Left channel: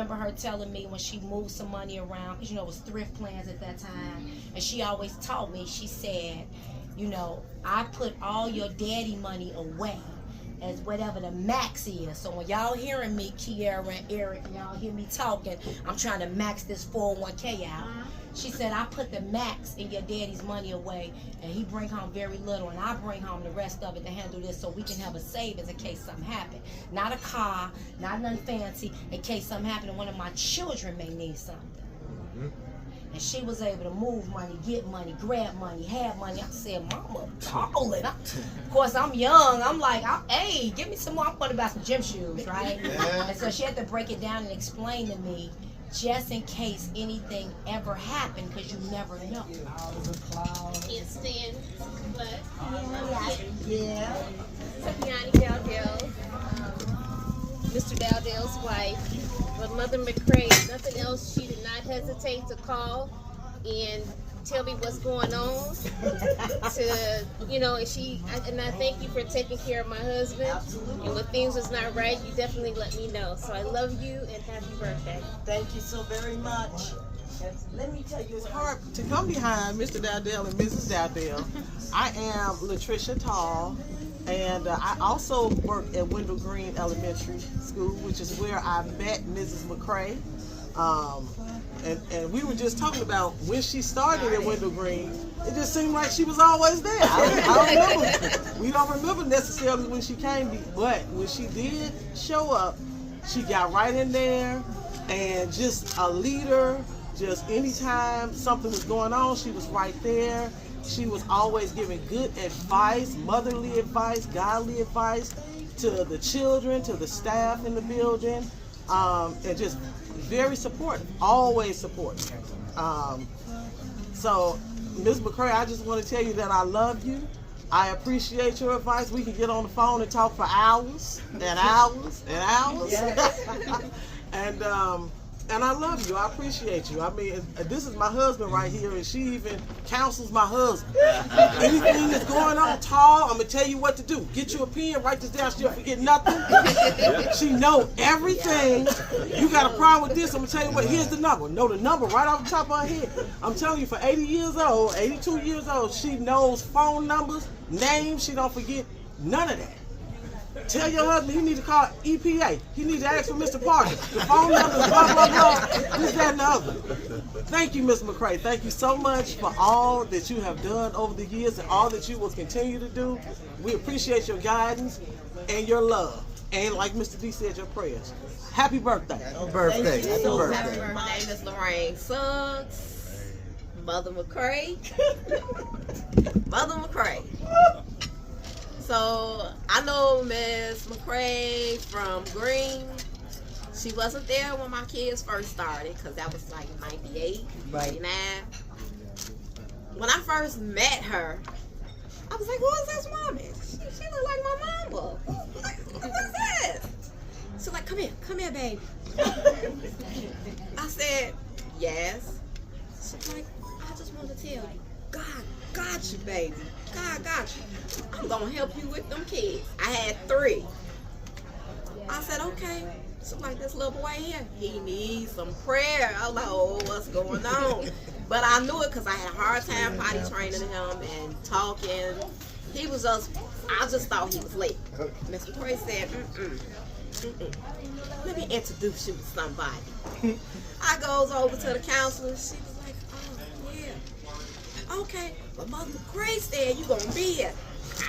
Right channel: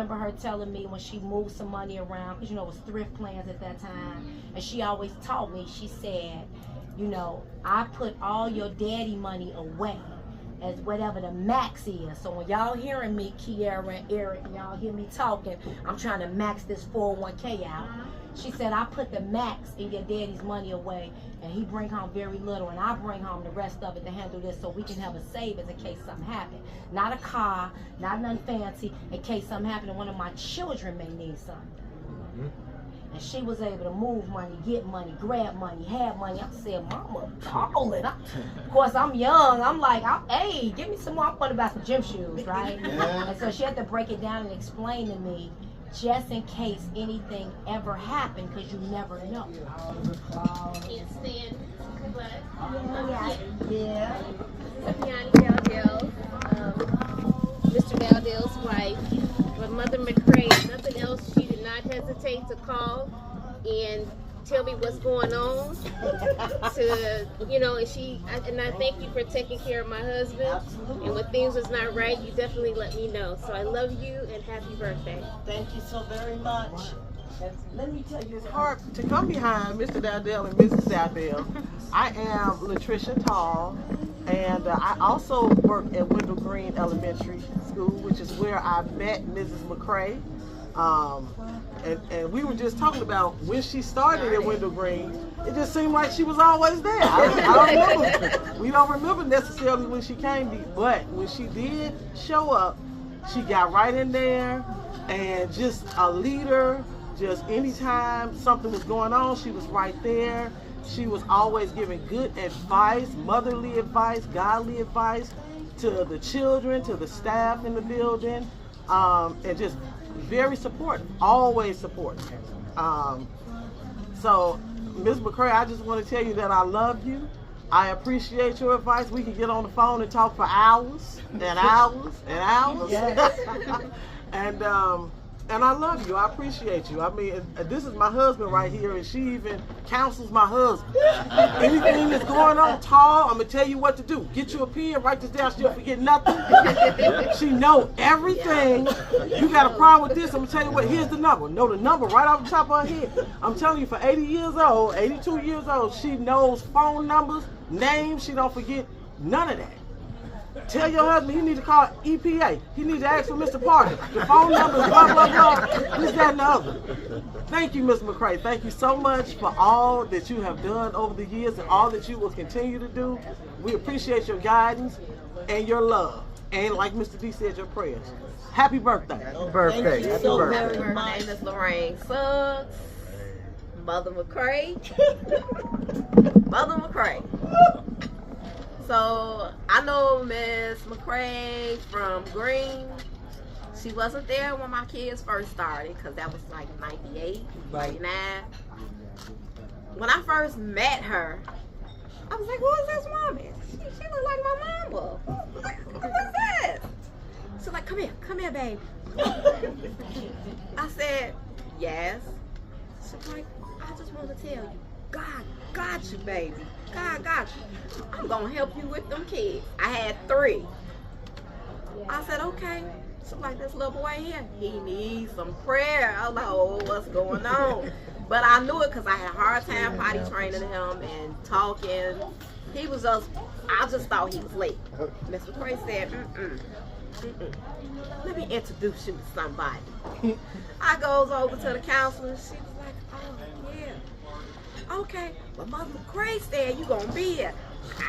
remember her telling me when she moved some money around, because, you know, it was thrift plans at that time. And she always taught me, she said, you know, I put all your daddy money away as whatever the max is. So when y'all hearing me, Kiara and Eric, y'all hear me talking, I'm trying to max this 401k out. She said, I put the max in your daddy's money away, and he bring home very little, and I bring home the rest of it to handle this so we can have a savings in case something happen. Not a car, not nothing fancy, in case something happen and one of my children may need something. And she was able to move money, get money, grab money, have money. I said, Mama, call it. Of course, I'm young. I'm like, hey, give me some more. I'm going to buy some gym shoes, right? Yeah. And so she had to break it down and explain to me, just in case anything ever happened, because you never know. It's Stan, but yeah. Yanni Valdell, Mr. Valdell's wife. But Mother Mccray, nothing else, she did not hesitate to call and tell me what's going on. To, you know, and I thank you for taking care of my husband. Absolutely. And when things was not right, you definitely let me know. So I love you and happy birthday. Thank you so very much. And let me tell you, it's hard to come behind Mr. Dowdell and Mrs. Dowdell. I am Latricia Tall, and I also work at Wendell Green Elementary School, which is where I met Mrs. Mccray. And we were just talking about when she started at Wendell Green, it just seemed like she was always there. I remember. We don't remember necessarily when she came, but when she did show up, she got right in there, and just a leader. Just anytime something was going on, she was right there. She was always giving good advice, motherly advice, godly advice to the children, to the staff in the building, and just very supportive, always supportive. So, Ms. Mccray, I just want to tell you that I love you. I appreciate your advice. We can get on the phone and talk for hours and hours and hours. And I love you. I appreciate you. I mean, this is my husband right here, and she even counsels my husband. Anything that's going on, Tall, I'm going to tell you what to do. Get you a pen, write this down, she'll forget nothing. She know everything. You got a problem with this, I'm going to tell you what, here's the number. Know the number right off the top of her head. I'm telling you, for 80 years old, 82 years old, she knows phone numbers, names, she don't forget none of that. Tell your husband he need to call EPA. He need to ask for Mr. Parker. The phone number is blah, blah, blah. This, that, and the other. Thank you, Ms. Mccray. Thank you so much for all that you have done over the years and all that you will continue to do. We appreciate your guidance and your love. And like Mr. D said, your prayers. Happy birthday. Happy birthday. Happy birthday. My name is Lorraine Suggs, Mother Mccray. Mother Mccray. So I know Miss Mccray from Green. She wasn't there when my kids first started, because that was like 98, 99. When I first met her, I was like, who is this woman? She looked like my mama. Who is this? She's like, come here, baby. I said, yes. She's like, I just want to tell you, God got you, baby. God got you. I'm going to help you with them kids. I had 3. I said, okay. So like, this little boy here, he needs some prayer. I was like, oh, what's going on? But I knew it because I had a hard time potty training him and talking. He was I just thought he was late. Miss Mccray said, let me introduce you to somebody. I goes over to the counselor. She was like, oh, yeah. Okay, but Mother Mccray said you gonna be here.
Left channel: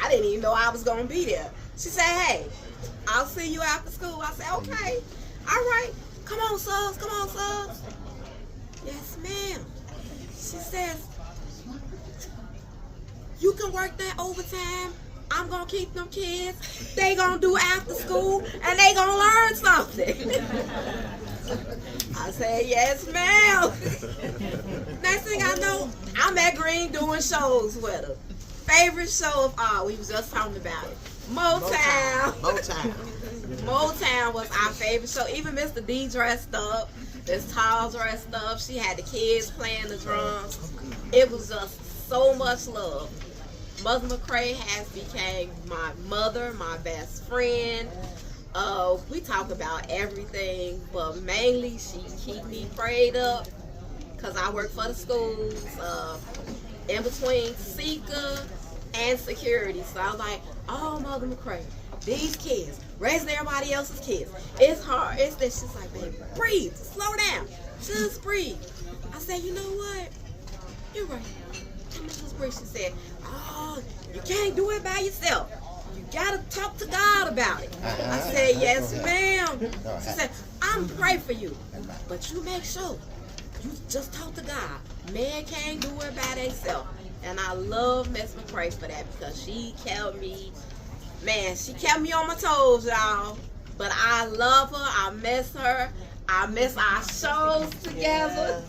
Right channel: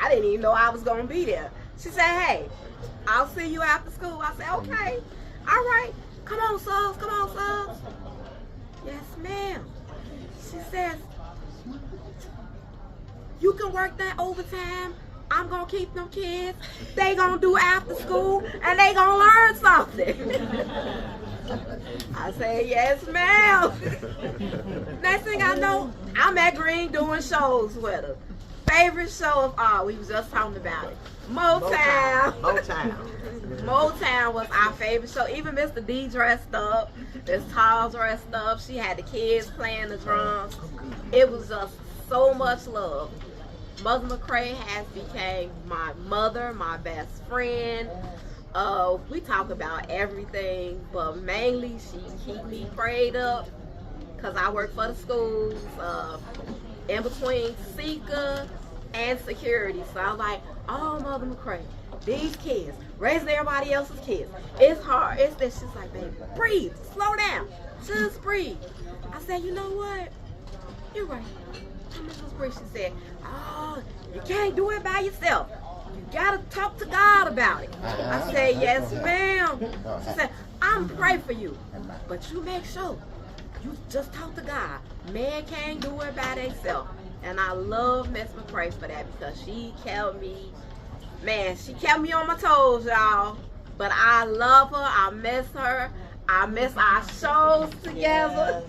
I didn't even know I was gonna be there. She said, hey, I'll see you after school. I said, okay, all right. Come on, Suggs, come on, Suggs. Yes, ma'am. She says, you can work that overtime. I'm gonna keep them kids. They gonna do after school and they gonna learn something. I said, yes, ma'am. Next thing I know, I'm at Green doing shows with her. Favorite show of all, we was just talking about it. Motown. Motown was our favorite show. Even Mr. D dressed up, Miss Tall dressed up. She had the kids playing the drums. It was just so much love. Mother Mccray has became my mother, my best friend. We talk about everything, but mainly she keep me prayed up because I work for the schools, in between seeker and security. So I'm like, oh, Mother Mccray, these kids, raising everybody else's kids, it's hard. It's this. She's like, baby, breathe, slow down, just breathe. I said, you know what? You're right. I'm gonna just breathe. She said, oh, you can't do it by yourself. You gotta talk to God about it. I said, yes, ma'am. She said, I'm praying for you, but you make sure you just talk to God. Man can't do it by themselves. And I love Miss Mccray for that because she kept me, man, she kept me on my toes, y'all. But I love her. I miss her. I miss our shows together.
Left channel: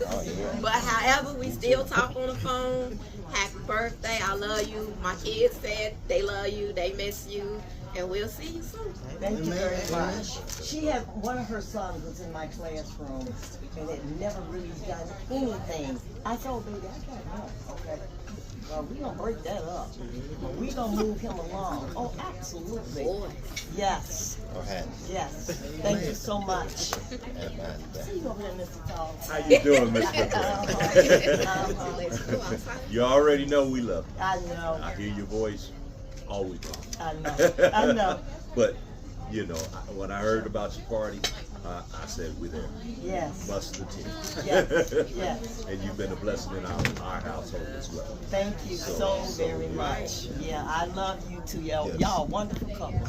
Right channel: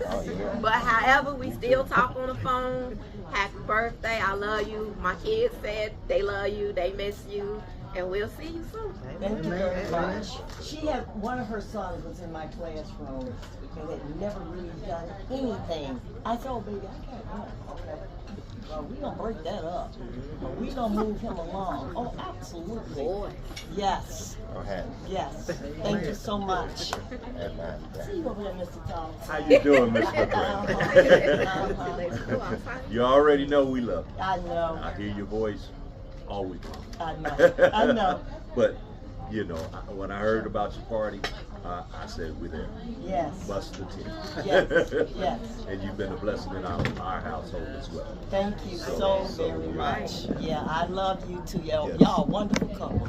But however, we still talk on the phone. Happy birthday. I love you. My kids said they love you. They miss you. And we'll see you soon. Thank you very much. She had one of her sons was in my classroom and had never really done anything. I told baby, I can't know. Okay. Well, we don't break that up. We don't move him along. Oh, absolutely. Boy. Yes. Okay. Yes. Thank you so much. See you over there, Mr. Thomas. How you doing, Mr. McCray? You already know we love you. I know. I hear your voice all week long. I know. I know. But, you know, when I heard about your party, I said we're there. Yes. Busted the team. Yes. Yes. And you've been a blessing in our household as well. Thank you so very much. Yeah, I love you too, y'all. Yes. Y'all wonderful couple.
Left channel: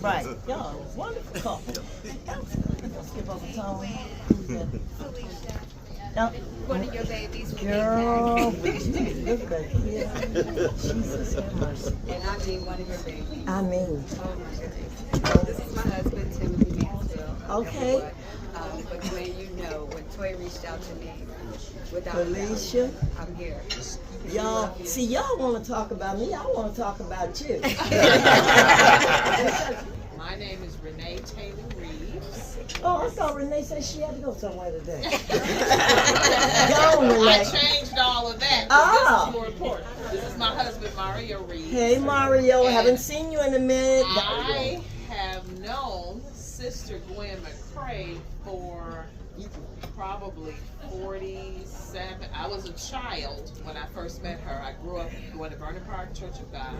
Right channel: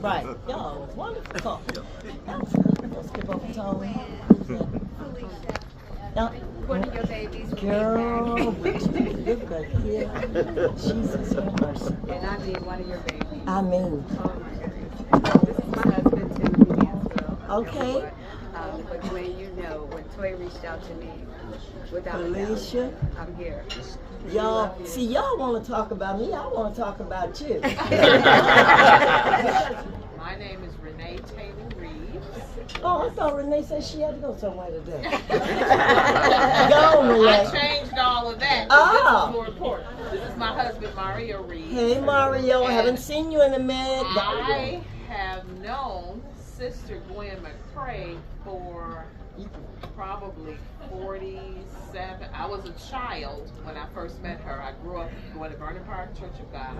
Right, y'all wonderful couple. Absolutely. Let's give up a tone. Now, One of your babies from girl, BLAQ. look back here. Jesus have mercy. And I did one of your babies. I mean, Oh my goodness. This is my husband, Timothy Mansfield. Okay. But when you know, when Toy reached out to me, without Alicia, I'm here. y'all, see, y'all want to talk about me. I want to talk about you. My name is Renee Taylor Reeves. Oh, I thought Renee said she had to go somewhere today. Go, I Renee. changed all of that. Ah. This is more important. This is my husband, Mario Reeves. Hey, Mario. Haven't seen you in a minute. I have known Sister Gwen Mccray for probably 47. I was a child when I first met her. I grew up going to Vernon Park Church of God,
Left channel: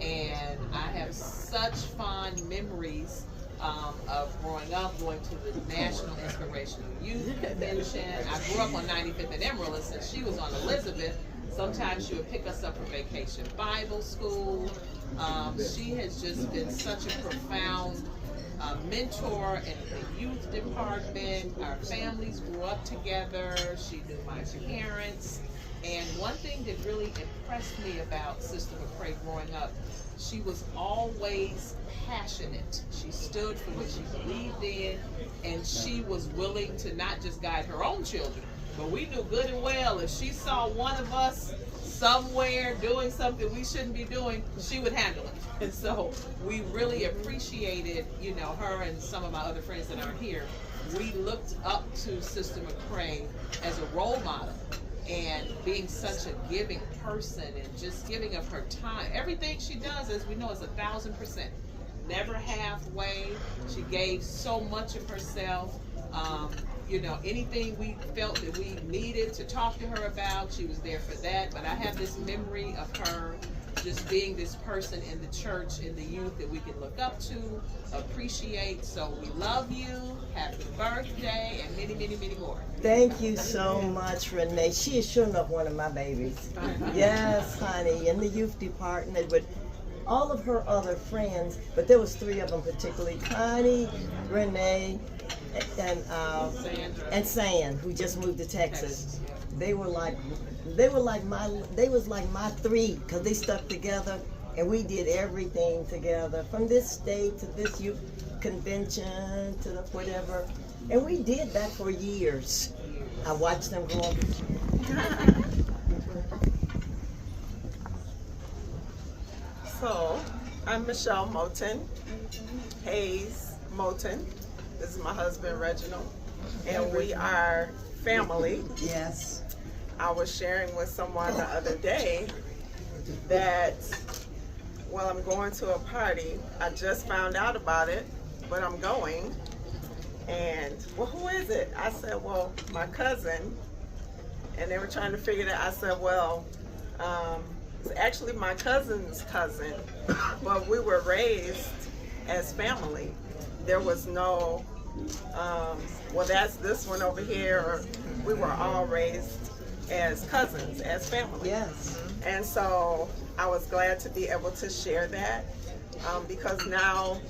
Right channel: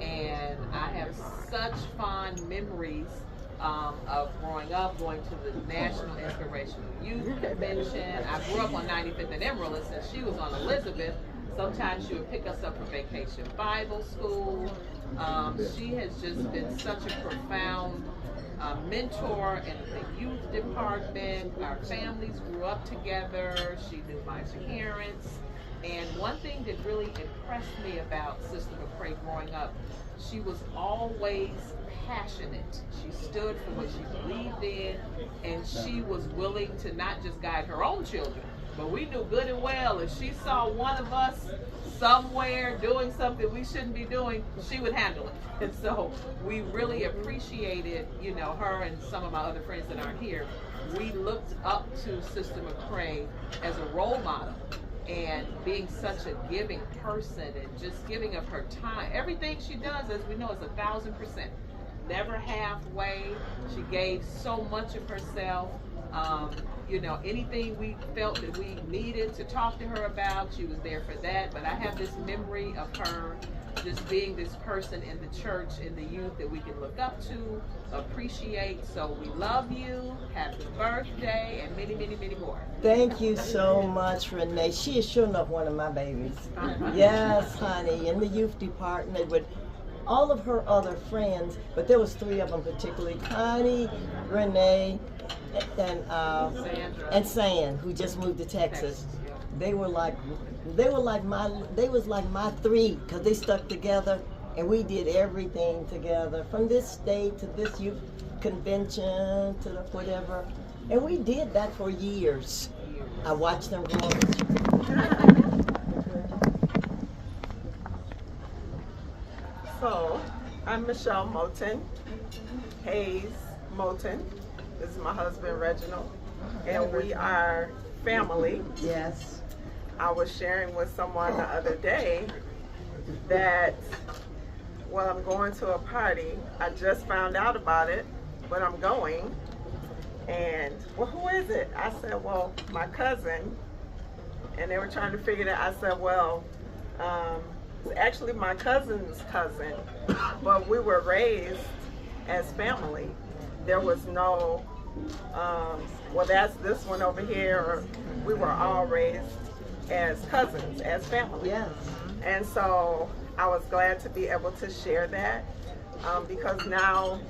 and I have such fond memories of growing up, going to the National Inspirational Youth Convention. I grew up on 95th and Emerald, and since she was on Elizabeth, sometimes she would pick us up for vacation Bible school. She has just been such a profound mentor in the youth department. Our families grew up together. She knew my parents. And one thing that really impressed me about Sister Mccray growing up, she was always passionate. She stood for what she believed in, and she was willing to not just guide her own children, but we knew good and well if she saw one of us somewhere doing something we shouldn't be doing, she would handle it. And so we really appreciated, you know, her and some of my other friends that aren't here. We looked up to Sister Mccray as a role model, and being such a giving person and just giving of her time. Everything she does, as we know, is 1,000%. Never halfway. She gave so much of herself. You know, anything we felt that we needed to talk to her about, she was there for that. But I have this memory of her just being this person in the church, in the youth that we can look up to, appreciate. So we love you. Happy birthday, and many, many, many more. Thank you so much, Renee. She is sure enough one of my babies. Yes, honey, in the youth department with all of her other friends, but there was 3 of them particularly: Connie, Renee, and San, who just moved to Texas. They was like my 3, because they stuck together, and we did everything together, from this state to this youth convention to whatever, and we did that for years. I watched them grow up. So, I'm Michelle Moten, Hayes Moten. This is my husband, Reginald, and we are family. Yes. I was sharing with someone the other day that while I'm going to a party, I just found out about it but I'm going. And, well, who is it? I said, well, my cousin. And they were trying to figure that. I said, well, it's actually my cousin's cousin, but we were raised as family. There was no, well, that's this one over here. We were all raised as cousins, as family. Yes. And so I was glad to be able to share that because now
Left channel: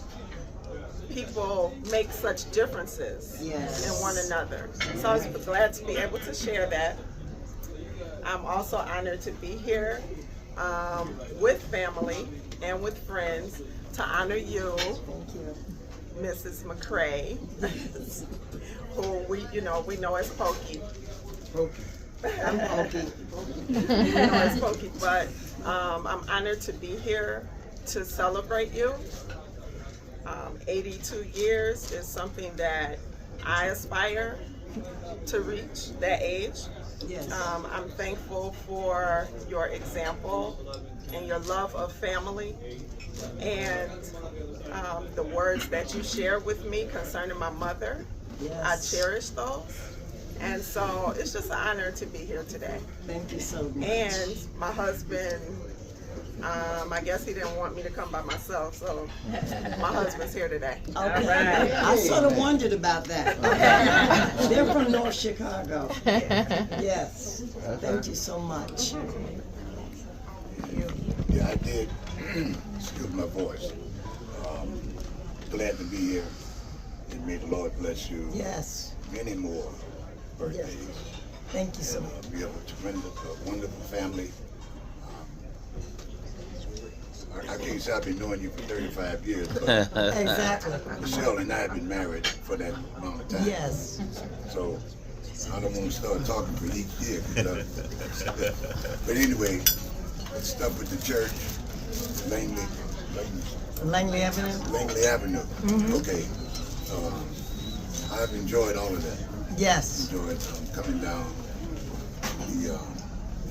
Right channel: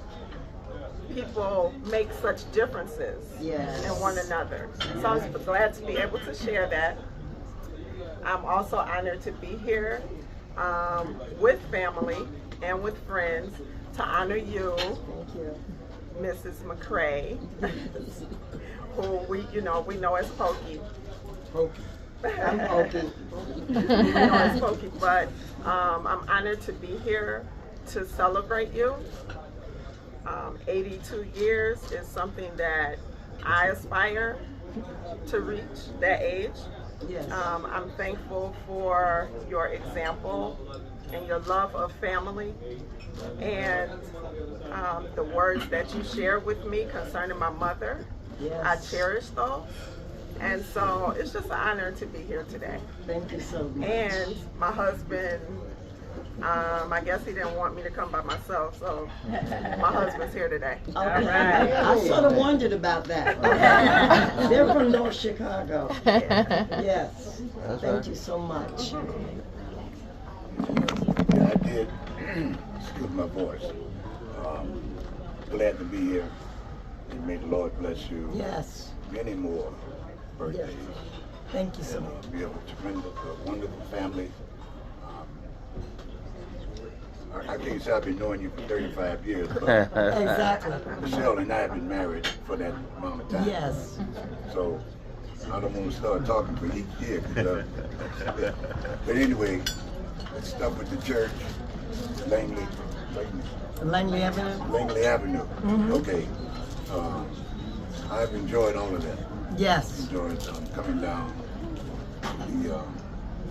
people make such differences Yes. in one another. So I was glad to be able to share that. I'm also honored to be here with family and with friends to honor you, Mrs. Mccray, who we know as Pokey. I'm Pokey. We know as Pokey, but I'm honored to be here to celebrate you. 82 years is something that I aspire to reach that age. Yes. I'm thankful for your example and your love of family and the words that you shared with me concerning my mother. Yes. I cherish those. And so it's just an honor to be here today. Thank you so much. And my husband, I guess he didn't want me to come by myself, so my husband's here today. Okay. All right. I sort of wondered about that. They're from North Chicago. Yes. Thank you so much. Yeah, I did. Excuse my voice. Glad to be here. And may the Lord bless you. Yes. Many more birthdays. Yes. Thank you so much. Be a tremendous, wonderful family. I can't say I've been knowing you for 35 years, but Exactly. Michelle and I have been married for that amount of time. Yes. So I don't want to start talking for each year. But anyway, let's start with the church, Langley Avenue? Langley Avenue. Okay. I've enjoyed all of that. Yes. Enjoyed coming down the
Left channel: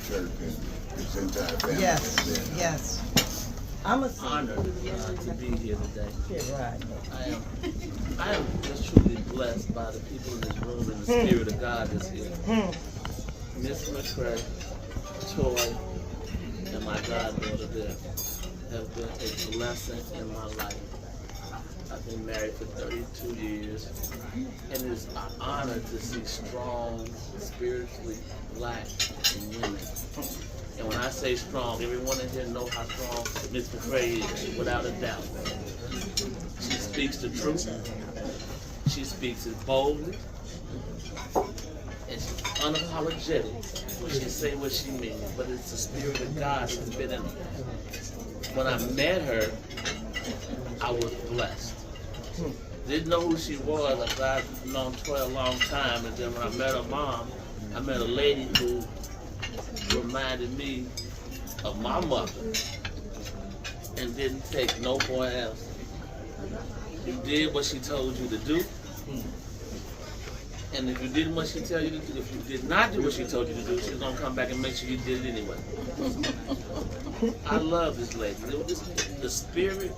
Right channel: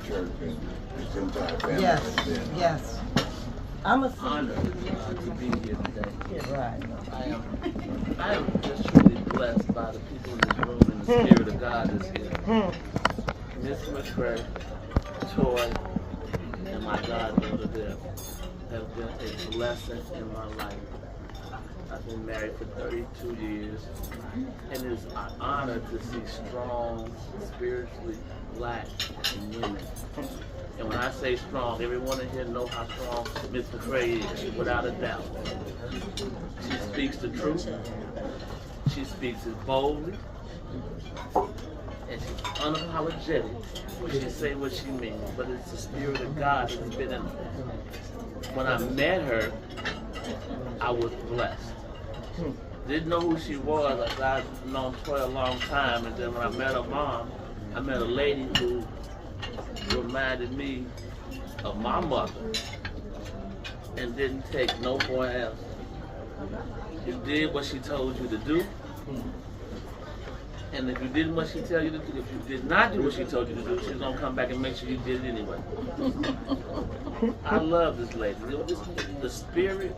church and this entire family. Yes. has been, Yes. I'm a honored to be here today. Yeah, right. I am just truly blessed by the people in this room and the Spirit of God that's here. Miss Mccray, Toy, and my goddaughter there have been a blessing in my life. I've been married for 32 years, and it's an honor to see strong, spiritually black women. And when I say strong, everyone in here knows how strong Miss Mccray is, without a doubt. She speaks the truth. She speaks it boldly. And she's unapologetic when she say what she means. But it's the Spirit of God that's been in her. When I met her, I was blessed. Didn't know who she was. Like I've known Toy a long time. And then when I met her mom, I met a lady who reminded me of my mother and didn't take no boy else. You did what she told you to do, and if you did what she told you to do, if you did not do what she told you to do, she's gonna come back and make sure you did it anyway. I love this lady. The spirit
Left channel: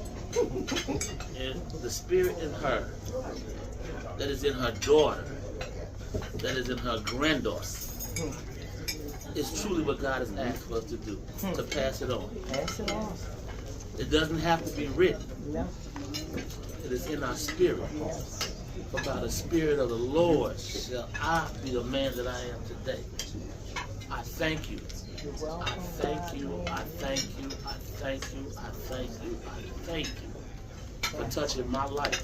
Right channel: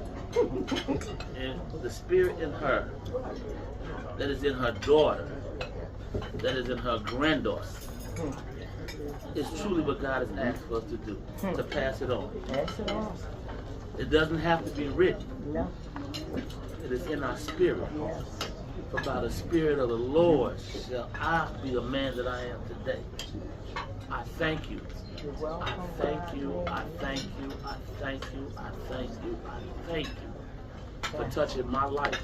in her that is in her daughter, that is in her granddaughter. It's truly what God has asked for us to do, to pass it on. Pass it on. It doesn't have to be written. No. It is in our spirit. For by the Spirit of the Lord shall I be the man that I am today. I thank you. I thank you. I thank you. I thank you. I thank you. I thank you for touching my life.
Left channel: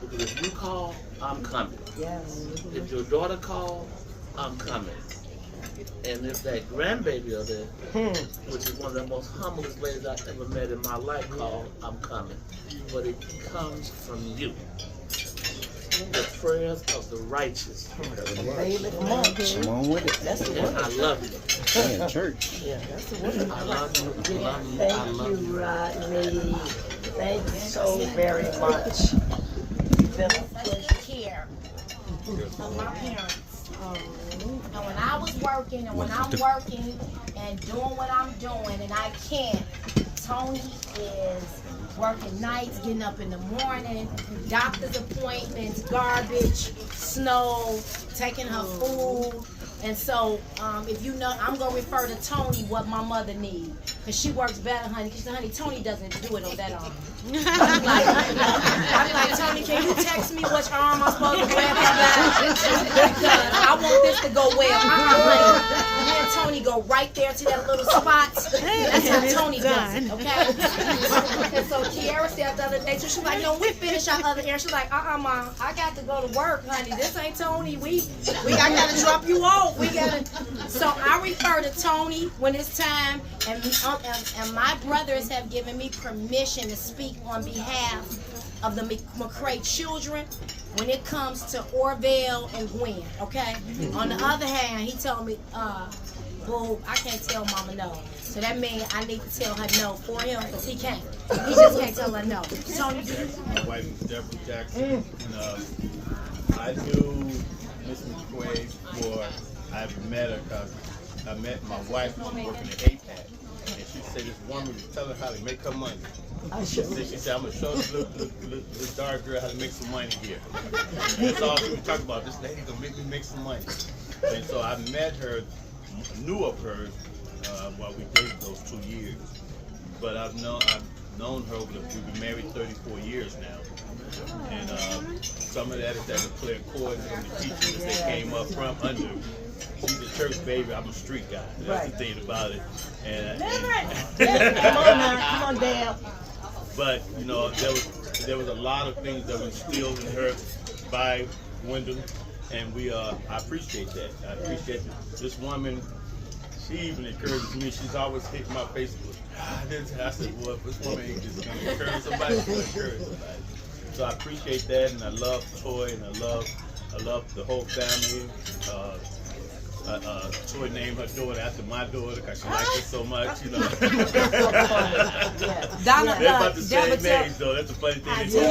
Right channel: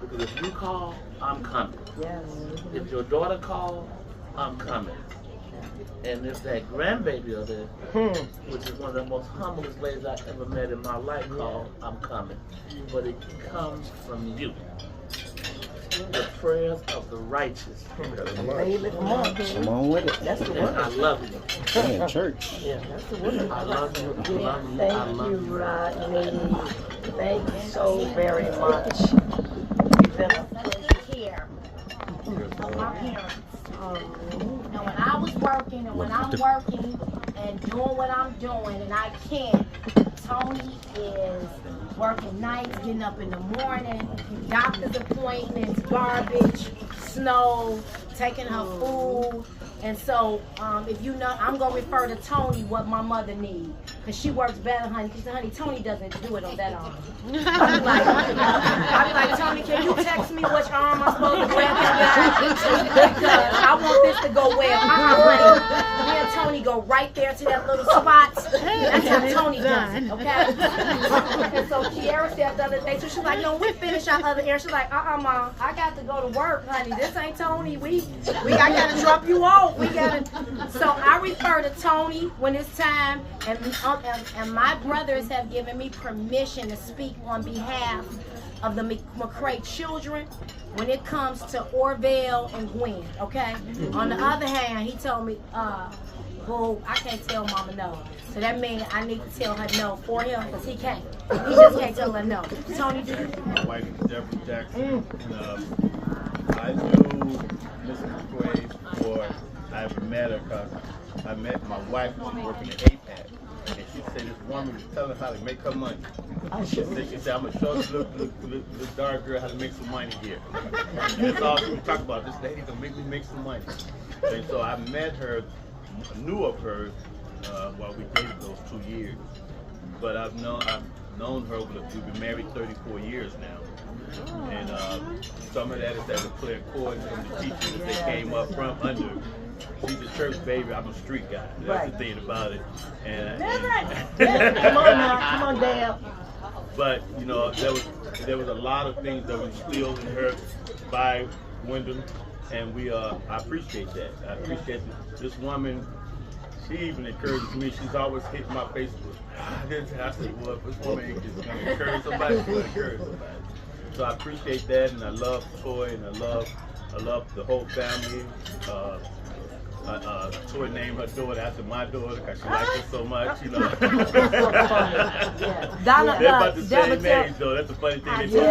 Because if you call, I'm coming. Yes. If your daughter calls, I'm coming. And if that grandbaby over there, which is one of the most humblest ladies I've ever met in my life, called, I'm coming. But it comes from you. The prayers of the righteous. Baby, come on, kid. Come on with it. That's the And word. I love you. Man, church. Yeah, that's the word. I love you. I love you. I Thank love you, you. Rodney. Thank you so very much. You've been a Care of my parents. And when I was working and when I'm working and doing what I'm doing, and I can't Tony is working nights, getting up in the morning, doctor's appointments, garbage, snow, taking her food. And so, if you know, I'm gonna refer to Tony what my mother needs, cause she works better, honey. Cause honey, Tony doesn't do it on that arm. I'm like, Tony, can you text me which arm I'm supposed to wear because I want this to go well. Honey, me and Tony go right there to that little spot. That's how Tony does it, okay? And so Kiara said the other day, so she's like, no, we finish our other errand. She's like, Mom, I got to go to work, honey. This ain't Tony. I gotta drop you off. So I refer to Tony when it's time, and my brothers have given me permission to speak on behalf of the Mccray children when it comes to Orville and Gwen, okay? On the other hand, he told me, boo, I can't tell mama no. So that means I need to tell her no for him, because he can't. He just can't tell her no. Tony, do you? My wife is Deborah Jackson, and I knew Miss Mccray I've met her because I met my wife when she was working at APAC, and she said this woman was telling her how to make her money. She said, I'm going to show this little dark girl how to make some money here. And that's all she would talk about. This lady going to make me make some money. And so I met her, knew of her while we dated those 2 years. But I've known her, we've been married 34 years now. And some of that is that the clear chord from the teachers that came up from under. She's a church baby. I'm a street guy. That's the thing about it. And come on now, come on, Dan. But you know, there was a lot of things that were instilled in her by Gwendolyn, and I appreciate that. I appreciate this woman. She even encourages me. She's always hitting my face with, I said, well, if this woman ain't just gonna encourage somebody, she's gonna encourage somebody. So I appreciate that, and I love Toy, and I love the whole family. Toy named her daughter after my daughter because she likes her so much, you know. They're about the same age, though. That's the funny thing. She'll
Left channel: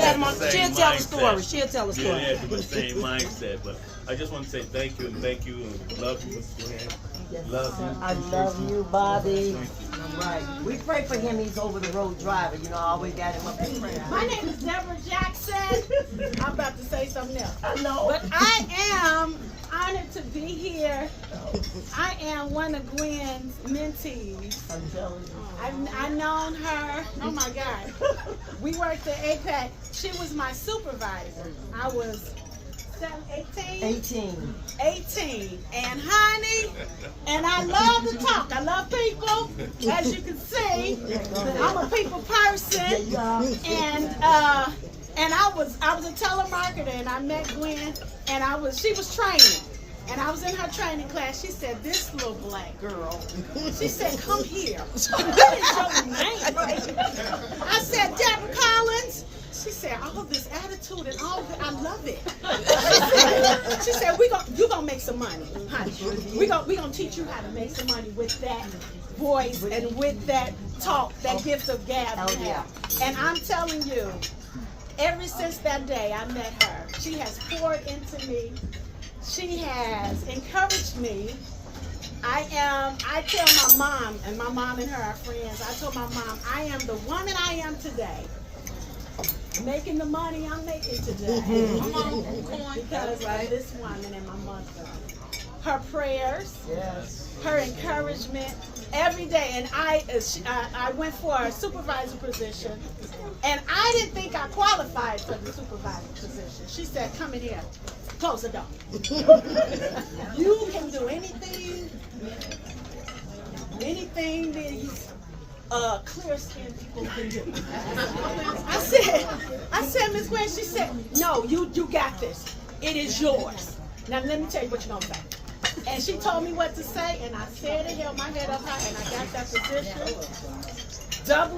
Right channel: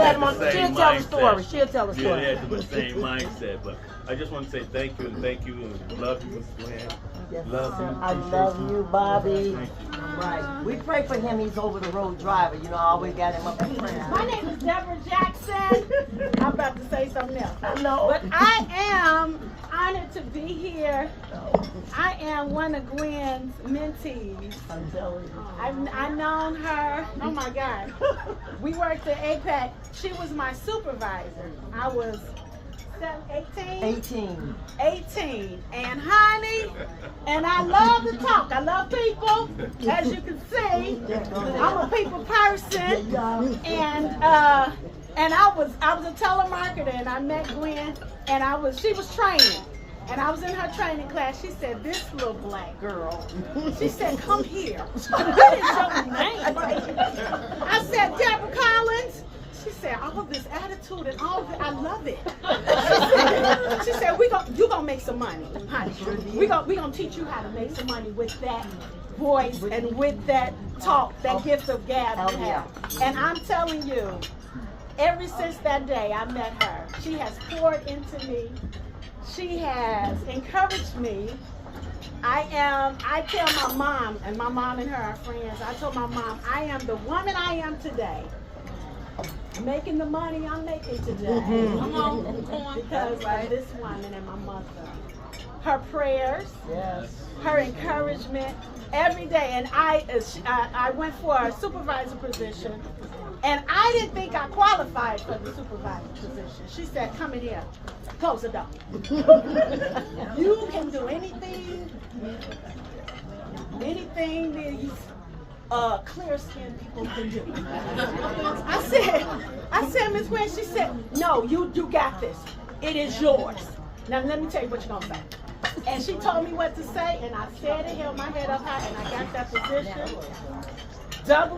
tell the story. She'll tell the story. Yeah, they have the same mindset. But I just want to say thank you, and love you, Miss Gwen. Love you. I love you, Bobby. Right. We pray for him. He's over the road driver. You know, I always got him up in prayer. My name is Deborah Jackson. I'm about to say something else. No. But I am honored to be here. I am one of Gwen's mentees. I'm telling you. I've known her. Oh my God. We worked at APAC. She was my supervisor. I was 18. And honey, and I love to talk. I love people, as you can see. I'm a people person, and I was a telemarketer, and I met Gwen, and she was training, and I was in her training class. She said, "This little black girl," she said, "Come here." What is your name? I said, "Deborah Collins." She said, all of this attitude and all of it, I love it. She said, you gonna make some money, honey. We gonna teach you how to make some money with that voice and with that talk, that gift of gab you have. And I'm telling you, ever since that day I met her, she has poured into me. She has encouraged me. I tell my mom, and my mom and her are friends, I told my mom, I am the woman I am today. Making the money I'm making today because of this woman and my mother. Her prayers, her encouragement every day. And I went for a supervisor position, and I didn't think I qualified for the supervisor position. She said, "Come in here, close the door. You can do anything these clear-skinned people can do." I said, Miss Gwen, she said, "No, you got this. It is yours. Now let me tell you what you're gonna say." And she told me what to say, and I said it, held my head up high, and I got that position. I'm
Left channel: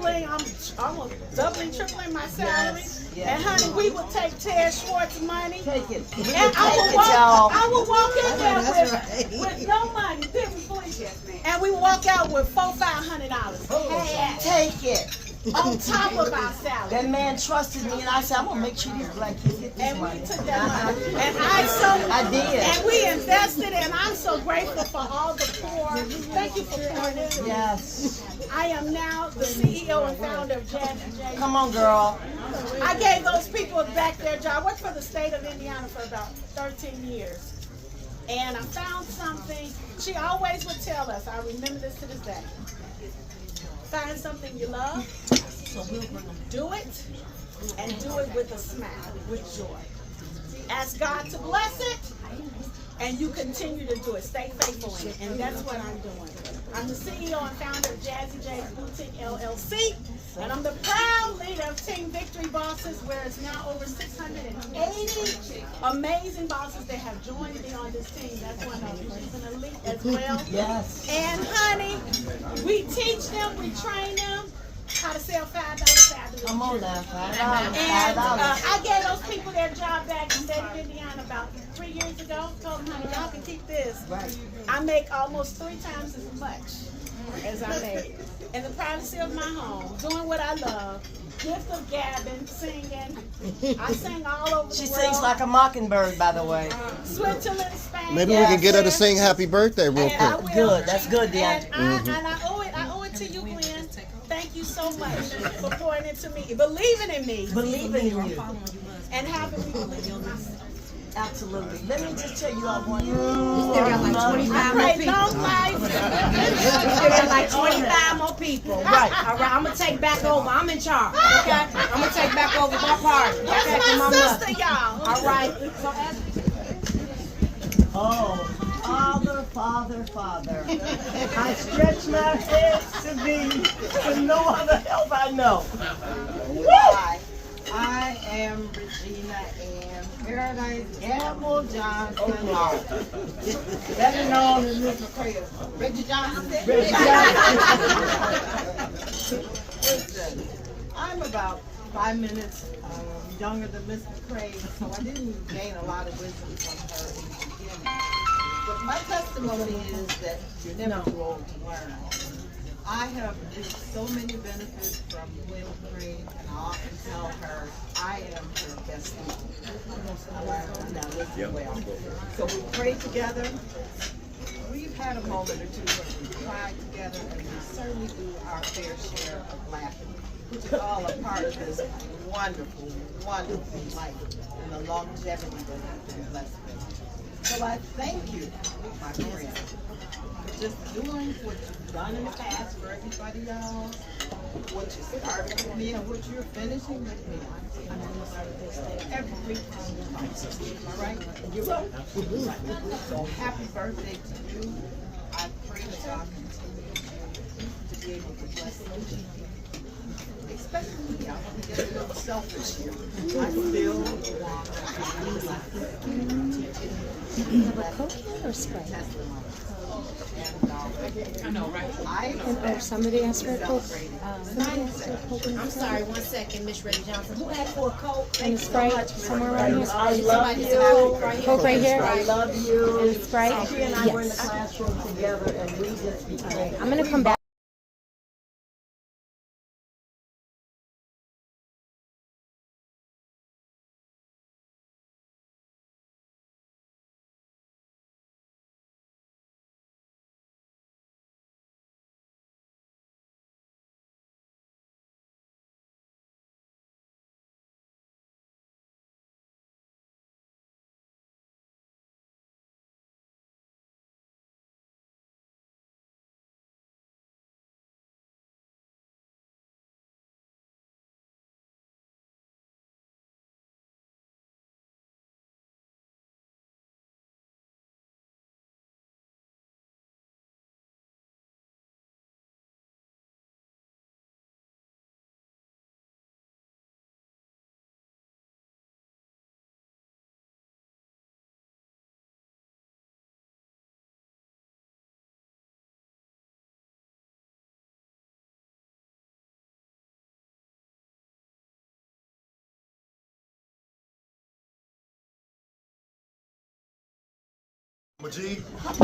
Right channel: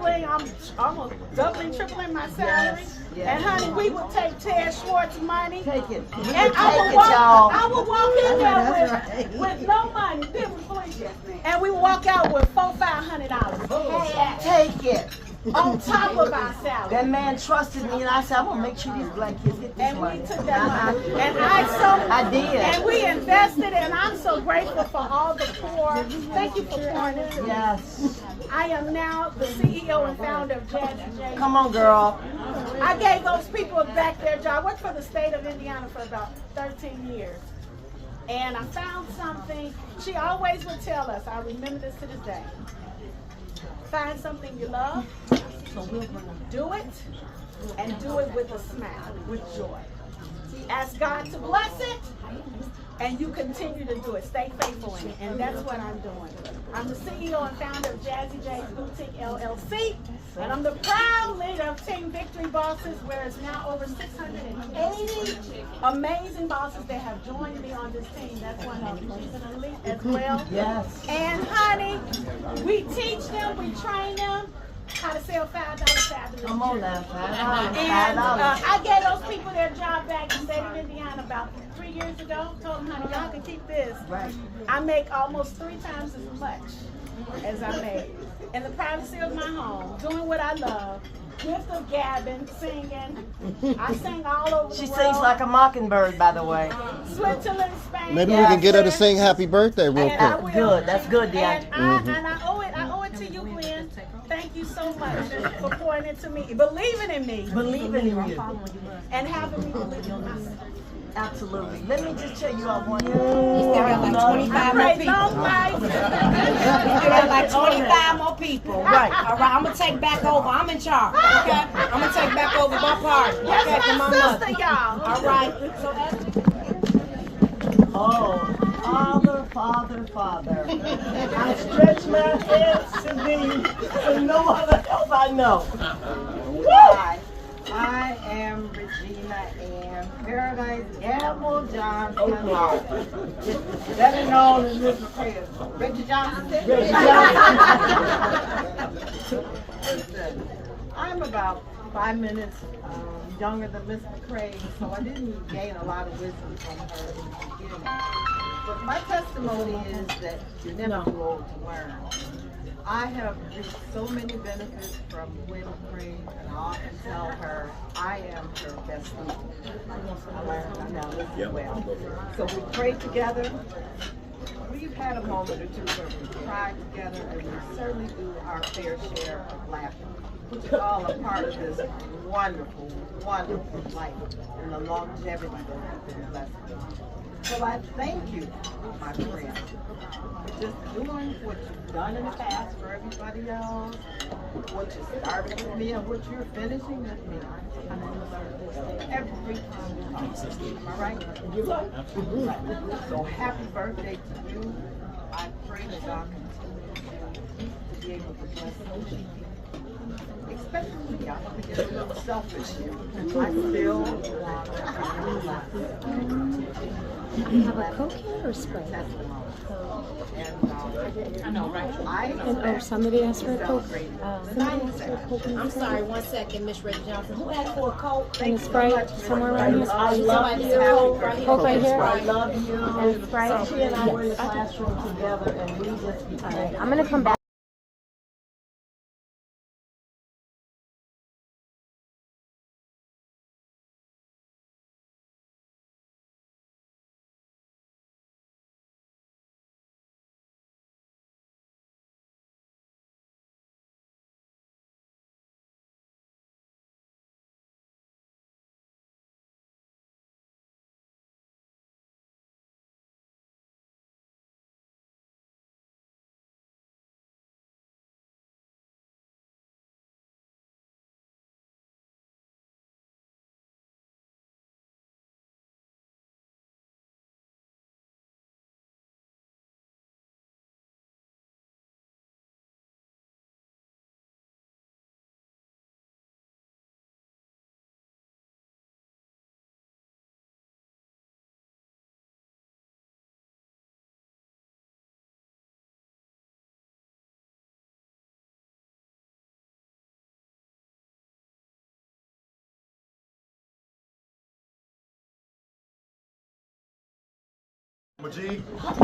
almost doubling, tripling my salary. Yes. And honey, we would take Ted Schwartz money. Take it. I would walk in there with no money, please. And we walk out with $400-500. Take it. On top of our salary. That man trusted me, and I said, I'm gonna make sure these black kids get this money. And we took that money. And I did. And we invested, and I'm so grateful for all the poor. Thank you for pouring into me. Yes. I am now the CEO and founder of Jazzy J. Come on, girl. I gave those people back their job. I worked for the state of Indiana for about 13 years. And I found something. She always would tell us, I remember this to this day. Find something you love, do it, and do it with a smile, with joy. Ask God to bless it, and you continue to do it. Stay faithful in it, and that's what I'm doing. I'm the CEO and founder of Jazzy J's Boutique LLC, and I'm the proud leader of Team Victory Bosses, where it's now over 680 amazing bosses that have joined me on this team. That's one of them. She's an elite as well. Yes. And honey, we teach them, we train them how to sell $5 fabulous. Come on now, $5. And $5. I gave those people their job back in the state of Indiana about 3 years ago. Told them, honey, y'all can keep this. Right. I make almost 3 times as much as I made in the privacy of my home, doing what I love. Gift of gabbing, singing. I sing all over She the world. sings like a mockingbird, by the way. Switzerland, Spain. Maybe we can get her to sing Happy Birthday real And I quick. will. Good. That's good, Deanna. And I owe it to you, Gwen. Thank you so much for pouring into me, believing in me, Believing in you. and having me believe in myself. Absolutely. Let me just tell you all one thing. I pray long life. Like 25 more people. Right. All right, I'm gonna take back over. I'm in charge. Okay? I'm gonna take back over my party. That's my sister, y'all. All right. Oh, Father, Father, Father. I stretch my hands to thee, and no other help I know. Hi, I am Regina Ann Paradise Gamble Johnson, better known as Miss Mccray. Reggie Johnson. Reggie Listen, I'm about 5 minutes younger than Miss Mccray, so I didn't gain a lot of wisdom from her in the beginning. But my testimony is that you're never too old to learn. I have reaped so many benefits from Gwen Mccray, and I often tell her I am her best student. I learned I'm not listening well. So we prayed together. We've had a moment or two where we cried together, and we certainly do our fair share of laughing, which is all a part of this wonderful, wonderful life and the longevity that we've been blessed with. So I thank you, my friend, for just doing what you've done in the past for everybody else, what you started with me and what you're finishing with me. I'm going to learn this every time we talk. Am I right? You're right. Right. So happy birthday to you. I pray that God continue to be able to bless you. Especially me, I'm going to get a little selfish here. I still want to have a Coke here or Sprite? I know, right? Somebody asked for a Coke. I'm sorry, 1 second, Miss Reggie Johnson. Who asked for a Coke? And a Sprite somewhere around here. I love you. Coke right here. I love you. And Sprite. She and I were in the classroom together, and we just became. I'm gonna come back.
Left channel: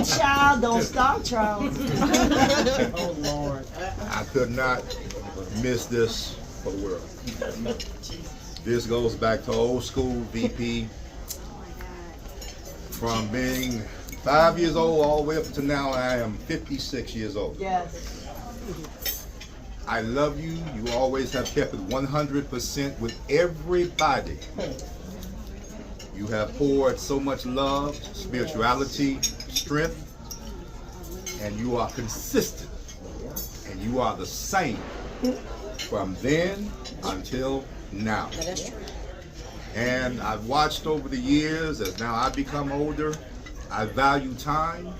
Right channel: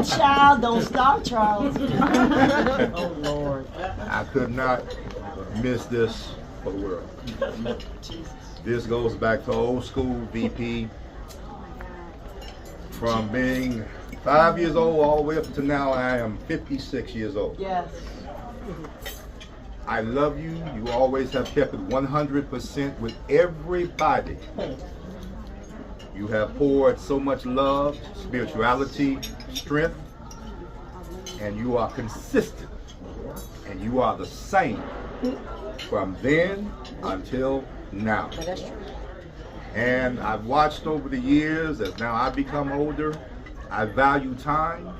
Child, don't start, Charles. Oh, Lord. I could not miss this for the world. This goes back to old school VP. From being 5 years old all the way up to now, I am 56 years old. Yes. I love you. You always have kept it 100% with everybody. You have poured so much love, spirituality, strength, and you are consistent. And you are the same from then until now. And I've watched over the years as now I become older. I value time,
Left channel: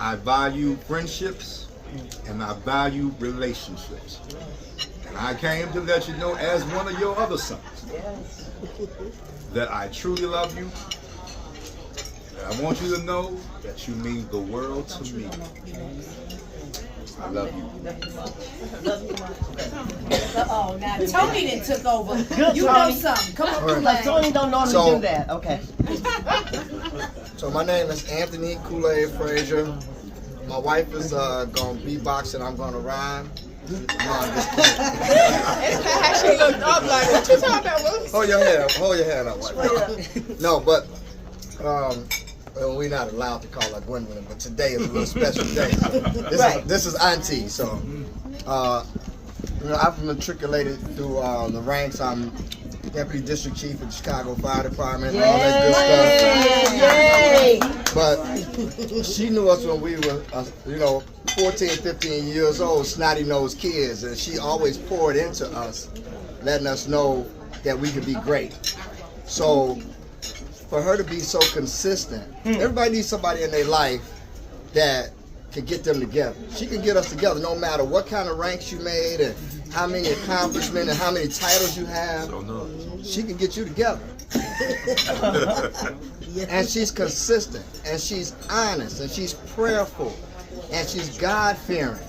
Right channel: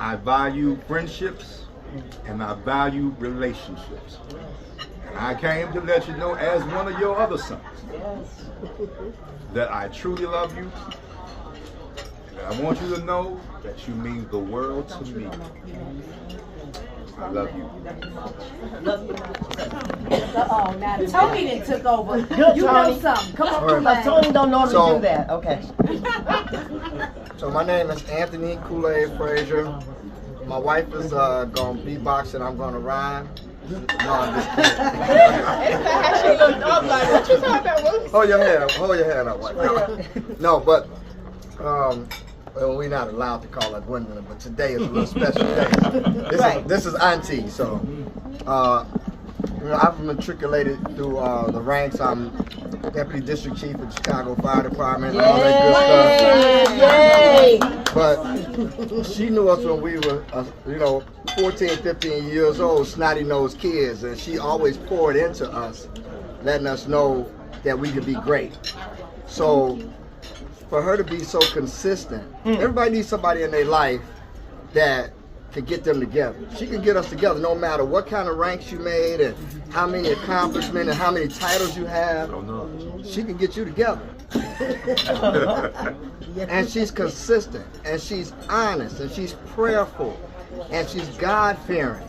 I value friendships, and I value relationships. And I came to let you know, as one of your other sons, that I truly love you. And I want you to know that you mean the world to me. I love you. Uh-oh, now Tony then took over. Good, You Tony. know something. Come on, All right. Tony don't normally do that. Okay. So my name is Anthony Kool-Aid Frazier. My wife is gonna beatbox and I'm gonna rhyme. No, I'm just kidding. Hold your hand up, wife. No, but well, we're not allowed to call her Gwendolyn, but today is a little special day. This is Auntie, so you know, I've matriculated through the ranks. I'm Deputy District Chief of the Chicago Fire Department, all that good stuff. But she knew us when we were, 14, 15 years old, snotty-nosed kids, and she always poured into us, letting us know that we could be great. So for her to be so consistent, everybody needs somebody in their life that can get them together. She can get us together no matter what kind of ranks you made and how many accomplishments and how many titles you have. She can get you together. And she's consistent, and she's honest, and she's prayerful, and she's God-fearing.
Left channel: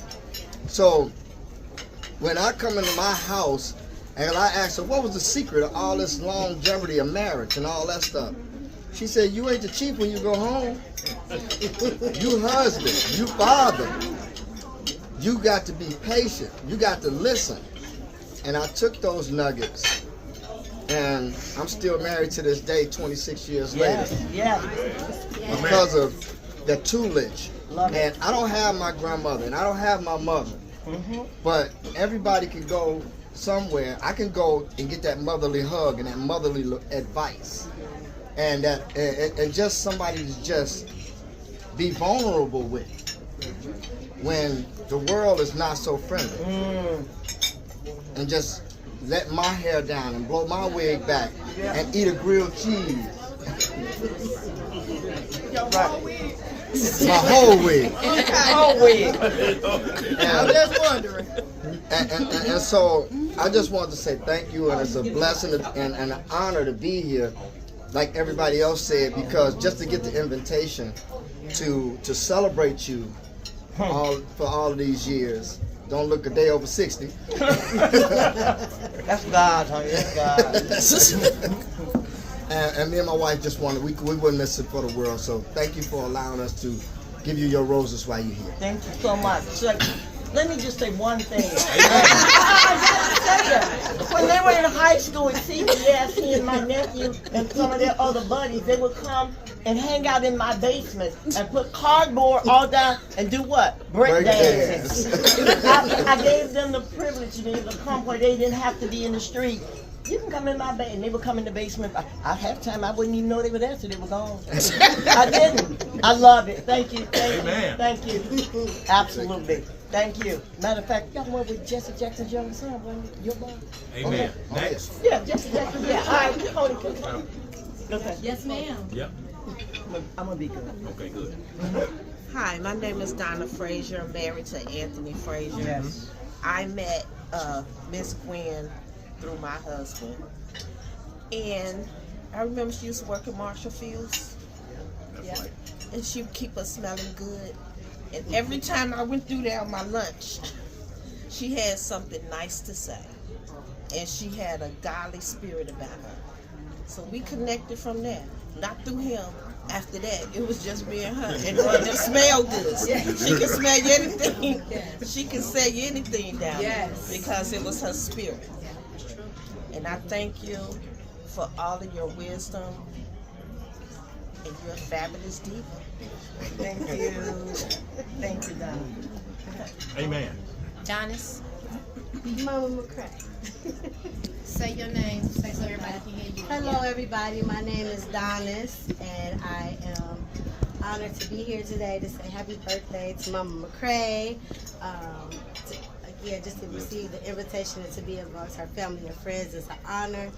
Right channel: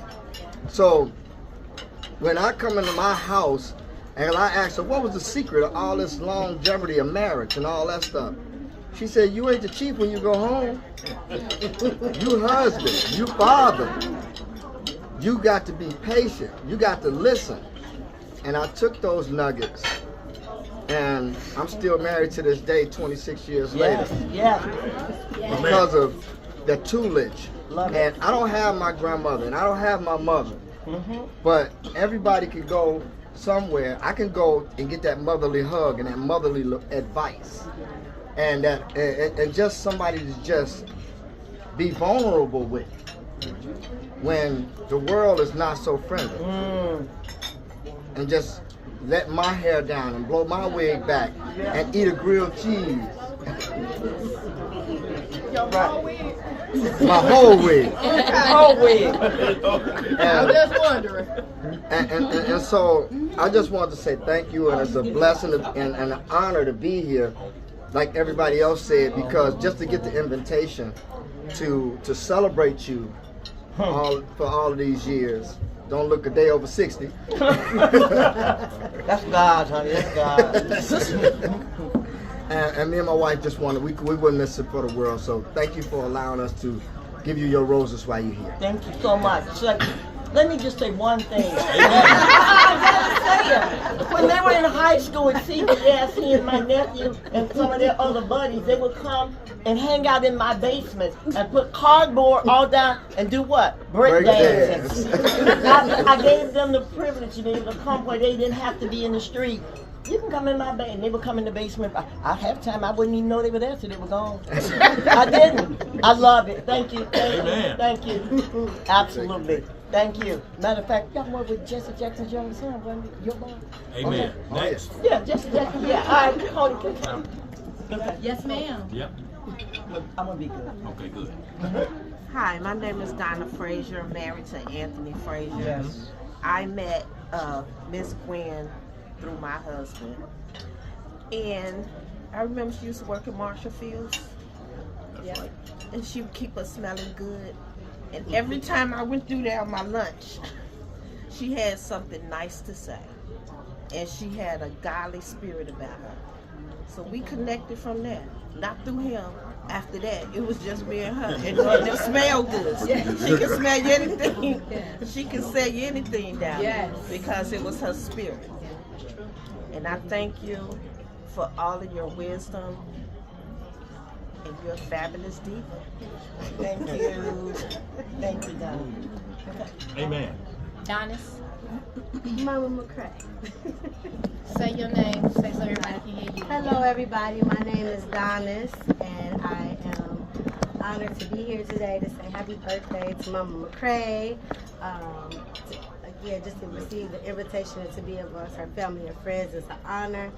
So when I come into my house and I ask her, what was the secret of all this longevity of marriage and all that stuff? She said, you ain't the chief when you go home. You husband, you father. You got to be patient. You got to listen. And I took those nuggets, and I'm still married to this day, 26 years later. Because of the tutelage. And I don't have my grandmother, and I don't have my mother. But everybody can go somewhere. I can go and get that motherly hug and that motherly advice. And that, and just somebody to just be vulnerable with when the world is not so friendly. And just let my hair down and blow my wig back and eat a grilled cheese. Your whole wig. My whole wig. Whole wig. I'm just wondering. And so I just wanted to say thank you, and it's a blessing and an honor to be here, like everybody else said, because just to get the invitation to celebrate you for all of these years. Don't look a day over 60. That's God, honey. That's God. And me and my wife just wanted, we wouldn't miss it for the world. So thank you for allowing us to give you your roses while you're here. Thank you so much. So, let me just say one thing. When they were in high school at CBS, he and my nephew and some of their other buddies, they would come and hang out in my basement and put cardboard all down and do what? Break dancing. I gave them the privilege to be able to come where they didn't have to be in the street. You can come in my basement. They would come in the basement. I have time. I wouldn't even know they were there till they were gone. I didn't. I love it. Thank you. Thank you. Thank you. Absolutely. Thank you. Matter of fact, y'all work with Jesse Jackson's younger son, wasn't it? Your boy? Amen. Okay. Yes. Yeah, Jesse Jackson. Yeah. All right. Hold it. Yes, ma'am. Yep. I'm gonna be good. Okay, good. Hi, my name is Donna Frazier. I'm married to Anthony Frazier. Yes. I met Miss Gwen through my husband. And I remember she used to work at Marshall Fields. And she would keep us smelling good. And every time I went through there on my lunch, she had something nice to say. And she had a godly spirit about her. So we connected from there. Not through him. After that, it was just me and her. And it just smelled good. She could smell anything. She could say anything down there because it was her spirit. And I thank you for all of your wisdom. And you're a fabulous diva. Thank you. Thank you, Donna. Amen. Donis. Mama Mccray. Say your name, say so everybody can hear you. Hello everybody, my name is Donis and I am honored to be here today to say happy birthday to Mama Mccray. Again, just to receive the invitation and to be amongst her family and friends is an honor.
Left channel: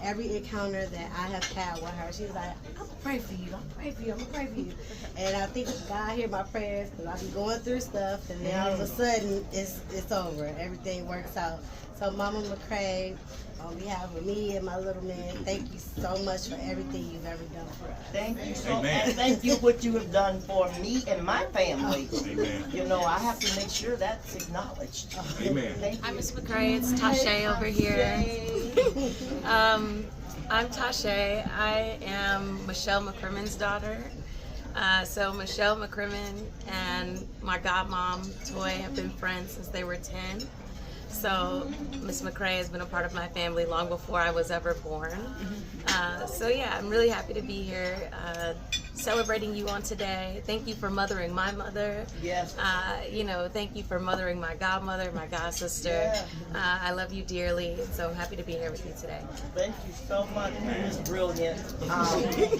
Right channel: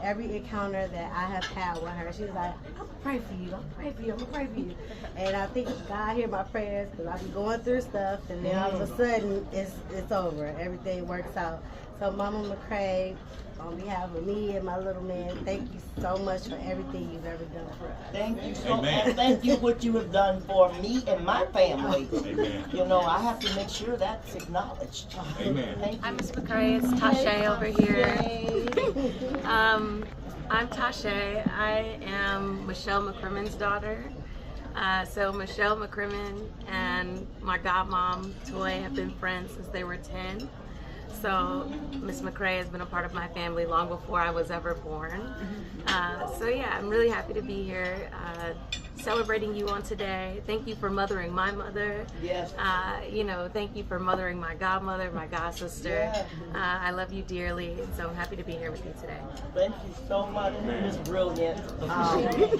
Every encounter that I have had with her, she's like, I'm gonna pray for you, I'm gonna pray for you, I'm gonna pray for you. And I think God hear my prayers because I be going through stuff and then all of a sudden it's over. Everything works out. So Mama Mccray, on behalf of me and my little man, thank you so much for everything you've ever done for us. Thank you so much. And thank you what you have done for me and my family. Amen. You know, I have to make sure that's acknowledged. Amen. I'm Miss Mccray. It's Tasha over here. I'm Tasha. I am Michelle McCrimmon's daughter. So Michelle McCrimmon and my godmom, Toy, have been friends since they were 10. So Miss Mccray has been a part of my family long before I was ever born. So yeah, I'm really happy to be here celebrating you on today. Thank you for mothering my mother. Yes. You know, thank you for mothering my godmother, my god sister. I love you dearly, and so I'm happy to be here with you today. Thank you so much. It was brilliant.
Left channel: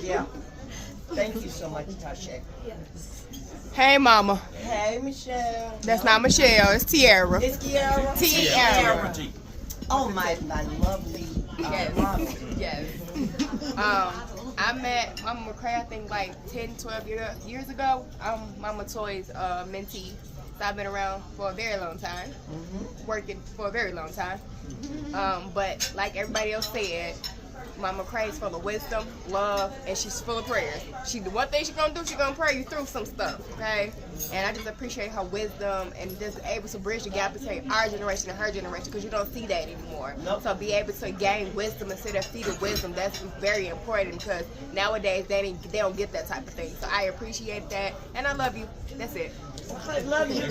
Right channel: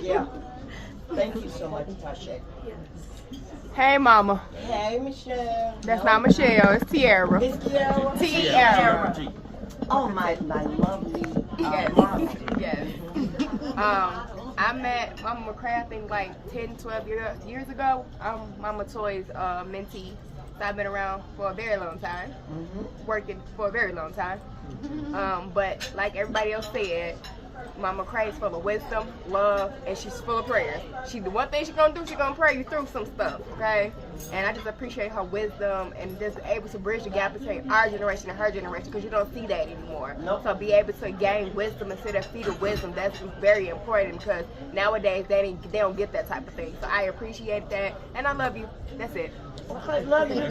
Yeah. Thank you so much, Tasha. Yes. Hey, Mama. Hey, Michelle. That's not Michelle. It's Tiara. It's Tiara. Tiara. Oh, my lovely. Yes. I met Mama Mccray, I think, like 10, 12 years ago. I'm Mama Toy's mentee. So I've been around for a very long time, working for a very long time. But like everybody else said, Mama Mccray is full of wisdom, love, and she's full of prayers. The one thing she's gonna do, she's gonna pray you through some stuff, okay? And I just appreciate her wisdom and just able to bridge the gap between our generation and her generation, because you don't see that anymore. Nope. So be able to gain wisdom and sit at feet of wisdom, that's very important, because nowadays they don't get that type of thing. So I appreciate that, and I love you. That's it. I love you,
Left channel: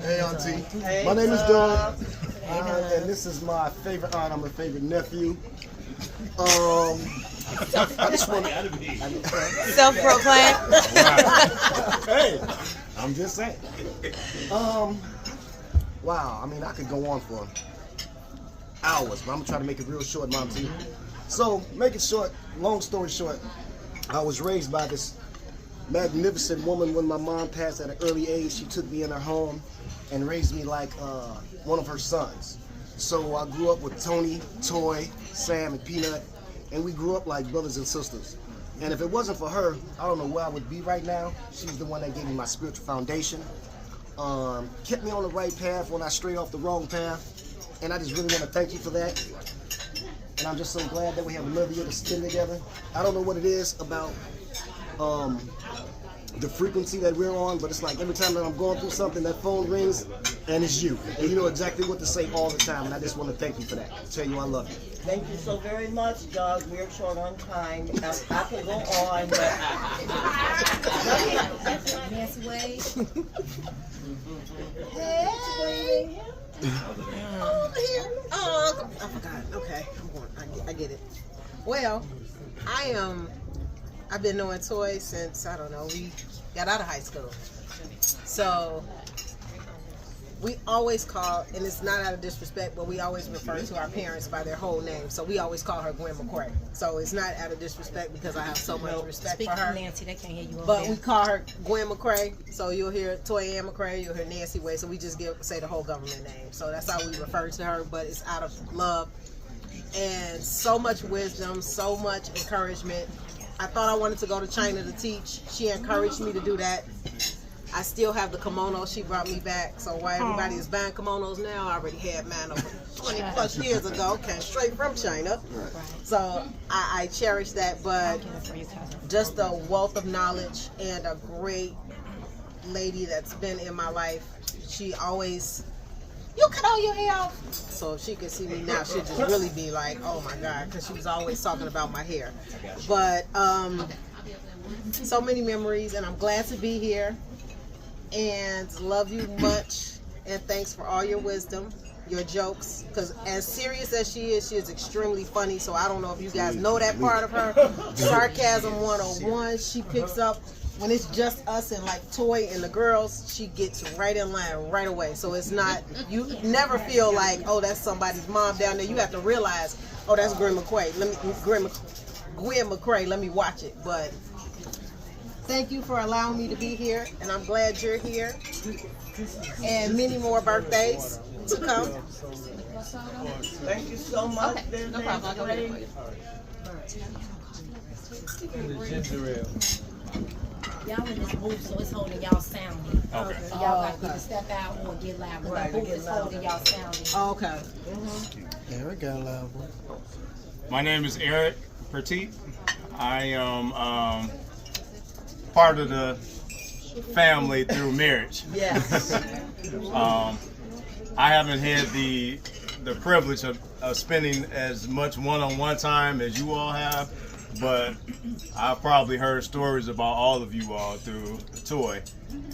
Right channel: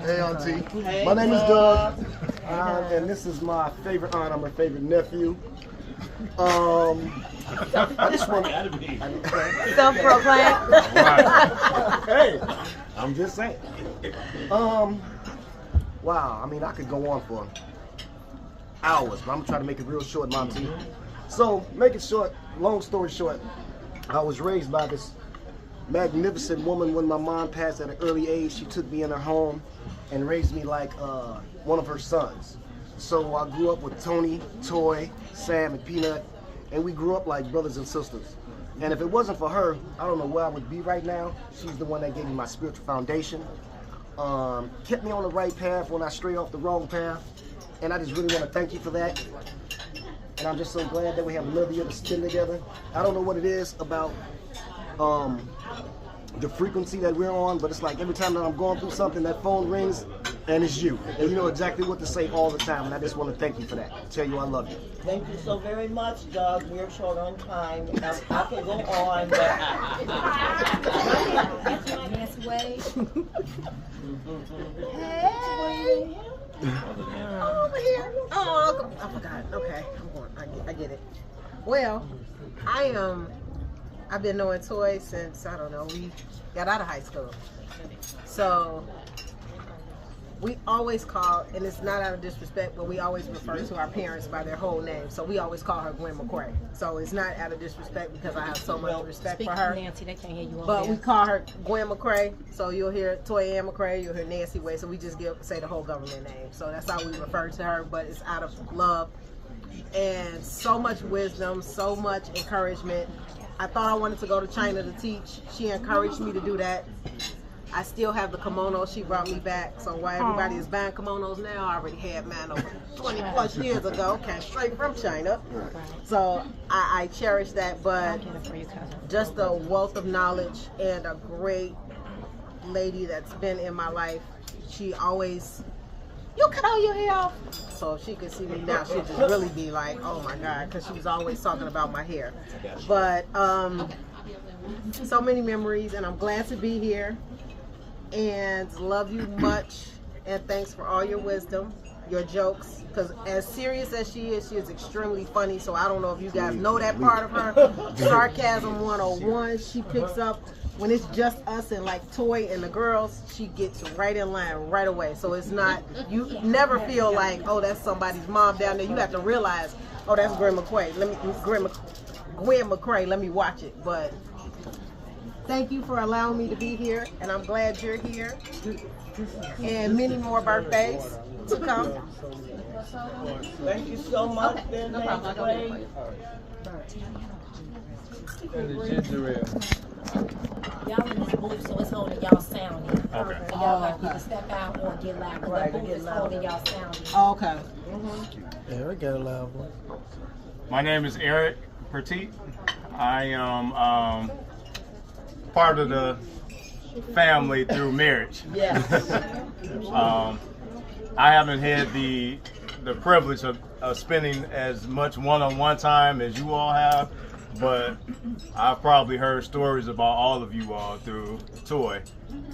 Hey, Auntie. Hey, My name is Doug, and this is my favorite aunt. I'm her favorite nephew. I just want to... Self-proclaimed. Hey, I'm just saying. Wow, I mean, I could go on for hours, but I'm going to try to make it real short, Mom T. So, make it short, long story short, I was raised by this magnificent woman. When my mom passed at an early age, she took me in her home and raised me like one of her sons. So I grew up with Tony, Toy, Sam, and Peanut, and we grew up like brothers and sisters. And if it wasn't for her, I don't know where I would be right now. She's the one that gave me my spiritual foundation, kept me on the right path when I strayed off the wrong path, and I just really want to thank you for that. And I'm just so glad that we have another year to spend together. I don't know what it is about the frequency that we're on, but it's like every time that I'm going through something, that phone rings and it's you. And you know exactly what to say all the time, and I just want to thank you for that. Tell you I love you. Thank you so very much, Doug. We're short on time. I can go on, but... Nancy Wade. Hey. Over here. Oh, I forgot. Okay, I get it. Well, I've been knowing Toy since, I don't know, we got out of high school. So we always call, and it's not out of disrespect, but we always refer to our parents by their whole name. So we always call her Gwen Mccray. So it's not out of disrespect because I have so much respect for her. Nancy, they can't hear you. But we call her Gwen Mccray. So you'll hear Toy Ann Mccray, you'll hear Nancy Wade. So we just say the whole government name. So that's how we refer to her, but it's out of love. And so much wisdom, so much encouragement. I thought I wanted to go to China to teach. She encouraged me to do that. I still have the kimono she brought me back. So while everybody is buying kimonos now, I already had mine over 20 plus years ago, came straight from China. So I cherish that, but just the wealth of knowledge and a great lady that's been in my life. She always, you cut all your hair off. So if she could see me now, she'd just really be like, oh my God, because she was always talking about my hair. But so many memories, and I'm glad to be here. And love you much, and thanks for all your wisdom, your jokes, because as serious as she is extremely funny. So I don't know if you guys know that part of her. Sarcasm 101, she picks up when it's just us and like Toy and the girls, she gets right in line right away. So it's not, you never feel like, oh, that's somebody's mom down there. You have to realize, oh, that's Gwen Mccray. Gwen Mccray, let me watch it. But thank you for allowing me to be here, and I'm glad you're here. And many more birthdays to come. Thank you so much. Okay, no problem. I'll go get it for you. And the ginger ale. Y'all in this booth, so it's holding y'all sounding. Okay. So y'all have to either step out or get loud. Right, the booth is holding y'all sounding. Oh, okay. Eric got a loud one. My name is Eric Petit. I am part of the family through marriage. Yes. I haven't had the privilege of spending as much one-on-one time as you all have, but I've probably heard stories about all of you all through Toy.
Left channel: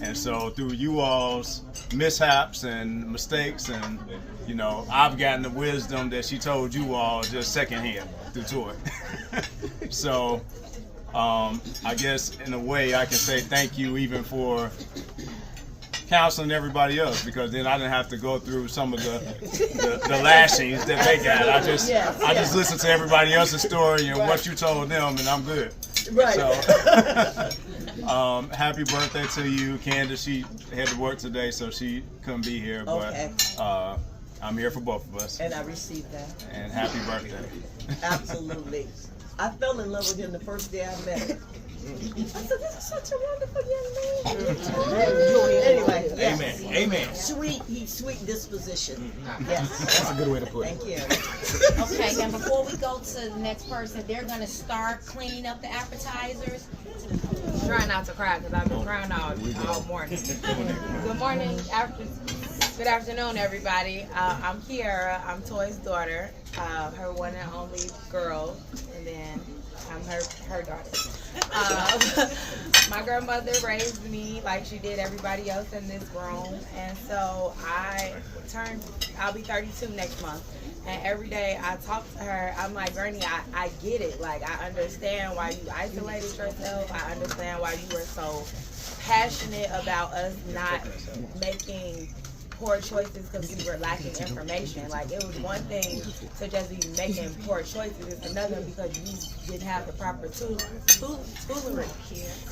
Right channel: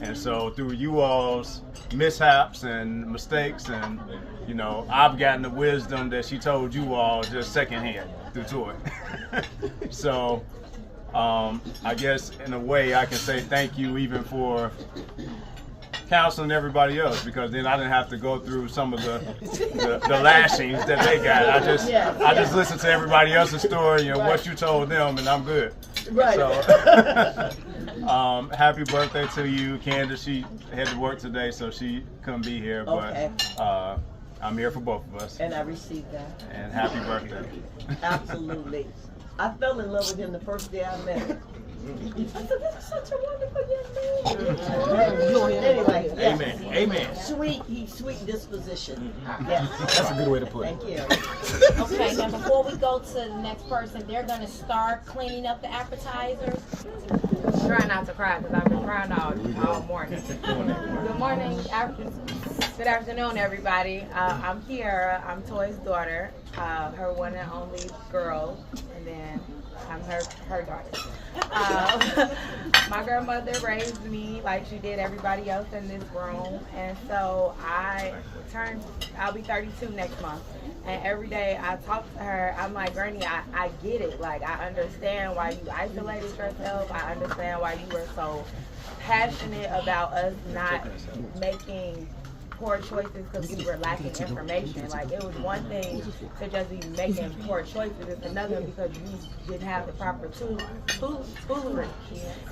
And so through you all's mishaps and mistakes, and you know, I've gotten the wisdom that she told you all just secondhand through Toy. So I guess in a way I can say thank you even for counseling everybody else, because then I didn't have to go through some of the lashings that they got. I just listened to everybody else's story and what you told them, and I'm good. Right. So, happy birthday to you, Candace. She had to work today, so she couldn't be here, but I'm here for both of us. And I received that. And happy birthday. Absolutely. I fell in love with him the first day I met him. I said, this is such a wonderful young man. Anyway, yes. Amen. Amen. Sweet, he's sweet disposition. Yes. That's a good way to put it. Thank you. Okay, and before we go to the next person, they're going to start cleaning up the appetizers. Try not to cry because I've been crying all morning. Good morning, good afternoon, everybody. I'm Kiara. I'm Toy's daughter, her one and only girl, and then I'm her daughter. My grandmother raised me like she did everybody else in this room, and so I'll be 32 next month. And every day I talk to her, I'm like, Granny, I get it. Like, I understand why you isolated yourself. I understand why you were so passionate about us not making poor choices because we were lacking information. Like, it was one thing to just be making poor choices. It's another because you didn't have the proper tooling.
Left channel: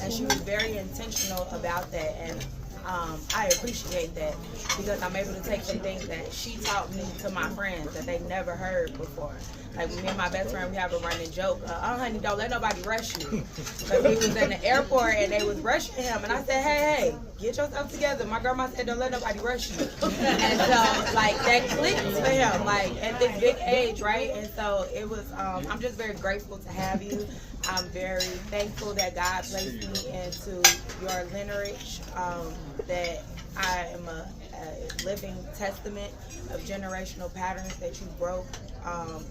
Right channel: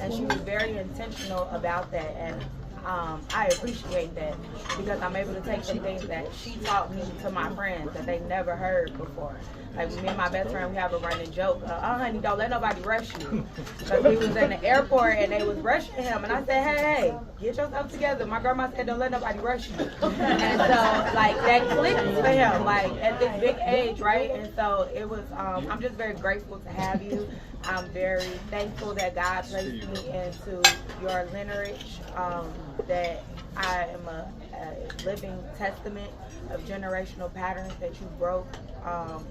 And she was very intentional about that. And I appreciate that because I'm able to take some things that she taught me to my friends that they never heard before. Like, me and my best friend, we have a running joke. Oh, honey, don't let nobody rush you. Because he was in the airport and they was rushing him. And I said, hey, get yourself together. My grandma said, don't let nobody rush you. And so, like, that clicked for him, like, at this big age, right? And so it was, I'm just very grateful to have you. I'm very thankful that God placed me into your lineage, that I am a living testament of generational patterns that you broke,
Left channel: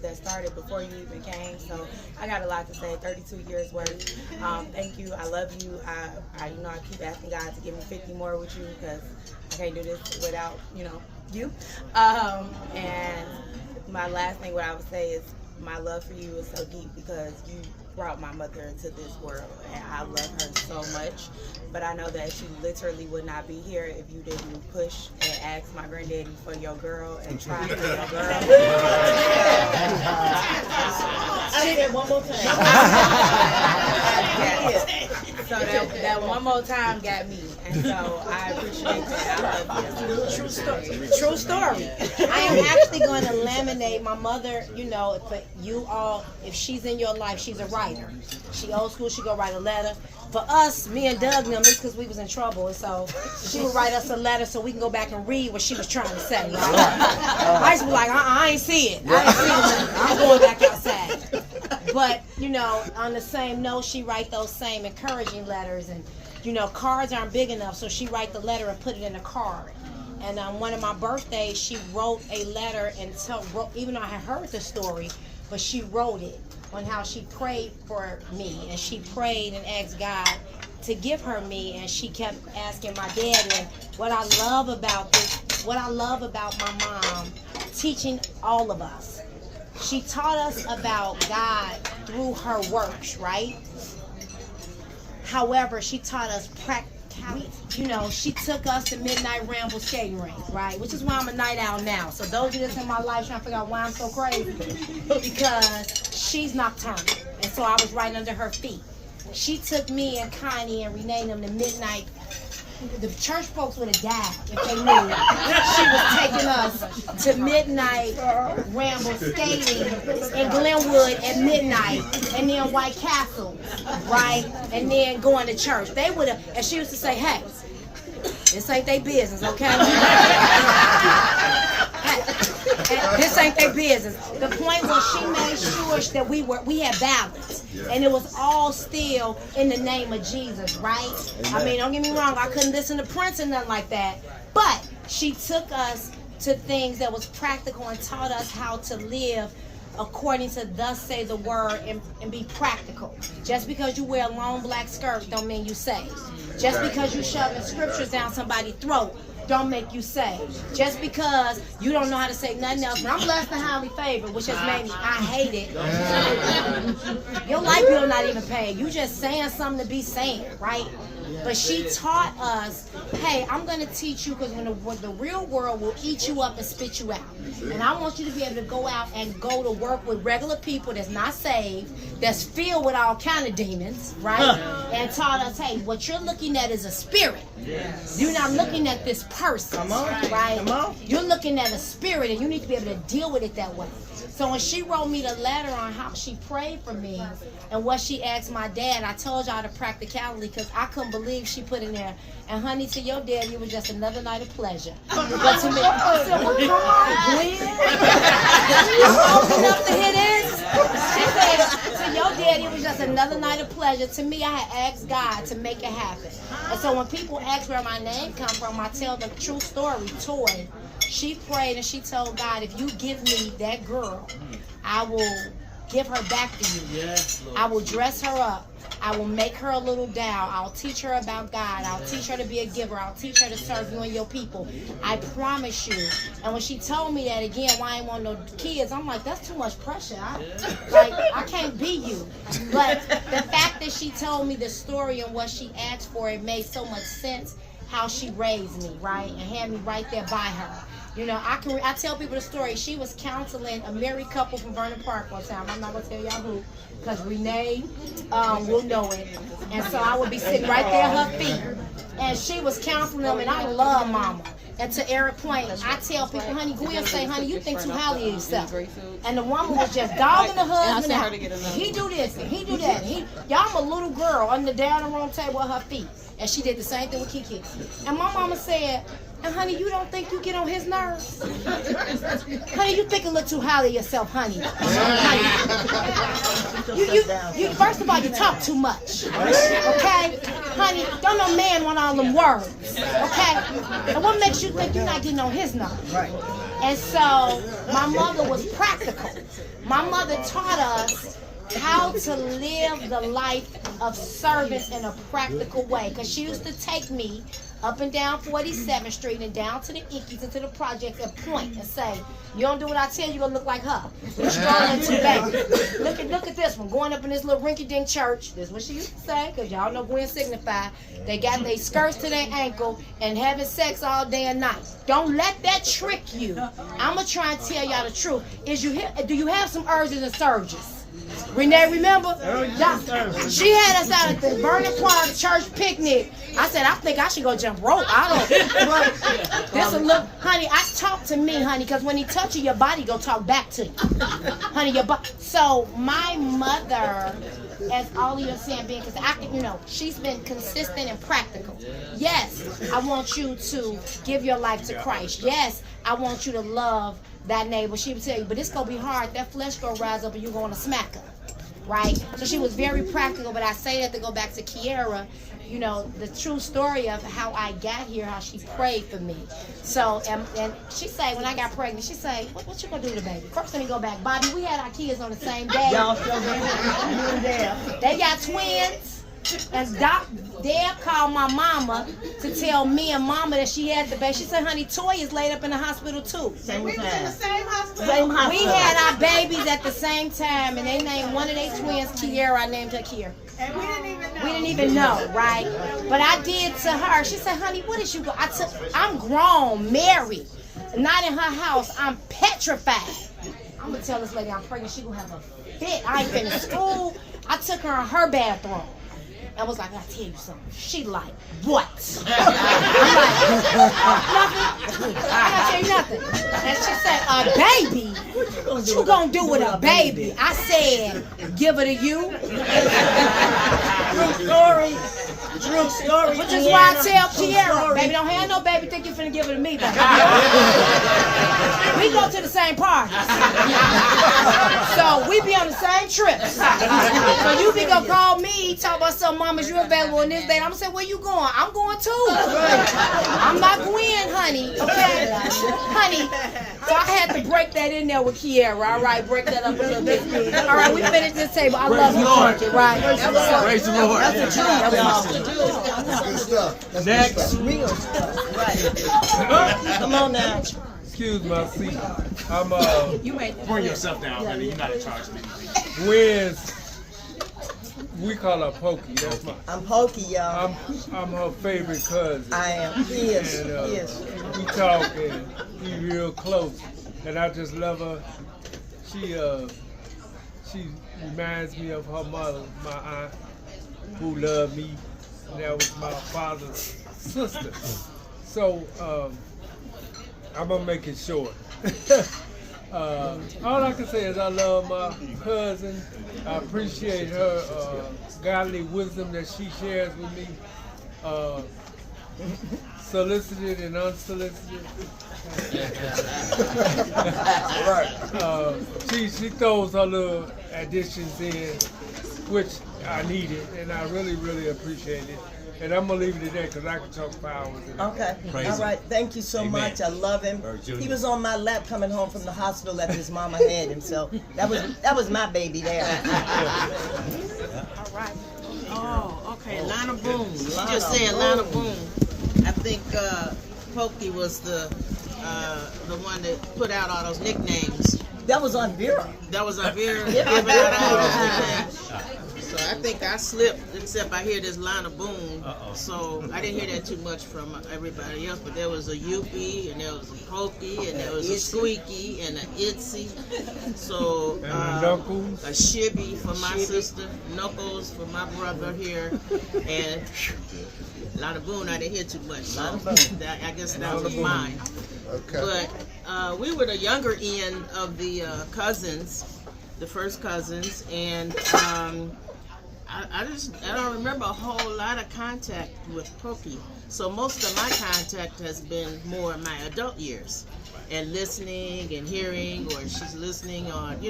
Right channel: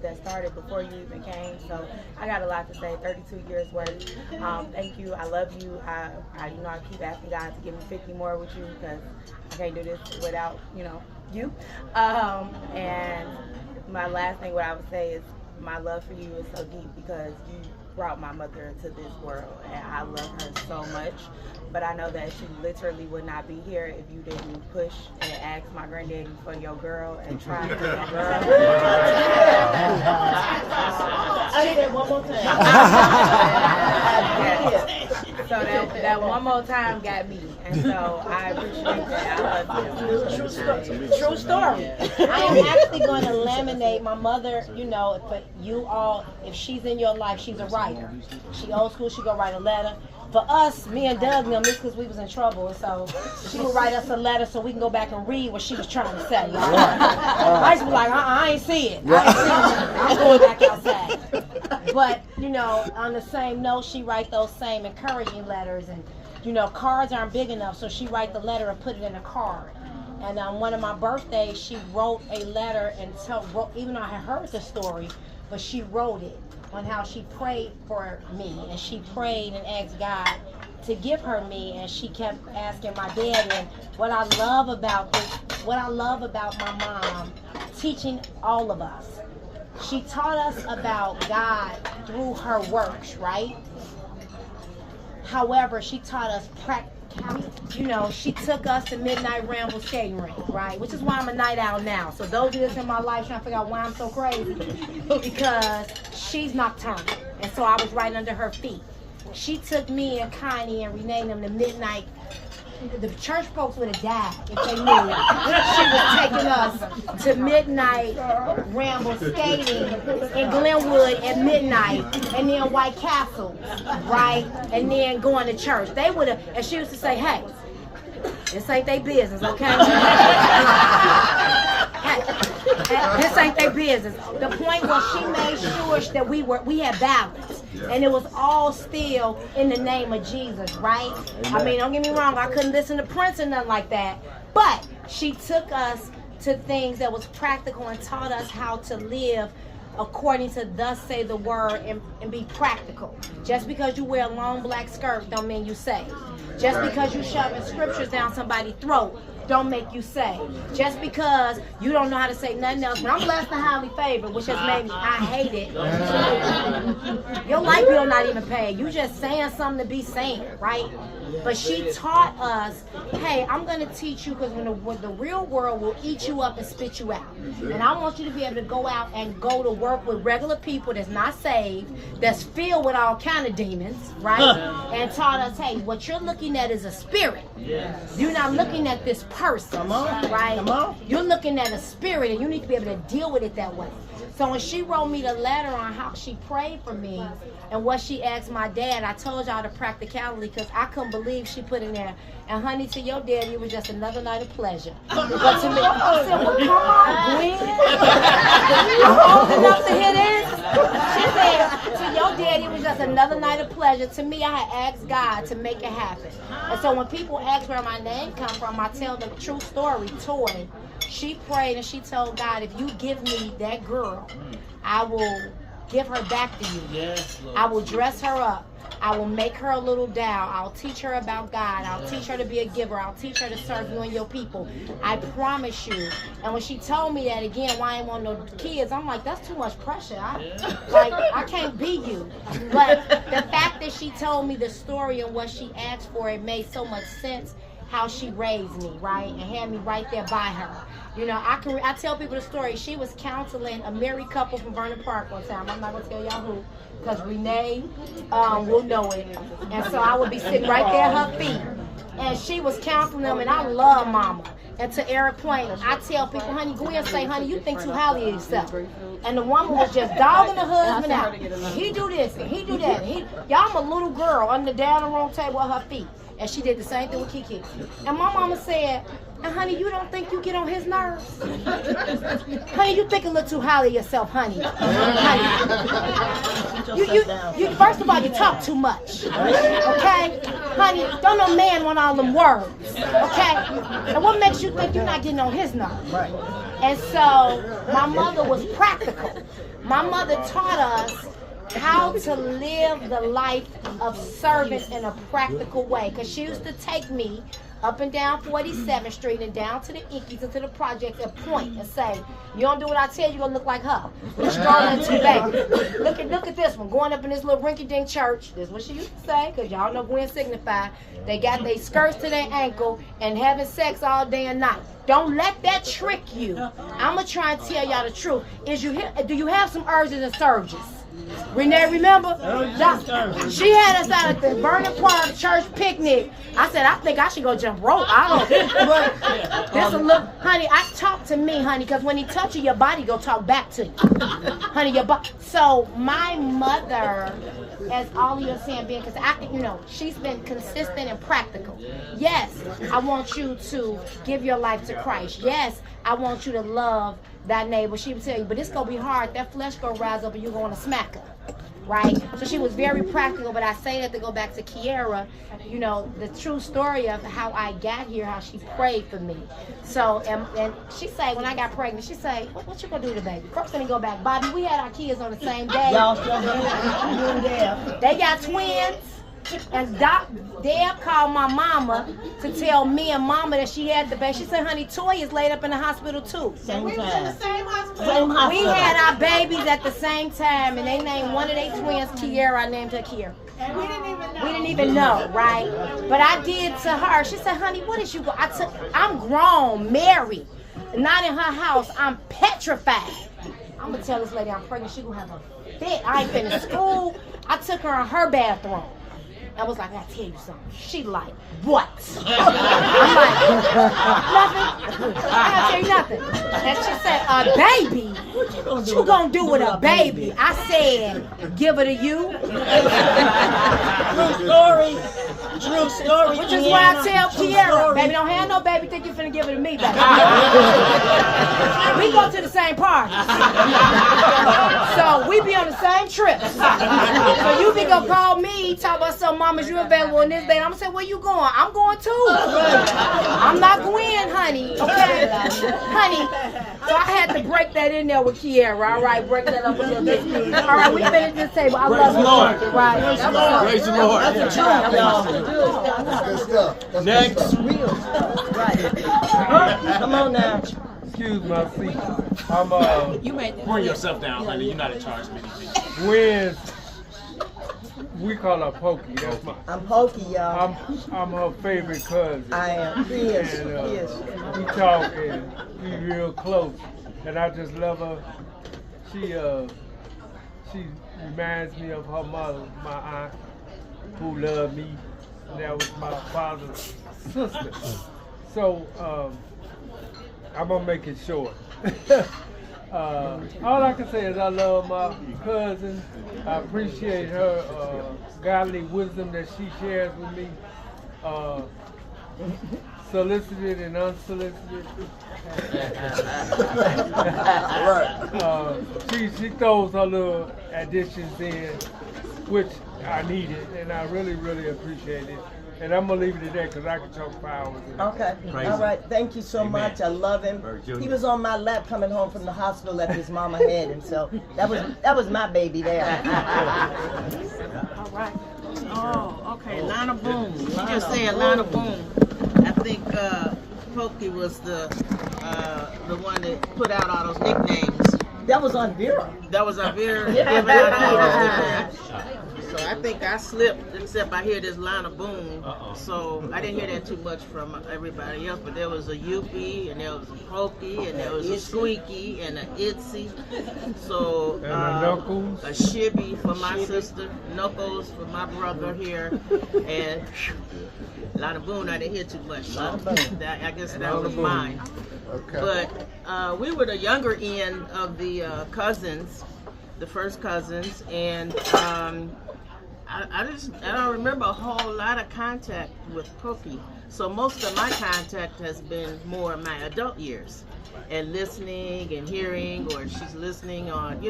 that started before you even came. So I got a lot to say. 32 years worth. Thank you. I love you. I keep asking God to give me 50 more with you because I can't do this without you. And my last thing, what I would say is my love for you is so deep because you brought my mother into this world, and I love her so much. But I know that she literally would not be here if you didn't push and ask my granddaddy for your girl and try for your girl. I said one more time. So that one more time got me, and so I appreciate that. I love you. True story. I am actually going to laminate my mother, for you all, if she's in your life, she's a writer. She old school, she go write a letter. For us, me and Doug, this because we was in trouble, and so she would write us a letter so we can go back and read what she was trying to say. I used to be like, I ain't see it. I'm going back outside. But, on the same note, she write those same encouraging letters, and, cards aren't big enough, so she write the letter and put it in a card. And on one of my birthdays, she wrote a letter and even though I had heard the story, but she wrote it on how she prayed for me, and she prayed and asked God to give her me, and she kept asking my dad. And what I love about my mom teaching all of us, she taught us about God through her works, right? However, she taught us you know, she took us to Midnight Ramble skating rink, right? Which is why I'm a night owl now. So those of you that's in my life trying to figure out why I'm so crazy, because she's nocturnal. And so I was right under her feet. She took me and Connie and renamed them to Midnight. The church folks would have died if they knew she was taking us to Midnight Ramble skating in Glenwood at midnight, and then White Castle, right? And then going to church. They would have, and she used to say, hey, this ain't their business, okay? Hey, this ain't their business. The point was she made sure that we had balance. And it was all still in the name of Jesus, right? I mean, don't get me wrong, I couldn't listen to Prince or nothing like that. But she took us to things that was practical and taught us how to live according to thus say the word and be practical. Just because you wear a long black skirt don't mean you saved. Just because you shoving scriptures down somebody's throat don't make you saved. Just because you don't know how to say nothing else. But I'm blessed and highly favored, which has made me, I hate it. Your light bill not even paid. You just saying something to be saying, right? But she taught us, hey, I'm going to teach you because when the real world will eat you up and spit you out. And I want you to be able to go out and go to work with regular people that's not saved, that's filled with all kind of demons, right? And taught us, hey, what you're looking at is a spirit. You're not looking at this person, right? You're looking at a spirit, and you need to be able to deal with it that way. So when she wrote me the letter on how she prayed for me and what she asked my dad, I told y'all the practicality because I couldn't believe she put in there, and honey, to your daddy, it was just another night of pleasure. But to me, I said, well, come on, Gwen. I'm old enough to hear this. She said, to your daddy, it was just another night of pleasure. To me, I had asked God to make it happen. And so when people ask where my name come from, I tell them the true story. Toy, she prayed and she told God, if you give me that girl, I will give her back to you. I will dress her up. I will make her a little doll. I'll teach her about God. I'll teach her to be a giver. I'll teach her to serve you and your people. I promise you. And when she told me that again, why I ain't want no kids, I'm like, that's too much pressure. I can't be you. But the fact that she told me the story and what she asked for, it made so much sense how she raised me, right? And had me right there by her. You know, I tell people the story. She was counseling a married couple from Vernon Park one time. I'm not going to tell y'all who, because Renee will know it. And so I would be sitting right there at her feet. And she was counseling them, and I love Mama. And to Eric Point, I tell people, honey, go ahead and say, honey, you think too highly of yourself. And the woman was just dogging the husband out. He do this, and he do that. And y'all, I'm a little girl under down the wrong table at her feet. And she did the same thing with Kiki. And my mama said, and honey, you don't think you get on his nerves? Honey, you think a little too highly of yourself, honey. You first of all, you talk too much. Okay? Honey, don't no man want all them words. Okay? And what makes you think you're not getting on his nerves? And so my mother was practical. My mother taught us how to live the life of service in a practical way. Because she used to take me up and down 47th Street and down to the Ickies and to the project and point and say, you don't do what I tell you, you're going to look like her. You're strolling too, baby. Look at this one, going up in this little rinky-dink church. This is what she used to say, because y'all know Gwen Signify. They got their skirts to their ankle and having sex all day and night. Don't let that trick you. I'm going to try and tell y'all the truth. Do you have some urges and surges? Renee, remember? She had us out at the Vernon Park church picnic. I said, I think I should go jump rope. Honey, talk to me, honey, because when he touch you, your body go talk back to you. Honey, your body. So my mother, as all of you are saying, because she's been consistent and practical. Yes, I want you to give your life to Christ. Yes, I want you to love that neighbor. She would tell you, but it's going to be hard. That flesh going to rise up and you're going to smack her. Right? So she was very practical, but I say that to go back to Kiara, the true story of how I got here, how she prayed for me. So, and she say, when I got pregnant, she say, what you going to do to the baby? First, let me go back. Bobby, we had our kids on the same day. They got twins. And Deb called my mama to tell me and mama that she had the baby. She said, honey, Toy is laid up in the hospital too. Same We was time. in the same hospital. We had our babies at the same time, and they named one of their twins Kiera. I named her Kiera. And we didn't even know. We didn't even know, right? But I did to her. She said, honey, what did you go? I'm grown, married, not in her house. I'm petrified. I'm going to tell this lady I'm pregnant. She going to have a fit. I ain't finished school. I took her in her bathroom. I was like, I gotta tell you something. She like, what? I'm like, nothing. I gotta tell you nothing. And she said, a baby? What you gonna do with a baby? I said, give her to you. True story. Which is why I tell Kiera, baby, don't have no baby, think you finna give it to me, baby. We go to the same parties. So we be on the same trips. So you be gonna call me, talk about some mamas, you available on this day. I'm gonna say, where you going? I'm going too. I'm not Gwen, honey. Okay? Honey. So I had to break that in there with Kiera. All right, break that up a little bit. All right, we finished this table. I love you. Right. Praise the Lord. That's a truth, y'all. Good stuff. That's Next. good stuff. Real. Right. Come on now. Excuse my seat. I'm Bring yourself down, honey. You're not in charge of anything. Gwen's, we call her Pokey. That's my. I'm Pokey, y'all. I'm her favorite cousin. I am. He is. And, He is. we talk and we real close, and I just love her. She reminds me of her mother, my aunt, who loved me. And that was my father's sister. So I'm gonna make it short. All I can say is I love my cousin. I appreciate her godly wisdom that she shares with me, solicited and unsolicited. She throws her little additions in, which I needed, and I really, really appreciate it. And I'm gonna leave it at that because I can talk for hours. Okay. All right. Thank you so much. I love him. He was on my lap coming home from the hospital after his mama had him. So that was my baby there. All right. Oh, okay. Lana Boone. She just said Lana Boone. I think Pokey was the one that put out all those nicknames. That was on Vera. That was on Vera. Yeah, Giving out all those nicknames. So I think I slipped, except I hear this Lana Boone. So I didn't hear that too much from everybody else, but there was a Yuppie, and there was a Pokey, and there was a Squeaky, and a Itsy. So a Shibby for my sister, Knuckles for my brother here, and Lana Boone I didn't hear too much. So I guess that was mine. Okay. But we were the younger end of the cousins, the first cousins, and I don't remember a whole lot of contact with Pokey. So most of my contact has been more in my adult years, and listening and hearing, or she's listening on,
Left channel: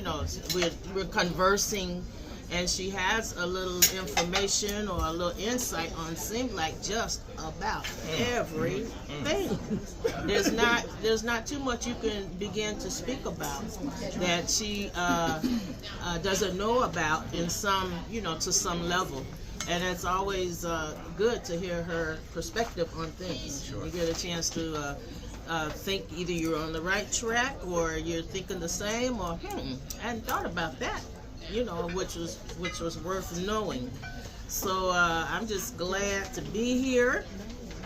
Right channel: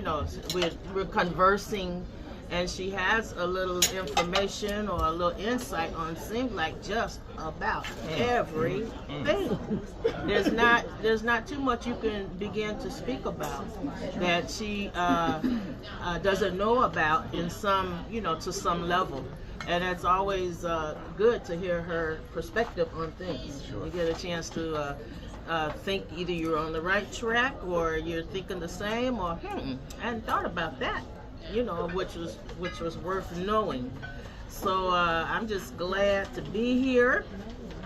we're conversing, and she has a little information or a little insight on, seems like just about everything. There's not too much you can begin to speak about that she doesn't know about in some, to some level. And it's always good to hear her perspective on things. You get a chance to think either you're on the right track or you're thinking the same, or I hadn't thought about that. Which was worth knowing. So I'm just glad to be here.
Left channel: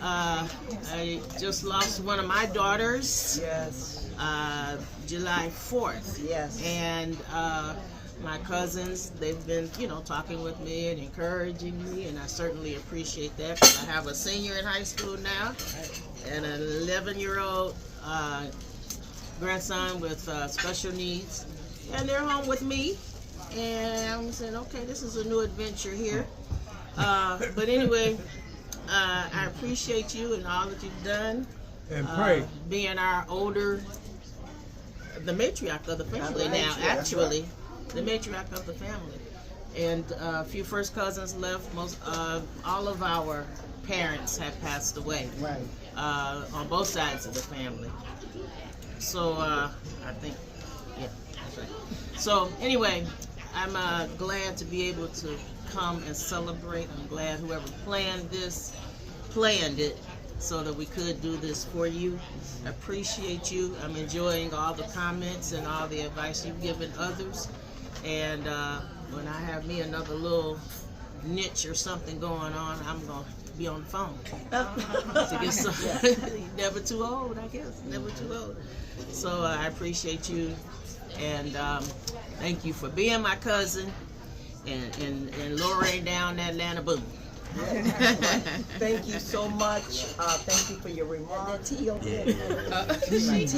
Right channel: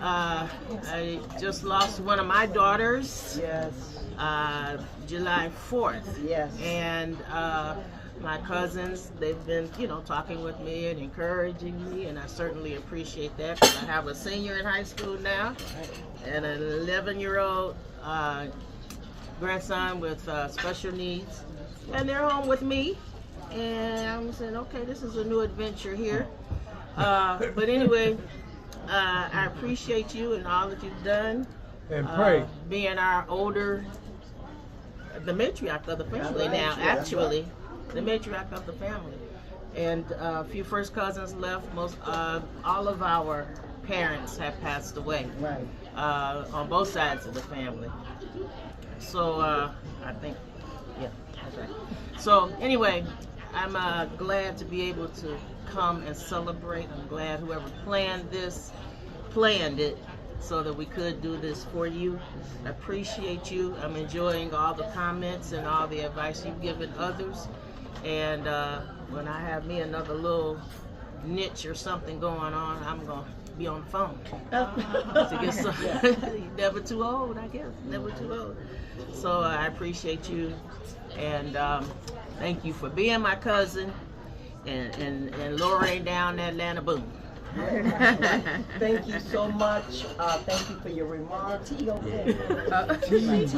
I just lost one of my daughters. Yes. July 4th. Yes. And my cousins, they've been, talking with me and encouraging me, and I certainly appreciate that, because I have a senior in high school now and an 11-year-old grandson with special needs, and they're home with me. And I'm saying, okay, this is a new adventure here. But anyway, I appreciate you and all that you've done. And pray. Being our older, the matriarch of the family now, actually. The matriarch of the family. And a few first cousins left. All of our parents have passed away. Right. On both sides of the family. So I think, yeah, that's right. So anyway, I'm glad to be able to come and celebrate. I'm glad whoever planned it so that we could do this for you. I appreciate you. I'm enjoying all the comments and all the advice you've given others. And when I have me another little niche or something going on, I'm going to be on the phone to get some. Never too old, I guess. Never too old. So I appreciate you, and thank you for being my cousin and lowering down that Atlanta boom. Thank you so much. Thank you for your remarks.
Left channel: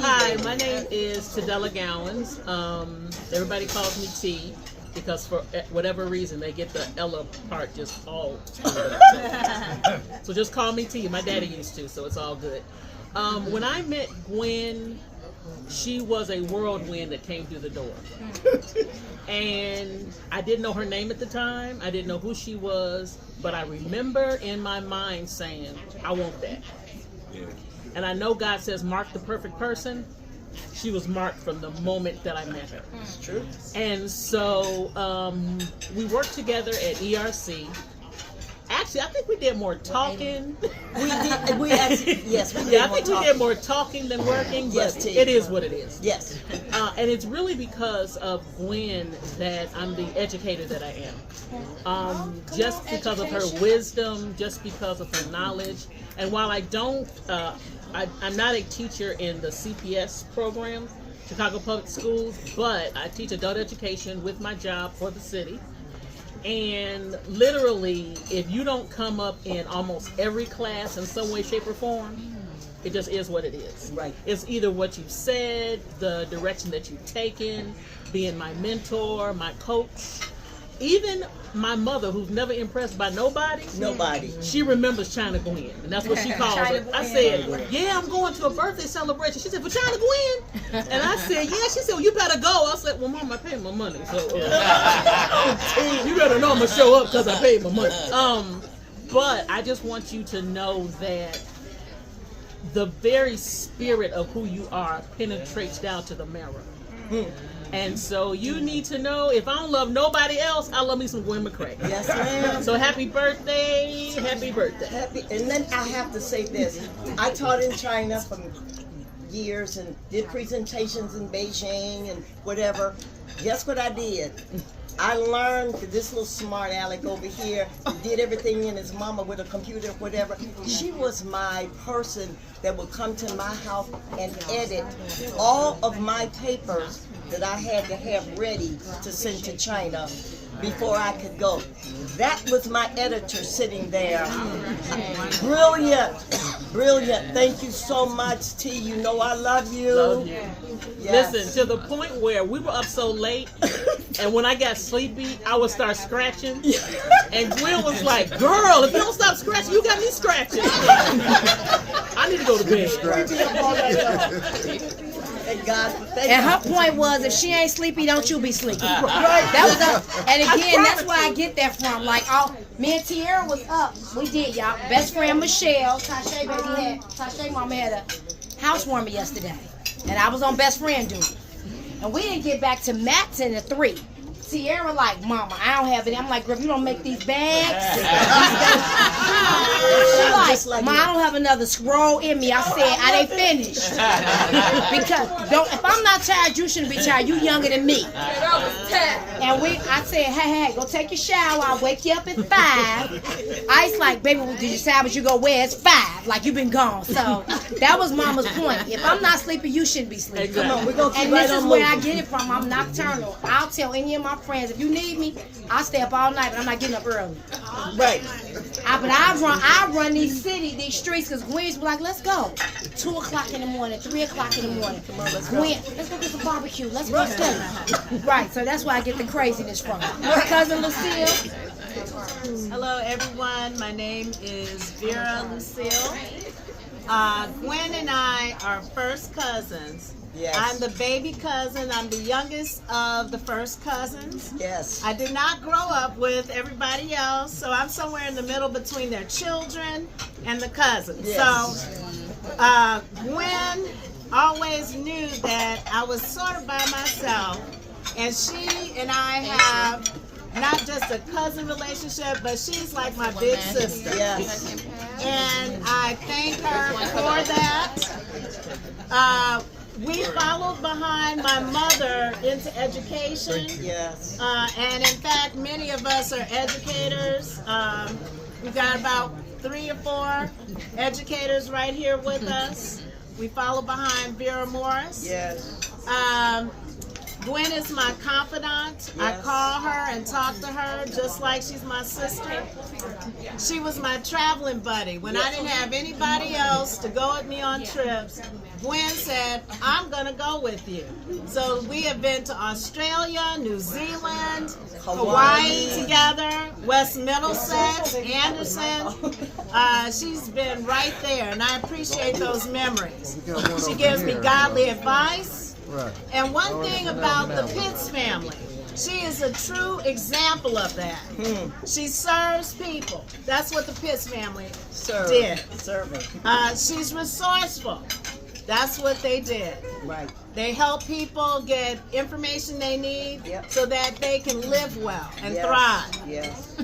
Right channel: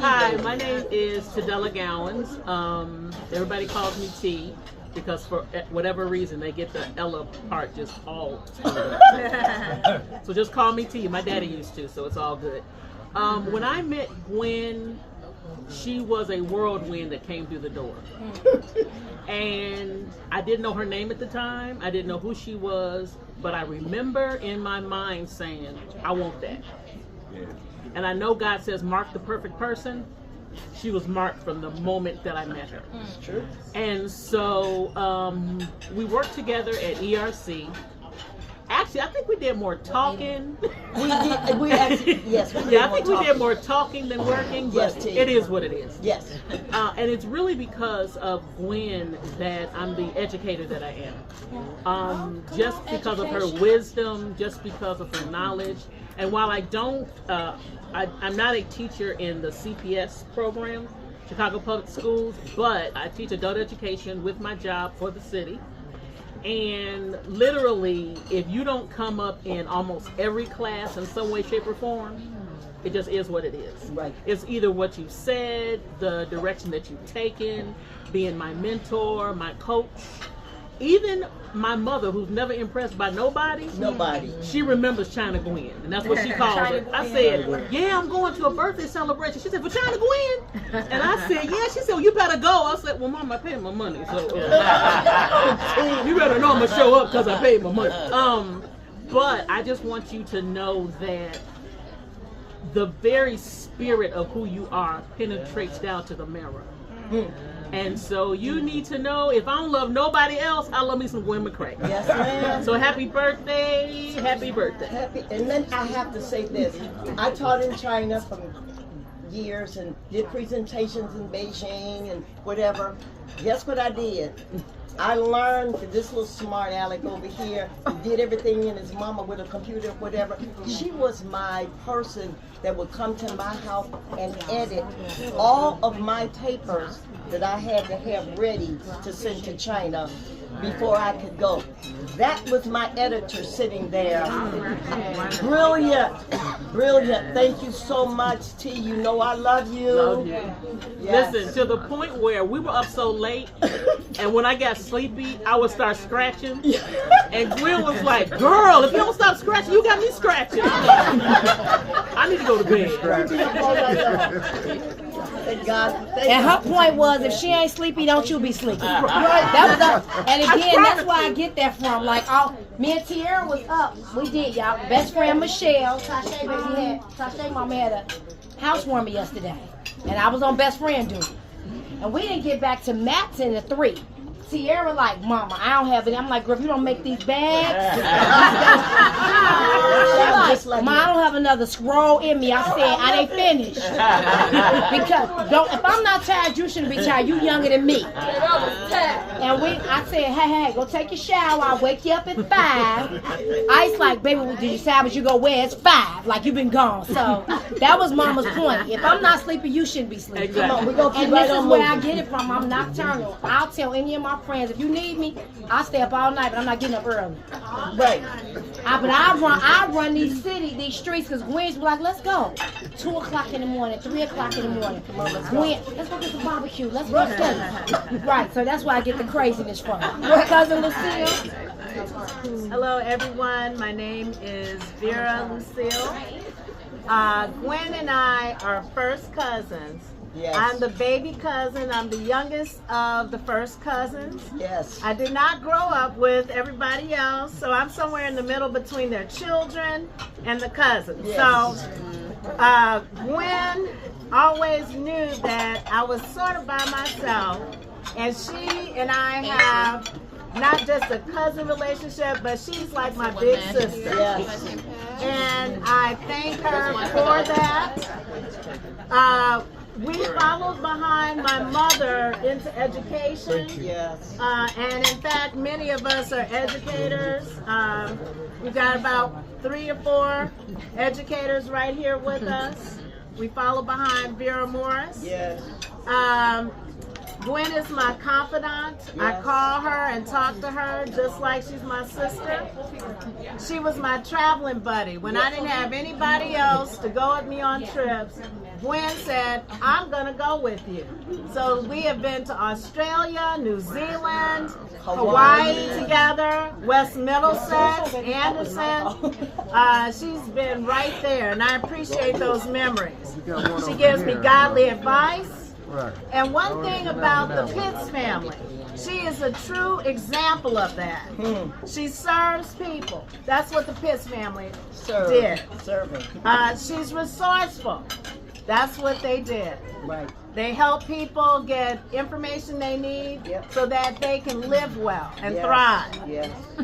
Hi, my name is Tadella Gowans. Everybody calls me T because for whatever reason they get the Ella part just all screwed up. So just call me T. My daddy used to, so it's all good. When I met Gwen, she was a whirlwind that came through the door. And I didn't know her name at the time. I didn't know who she was, but I remember in my mind saying, I want that. And I know God says, mark the perfect person. She was marked from the moment that I met her. It's true. And so we worked together at ERC. Actually, I think we did more talking. We did. We actually, yes. We did I think we did more talking than working, but Yes, T. it is what it is. Yes. And it's really because of Gwen that I'm the educator that I am. Just because of her wisdom, just because of her knowledge. And while I don't, I'm not a teacher in the CPS program, Chicago Public Schools, but I teach adult education with my job for the city. And literally, if you don't come up in almost every class in some way, shape, or form, it just is what it is. Right. It's either what you've said, the direction that you've taken, being my mentor, my coach. Even my mother, who's never impressed by nobody, she remembers China Gwen, and that's what she calls her. I said, yeah, I'm going to a birthday celebration. She said, for China Gwen? And I said, yeah. She said, well, you better go. I said, well, Mom, I paid my money, so you better know I'm going to show up because I paid my money. But I just want you to know that the very spirit of who you are penetrates down to the marrow. And so you need to know, if I don't love nobody else, I love me some Gwen Mccray. Yes, ma'am. So happy birthday, happy birthday. And then I have to say this. I taught in China for years and did presentations in Beijing and whatever. Guess what I did? I learned that this little smart aleck over here did everything in his mama with a computer, whatever. She was my person that would come to my house and edit all of my papers that I had to have ready to send to China before I could go. That was my editor sitting there. Brilliant, brilliant. Thank you so much, T. You know I love you. Love you. Yes. Listen, to the point where we were up so late, and when I got sleepy, I would start scratching. And Gwen was like, girl, if you don't stop scratching, you got me scratching. I'm like, I need to go to bed. Thank God. And her point was, if she ain't sleepy, don't you be sleepy. That was up. And again, that's where I get that from. Like, me and Tierra was up. We did, y'all. Best friend Michelle, Tashay mama had a housewarming yesterday, and I was on best friend duty. And we didn't get back to Matson at 3. Tierra like, Mama, I don't have it. I'm like, girl, if you don't make these bags. She like, Ma, I don't have another scroll in me. I said, I ain't finished. Because if I'm not tired, you shouldn't be tired. You younger than me. And I said, hey, go take your shower. I'll wake you up at 5. Ice like, baby, did you decide what you go wear? It's 5. Like, you've been gone. So that was Mama's point. If I'm not sleepy, you shouldn't be sleepy. Exactly. And this is where I get it from. I'm nocturnal. I'll tell any of my friends, if you need me, I'll stay up all night, but I'm not getting up early. Right. But I run these streets, because Gwen's be like, let's go. 2 o'clock in the morning, 3 o'clock in the morning. Gwen, let's go get some barbecue. Let's go steak. Right, so that's where I get the craziness from. Cousin Lucille. Hello, everyone. My name is Vera Lucille. Gwen and I are first cousins. Yes. I'm the baby cousin. I'm the youngest of the first cousins. Yes. I did not grow up with everybody else, so I'm somewhere in the middle between their children and the cousins. Yes. So Gwen always knew that I was sort of by myself And she and I have not just a cousin relationship, but she's like my big sister. Yes. And I thank her for that. We followed behind my mother into education. Yes. And in fact, many of us are educators. We got about 3 or 4 educators right here with us. We follow behind Vera Morris. Yes. Gwen is my confidant. Yes. I call her and talk to her just like she's my sister. She was my traveling buddy. When I didn't have anybody else to go with me on trips, Gwen said, I'm going to go with you. So we have been to Australia, New Zealand, Hawaii together, West Middlesex, Anderson. She's been right there, and I appreciate those memories. She gives me godly advice. And one thing about the Pitts family, she is a true example of that. She serves people. That's what the Pitts family did. Serving. She's resourceful. That's what they did. Right. They help people get information they need so that they can live well and thrive. Yes.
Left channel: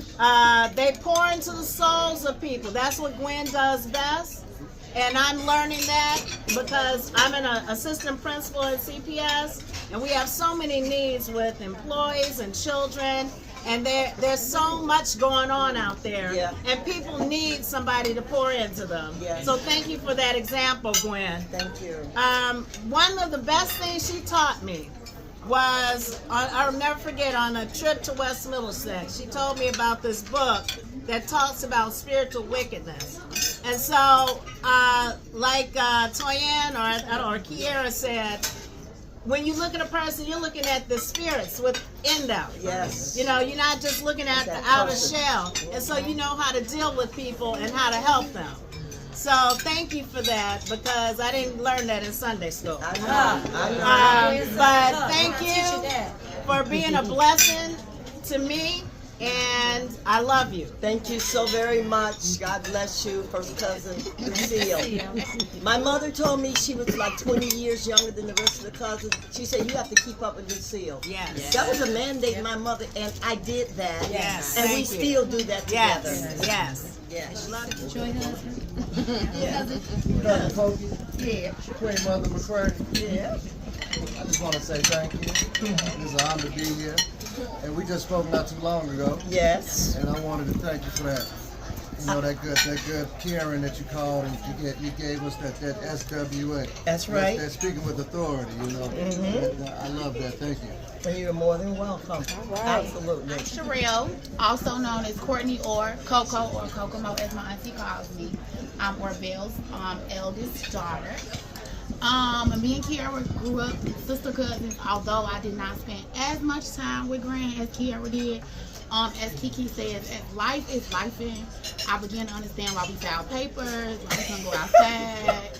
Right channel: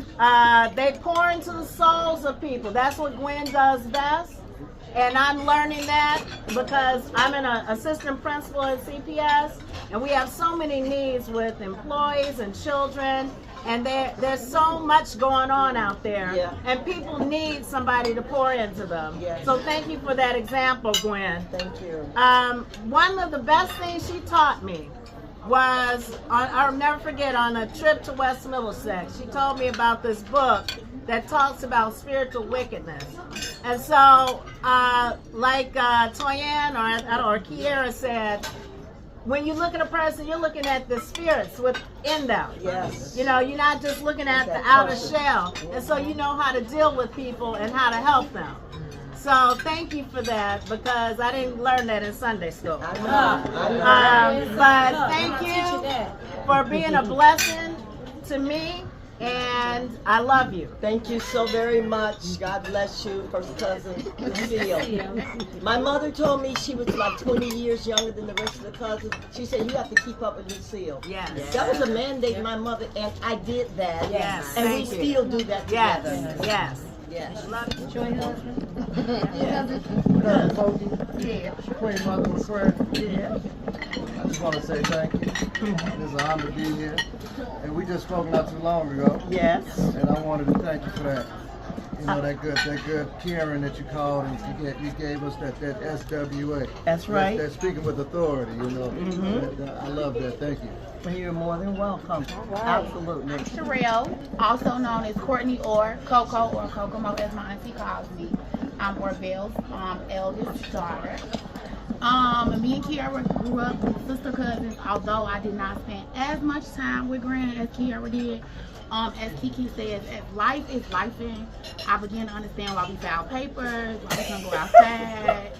They pour into the souls of people. That's what Gwen does best. And I'm learning that because I'm an assistant principal at CPS, and we have so many needs with employees and children, and there's so much going on out there, and people need somebody to pour into them. So thank you for that example, Gwen. Thank you. One of the best things she taught me was, I'll never forget, on a trip to West Middlesex, she told me about this book that talks about spiritual wickedness. And so, like Toyanne or Kiera said, when you look at a person, you're looking at the spirits within them. Yes. You know, you're not just looking at the outer shell. And so you know how to deal with people and how to help them. So thank you for that, because I didn't learn that in Sunday school. But thank you for being a blessing to me, and I love you. Thank you so very much. God bless you, first cousin Lucille. My mother told me she was like 20 years younger than the rest of the cousins. She said, you have to keep up with Lucille. Yes. That was a mandate my mother, and I did that. Yes. And we Thank you. still do that together. Yes. Yes. Joy husband. Yeah. Queen Mother Mccray. Yeah. I just want to say thank you. It's an honor to be here. And we just spoke not too long ago. Yes. And I wanted to thank you for that. You know, that good caring that you called, and you gave us that SWA. That's right. That speaking with authority, you know. I love that. Thank you. Well, you're more than welcome. All right. Absolutely. Sherelle, also known as Courtney or Coco or Kokomo as my auntie calls me. I'm Orville's eldest daughter. Me and Kiara grew up sister cousins, although I did not spend as much time with Granny as Kiara did. As Kiki says, as life is lifing, I began to understand why we filed papers, why we couldn't go outside,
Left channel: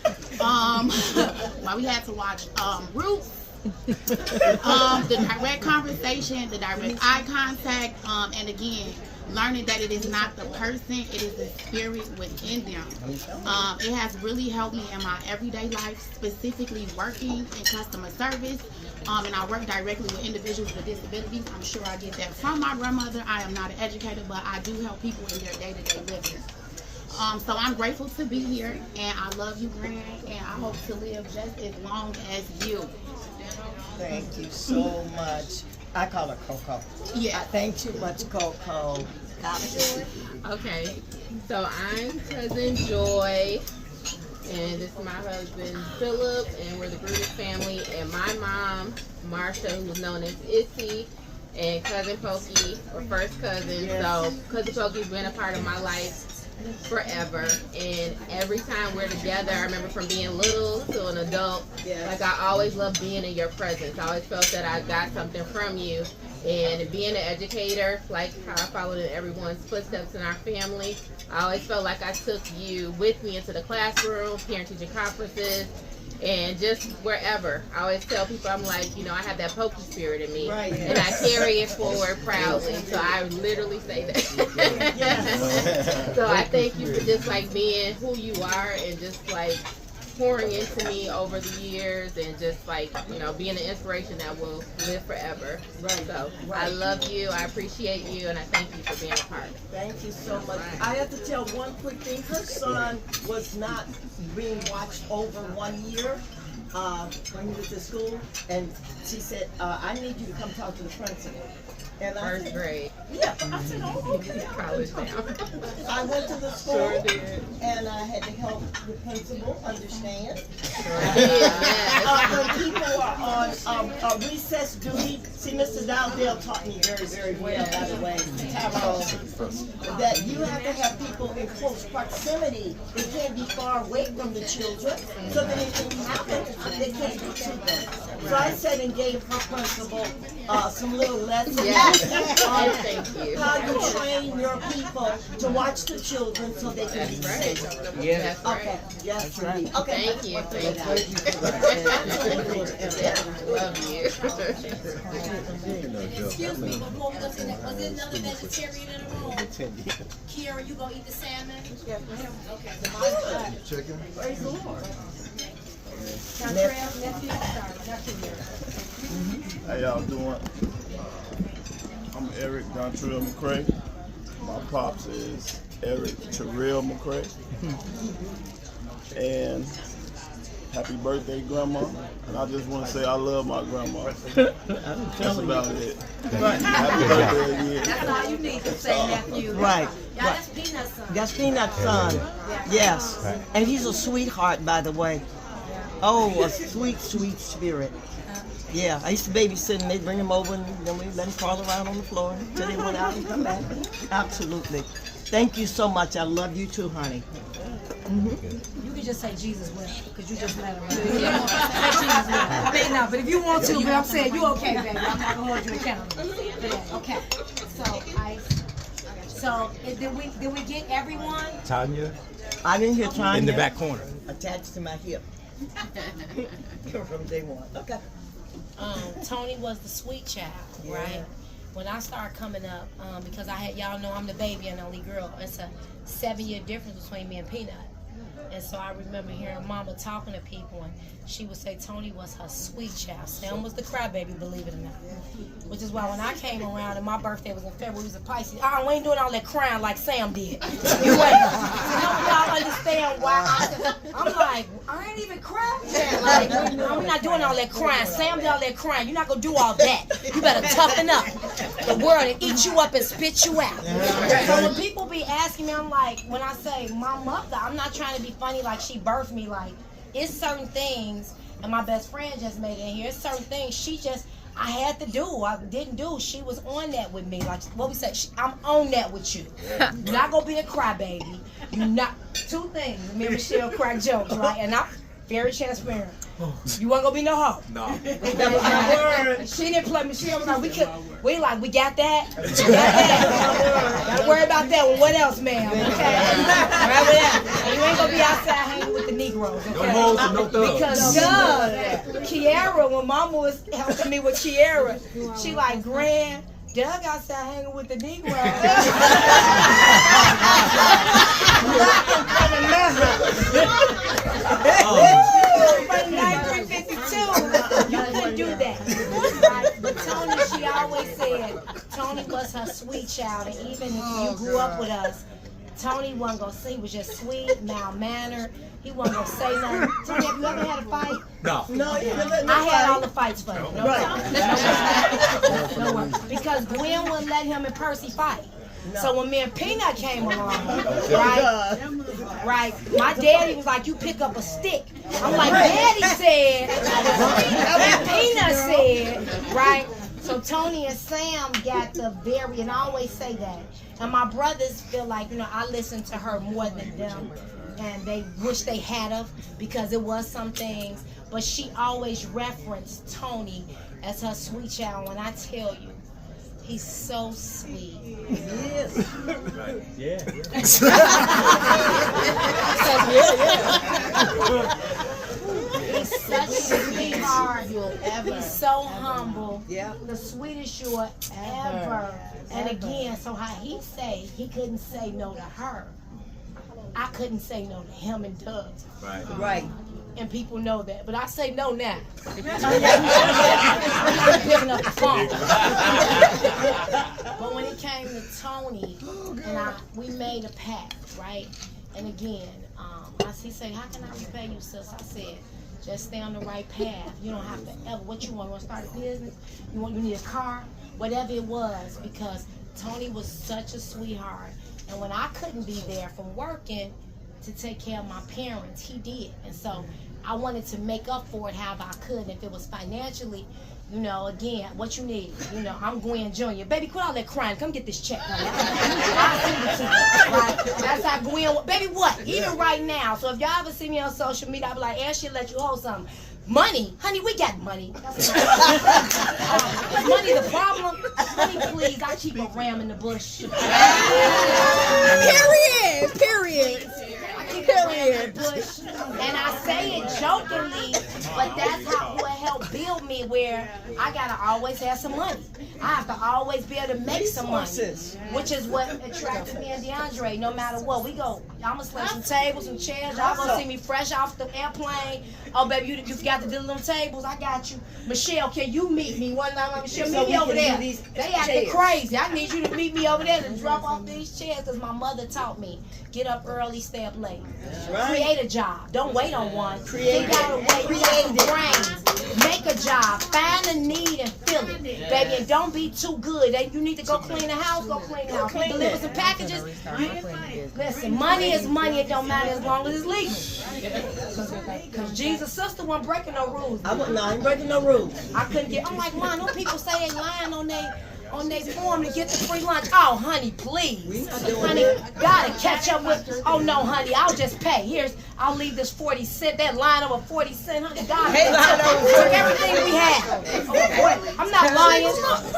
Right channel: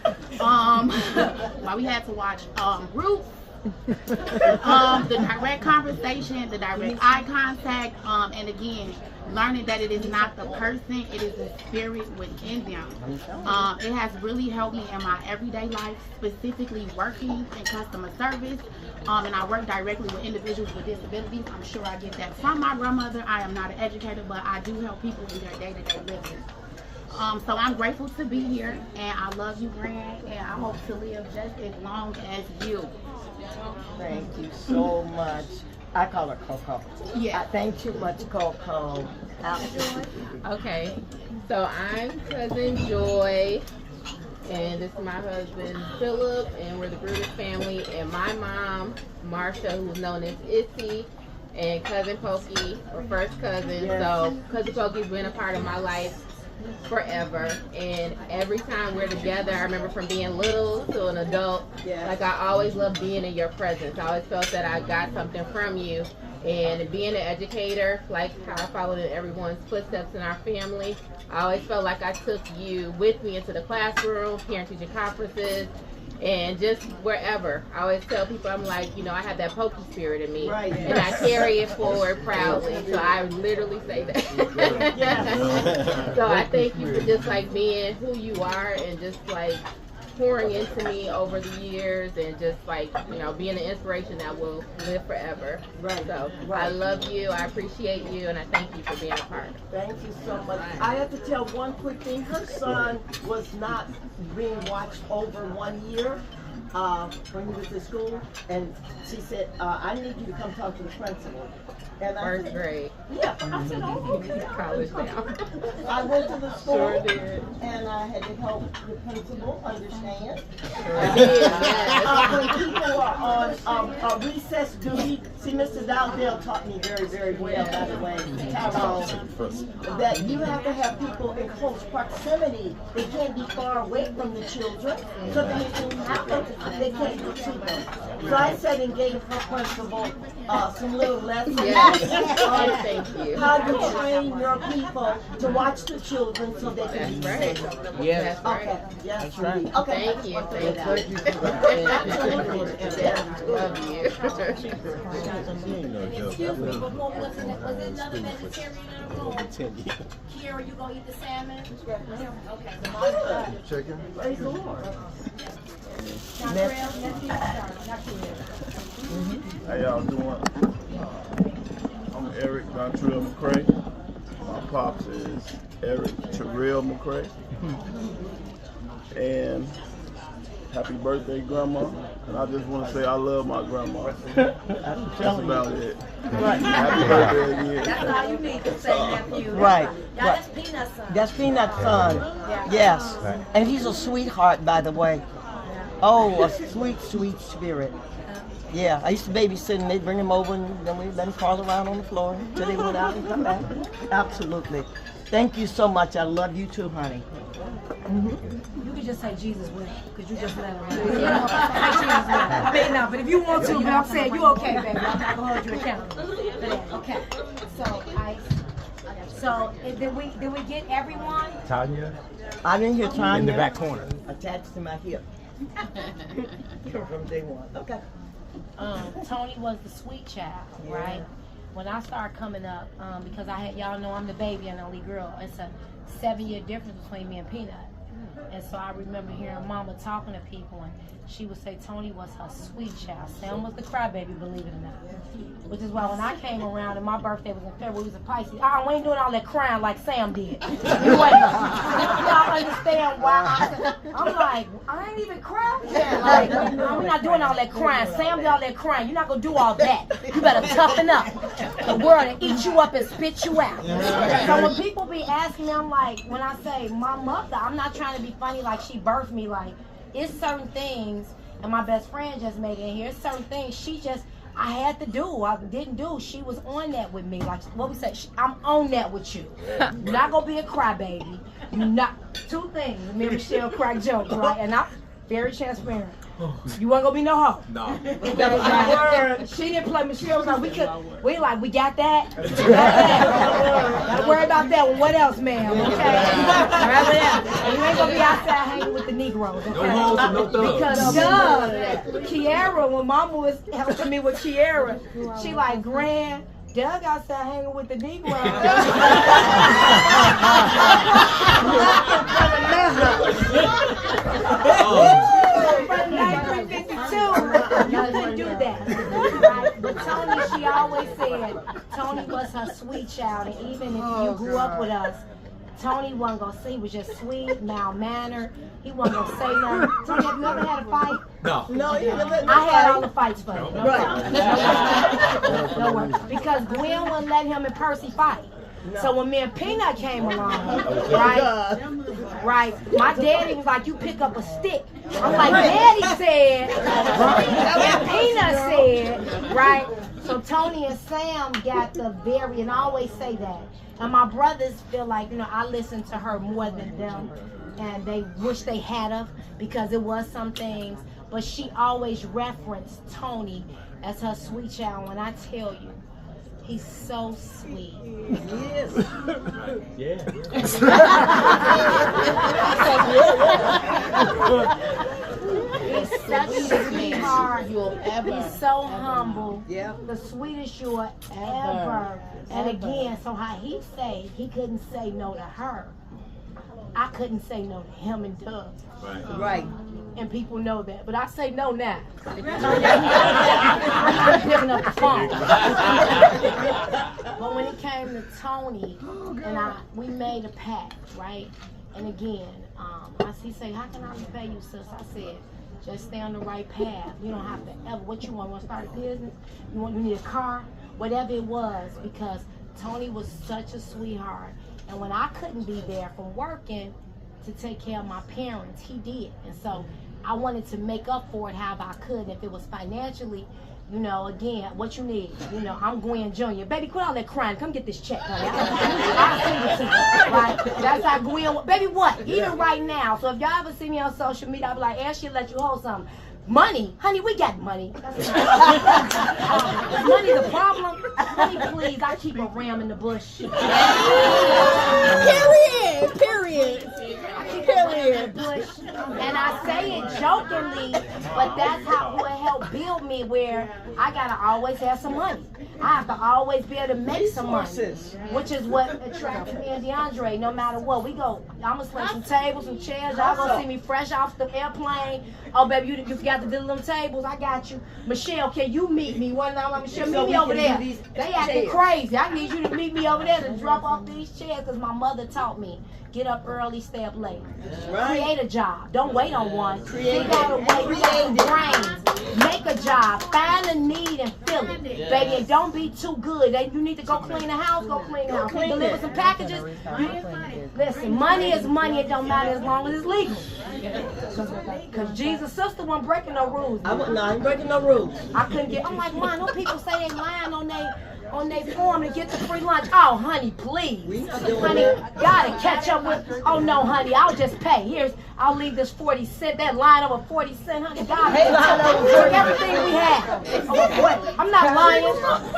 why we had to watch Roots. The direct conversation, the direct eye contact, and again, learning that it is not the person, it is the spirit within them. It has really helped me in my everyday life, specifically working in customer service, and I work directly with individuals with disabilities. I'm sure I get that from my grandmother. I am not an educator, but I do help people in their day-to-day living. So I'm grateful to be here, and I love you, Gran, and I hope to live just as long as you. Thank you so much. I call her Coco. Yeah. Thank you much, Coco. Okay, so I'm cousin Joy, and this is my husband Philip, and we're the Brutus family. And my mom, Marsha, who's known as Issy, and cousin Pokey, or first cousin. Yes. So cousin Pokey's been a part of my life forever, and every time we're together, I remember from being little to an adult, like I always loved being in your presence. I always felt that I got something from you, and being an educator, like how I followed in everyone's footsteps in our family, I always felt like I took you with me into the classroom, parent-teacher conferences, and just wherever. I always tell people, I'm like, you know, I have that Pokey spirit in me, and I carry it forward proudly. So I literally say that. So I thank you for just like being who you are, and just like pouring into me over the years and just like, being an inspiration that will live forever. Right. So I love you, I appreciate you, and I thank you for being a part. Thank you so much. I have to tell one quick thing. Her son was not being watched over 1 year when he was at school, and she said, I need you to come talk to the principal. And First grade. Yeah. I said, oh, okay. College now. I went to the school, Sure did. and I had to help the principal understand. Sure did, When people are on recess duty, see, Mr. Dowdell taught me very, very well, by the way, Tyrone, that you have to have people in close proximity. They can't be far away from the children, so that it can happen, they can't get to them. So I said and gave her principal some little lessons. Thank you. How you train your people to watch the children so they can be safe. Yeah. That's right. Okay. Yes, That's right. indeed. Okay. Thank you. Thank you. Love you. Excuse me, before we go to that, was there another vegetarian in the room? Kira, you gonna eat the salmon? Okay. Chicken. Praise the Lord. How y'all doing? I'm Eric Dontrell Mccray. My pops is Eric Terrell Mccray. And happy birthday, Grandma. And I just want to say I love my grandma. That's about it. Right. Happy birthday again. That's all you need to say, nephew. Right. Y'all, that's Peanut's son. That's Peanut's son. Yes. And he's a sweetheart, by the way. Oh, a sweet, sweet spirit. Yeah, I used to babysit and they'd bring him over and then we'd let him crawl around on the floor until they went out and come back. Absolutely. Thank you so much. I love you too, honey. You could just say Jesus will, because you just let her run. Yeah. Say Jesus will. I mean, no, but if you want to, but I'm saying you okay, baby. I'm not gonna hold you accountable for that. Okay. So did we get everyone? Tanya? I didn't hear Tanya. In the back corner. Attached to my hip. From day one. Okay. Tony was the sweet child, right? When I started coming up, because y'all know I'm the baby and only girl. It's a 7-year difference between me and Peanut. And so I remember hearing Mama talking to people, and she would say Tony was her sweet child. Sam was the crybaby, believe it or not. Which is why when I came around, and my birthday was in February, we was a Pisces. Oh, we ain't doing all that crying like Sam did. You ain't. I understand why. I'm like, I ain't even crying. Like, we're not doing all that crying. Sam did all that crying. You're not gonna do all that. You better toughen up. The world will eat you up and spit you out. So when people be asking me, I'm like, when I say my mother, I'm not trying to be funny like she birthed me. Like, it's certain things, and my best friend just made it in here. It's certain things I had to do. I didn't do. She was on that with me. Like what we said, I'm on that with you. You're not gonna be a crybaby. You're not. Two things. Me and Michelle crack jokes, right? And I'm very transparent. You wasn't gonna be no hoe. No. That was my word. She didn't play. Michelle was like, we got that. We got that. Don't worry about that one. What else, ma'am? Okay. All right, whatever. You ain't gonna be outside hanging with the Negroes. Okay? No hoes and no thugs. Because Kiara, when Mama was helping me with Kiara, she like, Grand, Doug outside hanging with the Negroes. From 1952, you couldn't do that. But Tony, she always said, Tony was her sweet child, and even if you grew up with us, Tony wasn't gonna say he was just sweet, mild-mannered. He wasn't gonna say no. Tony, have you ever had a fight? No. No, you never had I had all the fights for you. No worries. Because Gwen wouldn't let him and Percy fight. No. So when me and Peanut came along, right, my daddy was like, you pick up a stick. I'm like, Daddy said, and Peanut said, right? So Tony and Sam got the and I always say that. And my brothers feel like, I listen to her more than them. And they wish they had her because it was some things. But she always referenced Tony as her sweet child. When I tell you, he's so sweet. He is. Right. Yeah. He's such a sweetheart. He's so humble. Yeah. The sweetest you'll ever. And again, so how he say he couldn't say no to her. I couldn't say no to him and Doug. Right. Right. and people know that. But I say no now. If you turn your I'm not picking up the phone. But when it came to Tony and we made a pact, right? And again, he said, how can I repay you, sis? I said, just stay on the right path. You don't have to ever, what you want to start a business? You need a car? Whatever it was, because Tony was such a sweetheart. And when I couldn't be there from working to take care of my parents, he did. And so I wanted to make up for it however I could. And if it was financially, you know, again, what you need. You know, I'm Gwen Jr. Baby, quit all that crying. Come get this check, honey. I'll send it to you. Right? That's how Gwen, baby, what? Even right now. So if y'all ever see me on social media, I'll be like, Ash, she'll let you hold something. Money? Honey, we got money. Money the problem? Honey, please, I keep a ram in the bush. Period. Period. Period. And I say it jokingly, but that's how it helped build me, where I gotta always have some money. I have to always be able to make some money, which is what attracted me and DeAndre. No matter what, we go. I'm gonna slip some tables and chairs. Y'all gonna see me fresh off the airplane. Oh, baby, you just got to do them tables. I got you. Michelle, can you meet me one time? Michelle, meet me over there. They acting crazy. I need you to meet me over there to drop off these chairs, because my mother taught me, get up early, stay up late. That's right. Create a job. Don't wait on one. Create it. Create brains. Make a job. Find a need and fill it. Baby, and don't be too good. You need to go clean the house, go clean the house. Deliver some packages. Listen, money is money. It don't matter as long as it's legal. Because Jesus' sister wasn't breaking no rules. I ain't breaking no rules. I couldn't get, I'm like, Mom, no people say they lying on their form to get the free lunch. Oh, honey, please. Honey, gotta catch up with, oh no, honey, I'll just pay. I'll leave this 40 cent, that line over 40 cent, honey. God, took everything we had. I'm not lying.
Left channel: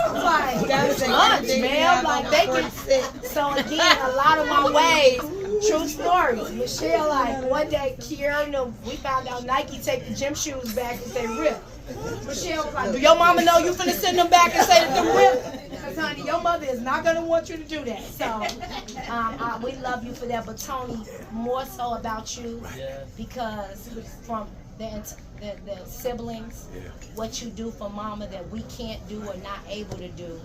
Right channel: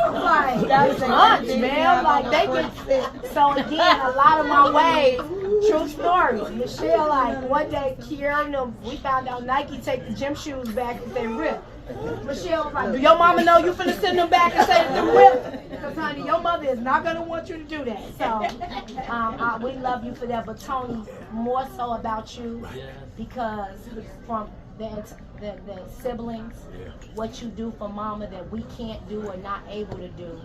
I'm like, that's lunch, man. I'm like, they get sick. So again, a lot of my ways, true story. Michelle, like, one day, Kiara and them, we found out Nike take the gym shoes back because they ripped. Michelle was like, do your mama know you finna send them back and say that they're ripped? Because, honey, your mother is not going to want you to do that. So, we love you for that. But, Tony, more so about you, because from the siblings, what you do for mama that we can't do or not able to do,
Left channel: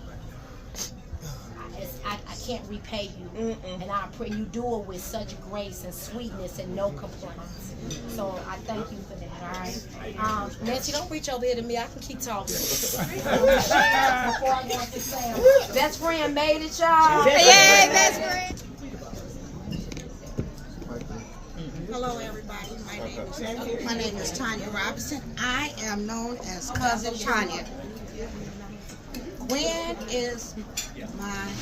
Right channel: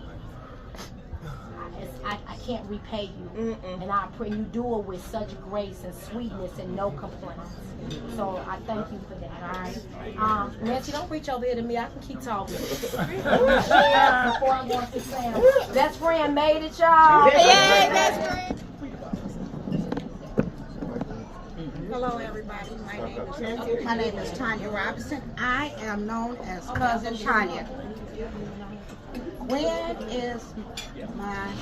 I can't repay you. And I pray you do it with such grace and sweetness and no complaints. So I thank you for that, all right? Nancy, don't reach over here to me. I can keep talking. Before I go into Sam. Best friend made it, y'all. Hey, best friend. Hello, everybody. My name is Tanya Robinson. I am known as Cousin Tanya. Gwen is my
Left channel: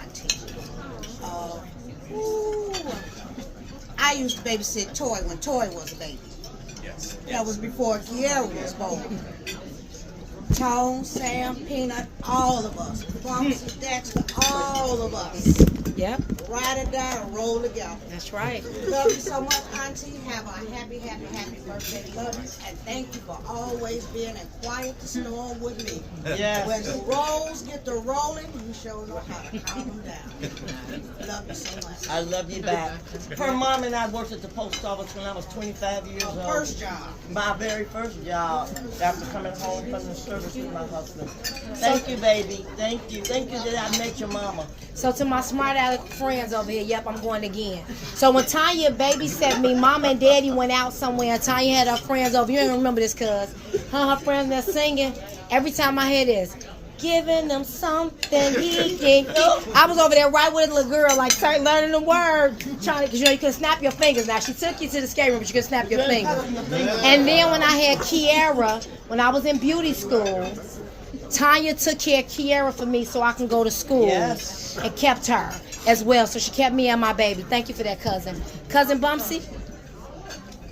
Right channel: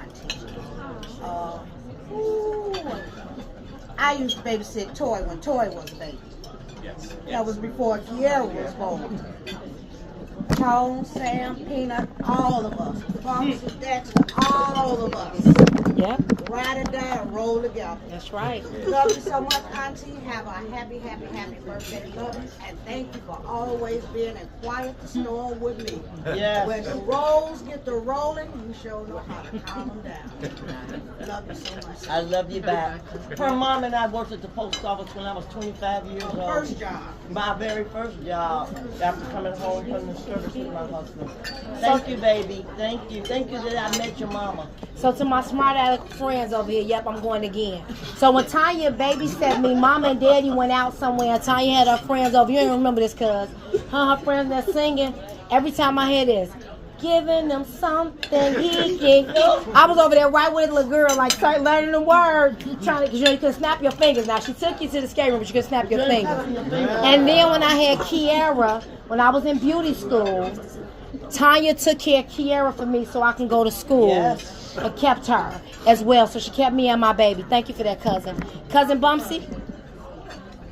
auntie. I used to babysit Toy when Toy was a baby. That was before Kiara was born. Tone, Sam, Peanut, all of us. Foxy, Dexter, all of us. Yep. Ride or die or roll together. That's right. Love you so much, Auntie. Have a happy, happy, happy birthday. Love you. And thank you for always being a quiet storm with me. Yes. When the rolls get to rolling, you sure know how to calm them down. Love you so much. I love you back. Her mom and I worked at the post office when I was 25 years old. First job. My very first job after coming home from the service with my husband. Thank you, baby. Thank you. Thank you that I met your mama. So to my smart aleck friends over here, yep, I'm going again. So when Tanya babysat me, Mama and Daddy went out somewhere. Tanya had her friends over. You don't remember this, cuz her friends that singing. Every time I hear this, giving them something he can eat. I was over there right with a little girl, like start learning the word, trying to, because you can snap your fingers. Now she took you to the skate room, but you can snap your fingers. And then when I had Kiara, when I was in beauty school, Tanya took care of Kiara for me so I can go to school. Yes. And kept her as well. So she kept me and my baby. Thank you for that, cousin. Cousin Bumsy?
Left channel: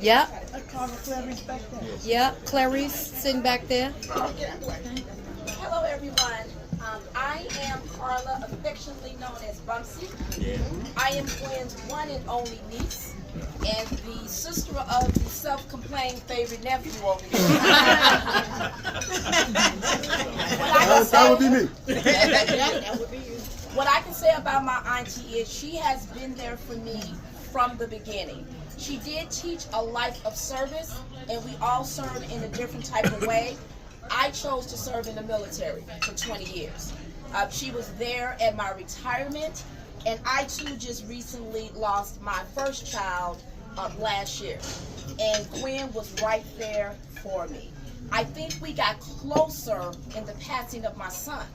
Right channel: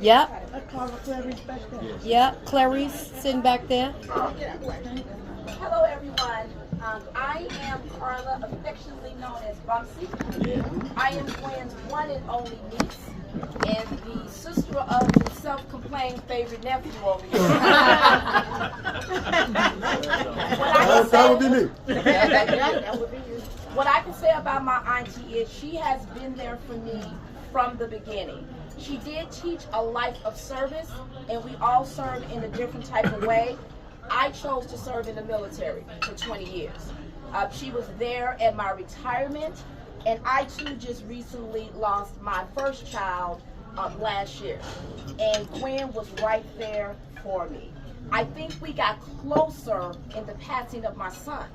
Yep. Yep. Clarice sitting back there. Hello, everyone. I am Carla, affectionately known as Bumsy. I am Gwen's one and only niece, and the sister of the self-complained favorite nephew over here. That would be me. That would be you. What I can say about my auntie is she has been there for me from the beginning. She did teach a life of service, and we all serve in a different type of way. I chose to serve in the military for 20 years. She was there at my retirement, and I too just recently lost my first child last year, and Gwen was right there for me. I think we got closer in the passing of my son,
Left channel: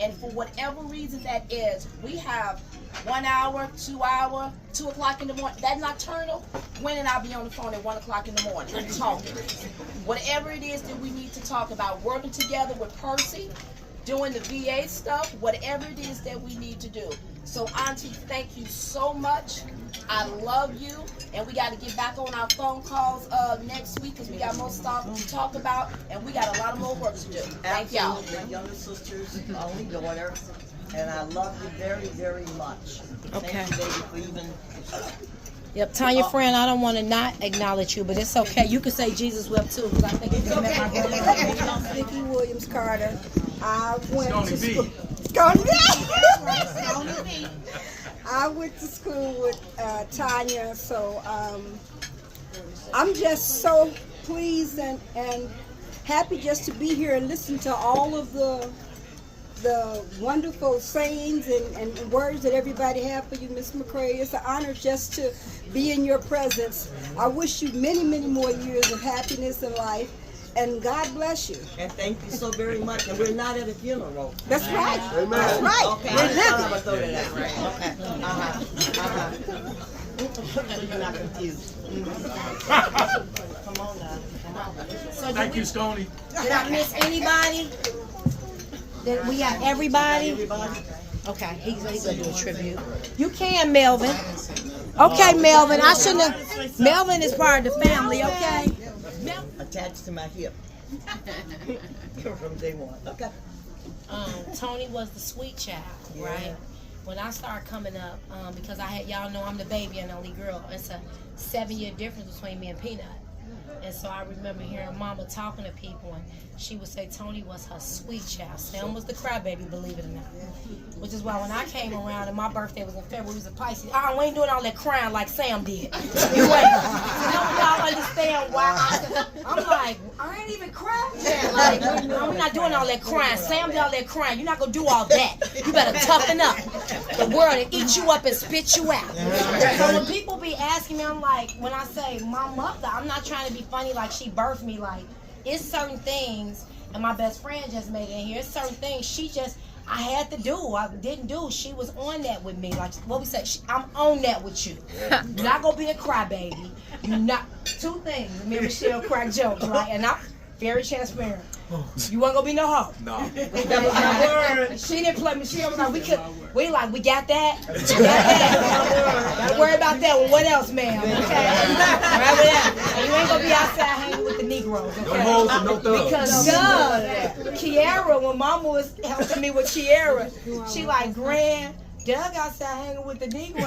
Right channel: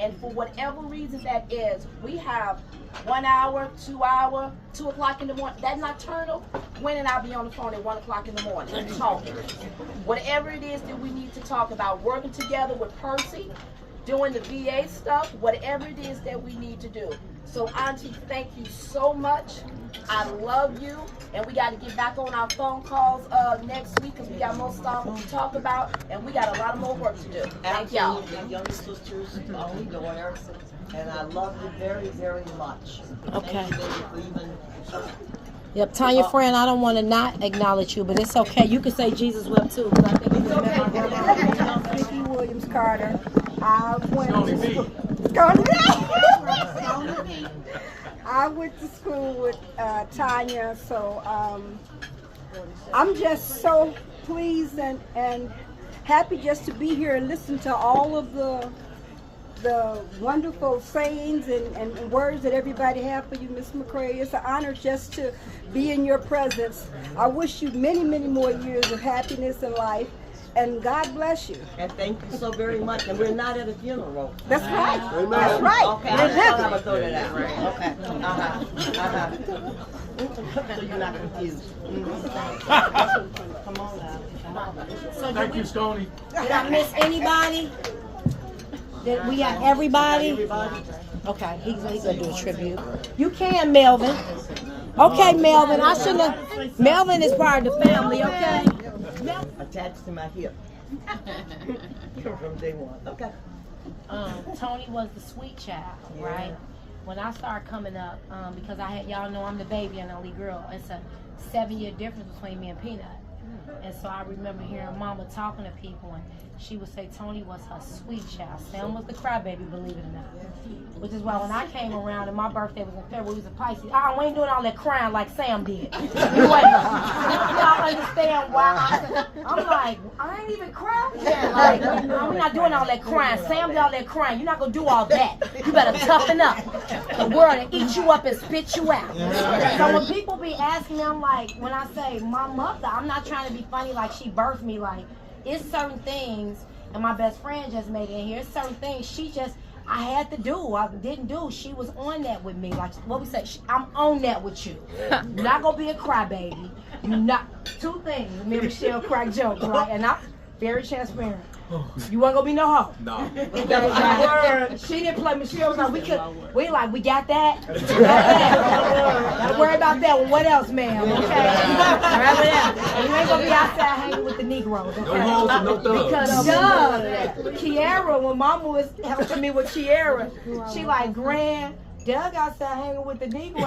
and for whatever reason that is, we have 1 hour, 2 hour, 2 o'clock in the morning. That nocturnal, Gwen and I'll be on the phone at 1 o'clock in the morning talking. Whatever it is that we need to talk about, working together with Percy, doing the VA stuff, whatever it is that we need to do. So Auntie, thank you so much. I love you, and we got to get back on our phone calls next week because we got more stuff to talk about, and we got a lot of more work to do. Thank y'all. Absolutely. Younger sister's only daughter, and I love you very, very much. Okay. Thank you, baby, for even. Yep, Tanya, friend, I don't want to not acknowledge you, but it's okay. You can say Jesus wept too, because I think it's okay. My grandma. I'm Vicki Williams Carter. I went to school. I went to school with Tanya, so I'm just so pleased and happy just to be here and listen to all of the wonderful sayings and words that everybody have for you, Miss Mccray. It's an honor just to be in your presence. I wish you many, many more years of happiness in life, and God bless you. And thank you so very much. And we're not at a funeral. That's right. Amen. That's right. Okay, We're I'm gonna living. throw that out. Okay. So you're not confused. Come on now. Come on. So Thank you, Stoney. Did I miss anybody? We got everybody? Okay, he's gonna do a tribute. You can, Melvin. Okay, Melvin. I shouldn't have. Melvin is part of the family, okay? Attached to my hip. From day one. Okay. Tony was the sweet child, right? When I started coming up, because I had, y'all know I'm the baby and only girl. It's a 7-year difference between me and Peanut. And so I remember hearing Mama talking to people, and she would say Tony was her sweet child. Sam was the crybaby, believe it or not. Which is why when I came around and my birthday was in February, we was a Pisces. We ain't doing all that crying like Sam did. You wait. Y'all understand why? I'm like, I ain't even crying. Like, we're not doing all that crying. Sam did all that crying. You're not gonna do all that. You better toughen up. The world will eat you up and spit you out. So when people be asking me, I'm like, when I say my mother, I'm not trying to be funny like she birthed me. Like, it's certain things, and my best friend just made it in here. It's certain things I had to do. I didn't do. She was on that with me. Like what we said, I'm on that with you. You're not gonna be a crybaby. You're not. Two things. Me and Michelle crack jokes, right? And I'm very transparent. You wasn't gonna be no hoe. No. That was my word. She didn't play. Michelle was like, we got that. We got that. Don't worry about that one. What else, ma'am? Okay. Right there. You ain't gonna be outside hanging with the Negroes. Okay? No hoes and no thugs. Because Kiara, when Mama was helping me with Kiara, she like, Grand, Doug outside hanging with the Negroes.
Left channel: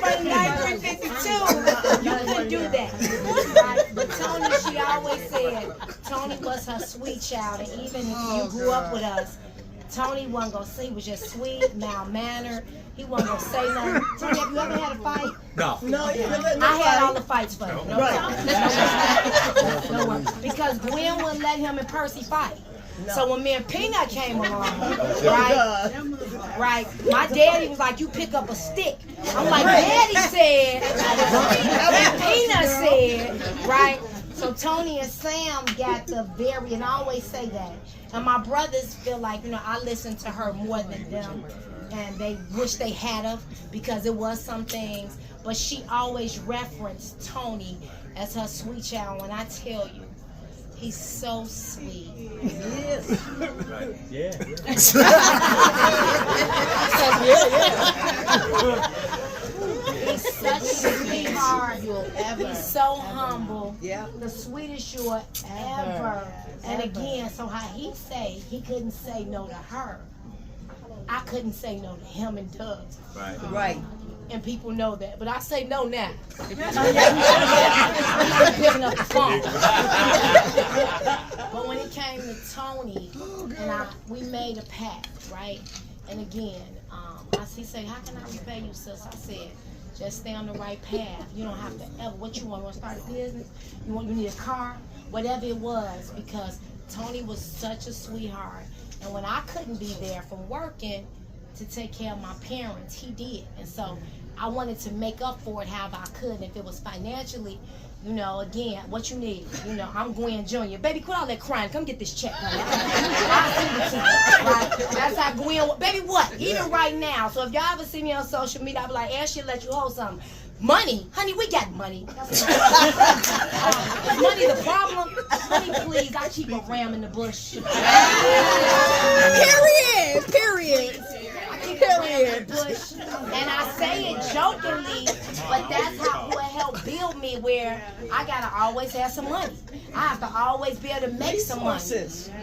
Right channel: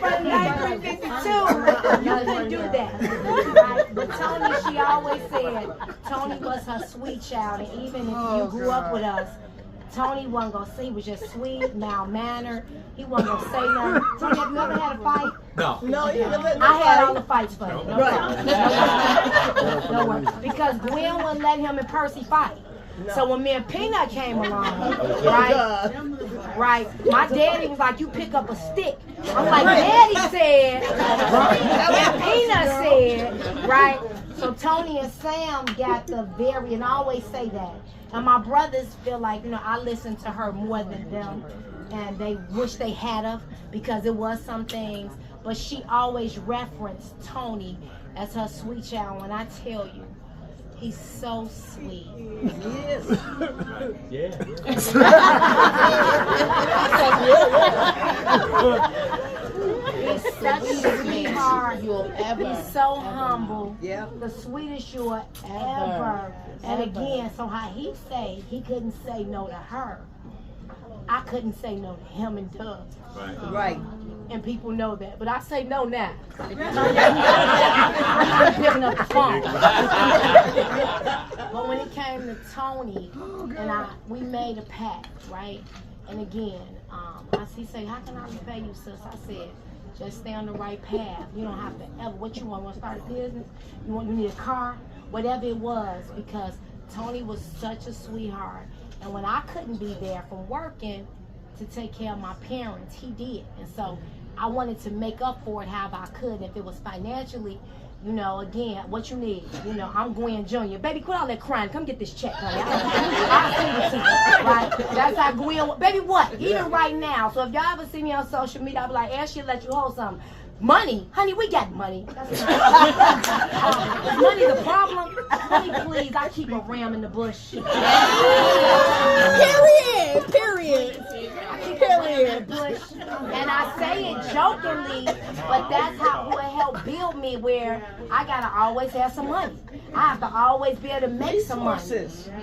From 1952, you couldn't do that. But Tony, she always said, Tony was her sweet child, and even if you grew up with us, Tony wasn't gonna say he was just sweet, mild-mannered. He wasn't gonna say nothing. Tony, have you ever had a fight? No. No, you never had I had all the fights for you. No Right. No worries. Because Gwen wouldn't let him and Percy fight. So when me and Peanut came along, right, my daddy was like, you pick up a stick. I'm like, Daddy said, and Peanut said, right? So Tony and Sam got the and I always say that. And my brothers feel like, I listen to her more than them. And they wish they had her because it was some things. But she always referenced Tony as her sweet child. When I tell you, he's so sweet. He is. Right. Yeah. He's such a sweetheart. He's so humble. Yeah. The sweetest you'll ever. And again, so how he say he couldn't say no to her. I couldn't say no to him and Doug. Right. And people know that. But I say no now. I'm not picking up the phone. But when it came to Tony and we made a pact, right? And again, he said, how can I repay you, sis? I said, just stay on the right path. You don't have to ever, what you want to start a business? You need a car? Whatever it was, because Tony was such a sweetheart. And when I couldn't be there from working to take care of my parents, he did. And so I wanted to make up for it however I could. And if it was financially, you know, again, what you need. You know, I'm Gwen Jr. Baby, quit all that crying. Come get this check, honey. I'll send it to you. Right? That's how Gwen, baby, what? Even right now. So if y'all ever see me on social media, I'll be like, Ash, she'll let you hold something. Money? Honey, we got money. Is money the problem? Honey, please, I keep a ram in the bush. Period. Period. Period. And I say it jokingly, but that's how it helped build me, where I gotta always have some money. I have to always be able to make some money,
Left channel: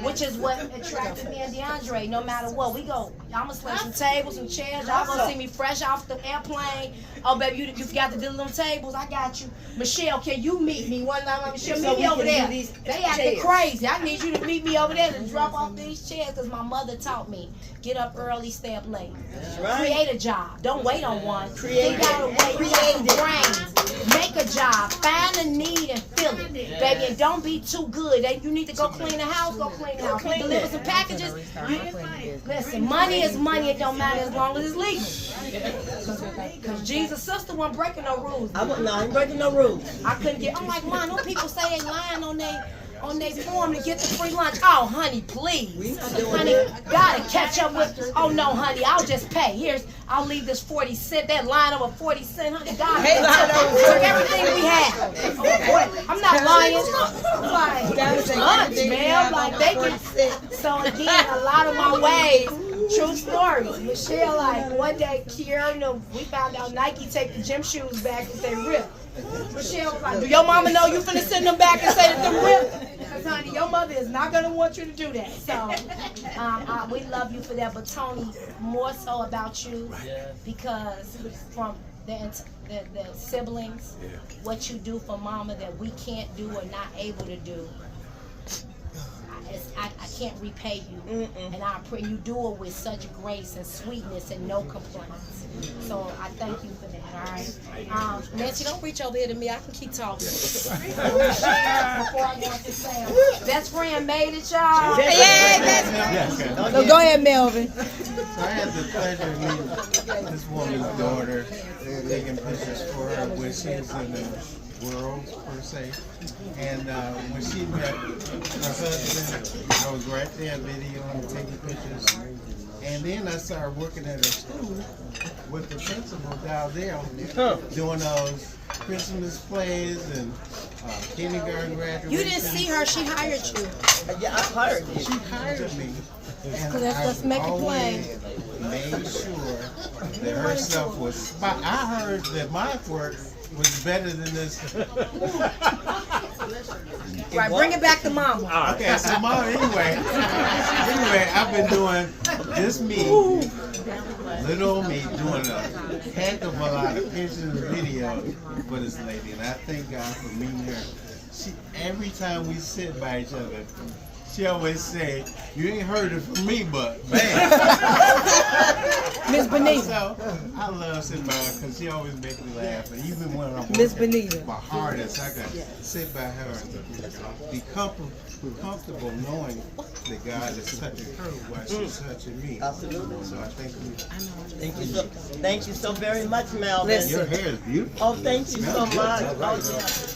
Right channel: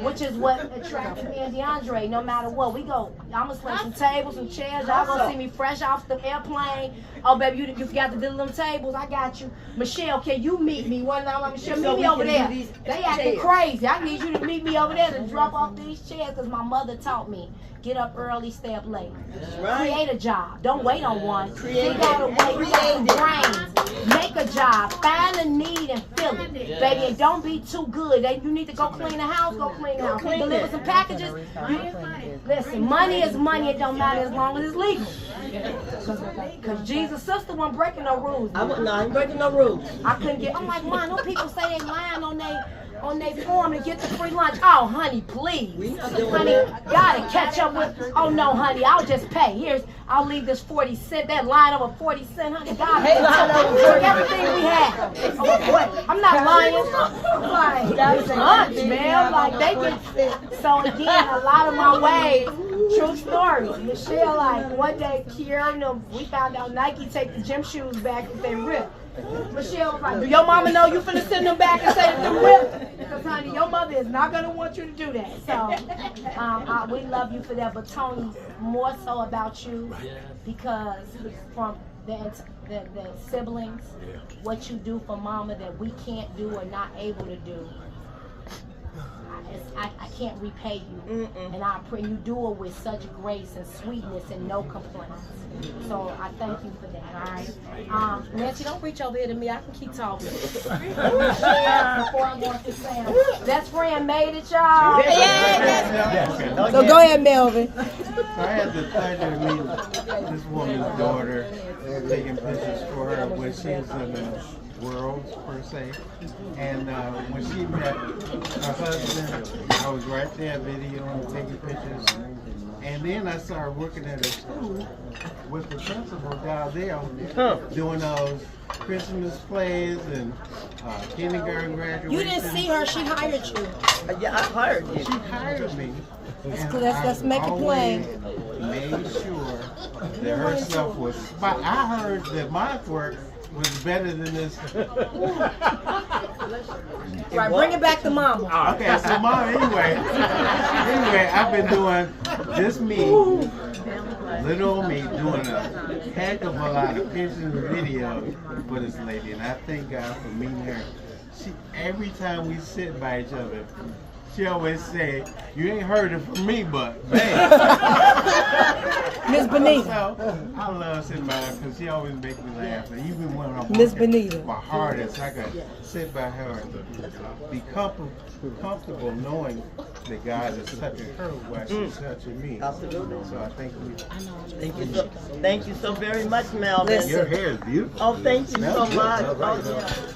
which is what attracted me and DeAndre. No matter what, we go. I'm gonna slip some tables, some chairs. Y'all gonna see me fresh off the airplane. Oh, baby, you forgot to do them tables. I got you. Michelle, can you meet me one time? Michelle, meet me over there. They acting crazy. I need you to meet me over there to drop off these chairs, because my mother taught me, get up early, stay up late. That's right. Create a job. Don't wait on one. Create it. Make a job. Find a need and fill it. Baby, and don't be too good. You need to go clean the house, go clean the house. Deliver some packages. Listen, money is money. It don't matter as long as it's legal. Because Jesus' sister wasn't breaking no rules. I ain't breaking no rules. I couldn't get, I'm like, man, no people say they lying on they form to get the free lunch. Oh, honey, please. Honey, gotta catch up with, oh no, honey, I'll just pay. I'll leave this 40 cent, that line over 40 cent, honey. God, took everything we had. I'm not lying. I'm like, that's lunch, man. I'm like, they get, so again, a lot of my ways, true story. Michelle, like, one day, Kiara and them, we found out Nike take the gym shoes back if they rip. Michelle was like, do your mama know you finna send them back and say that them rip? Because, honey, your mother is not going to want you to do that. So, we love you for that. But, Tony, more so about you, because from the siblings, what you do for mama that we can't do or not able to do, I can't repay you. And I pray you do it with such grace and sweetness and no complaints. So I thank you for that, all right? Nancy, don't reach over here to me. I can keep talking. Before I go into Sam. Best friend made it, y'all. So go ahead, Melvin. So I had the pleasure of meeting this woman's daughter, taking pictures for her when she was in the world, per se. And when she met her husband, I was right there videoing, taking pictures. And then I started working at a school with the principal down there doing those Christmas plays and kindergarten graduation. You didn't see her, she hired you. Yeah, I hired you. She hired me. And Let's make it plain. Made sure that her stuff was spot. I heard that my work was better than this. Right, bring it back to mama. Okay, so mom, anyway, I've been doing this little old me, doing a heck of a lot of pictures and videos for this lady, and I thank God for meeting her. Every time we sit by each other, she always say, you ain't heard it from me, but man. Miss Benita. So, I love sitting by her because she always makes me laugh. And even when I'm Miss Benita. my hardest, I can sit by her and be comfortable knowing that God is touching her while she's touching me. Absolutely. So I thank you. Thank you so very much, Melvin. Listen. Your hair is beautiful. Oh, thank you so much.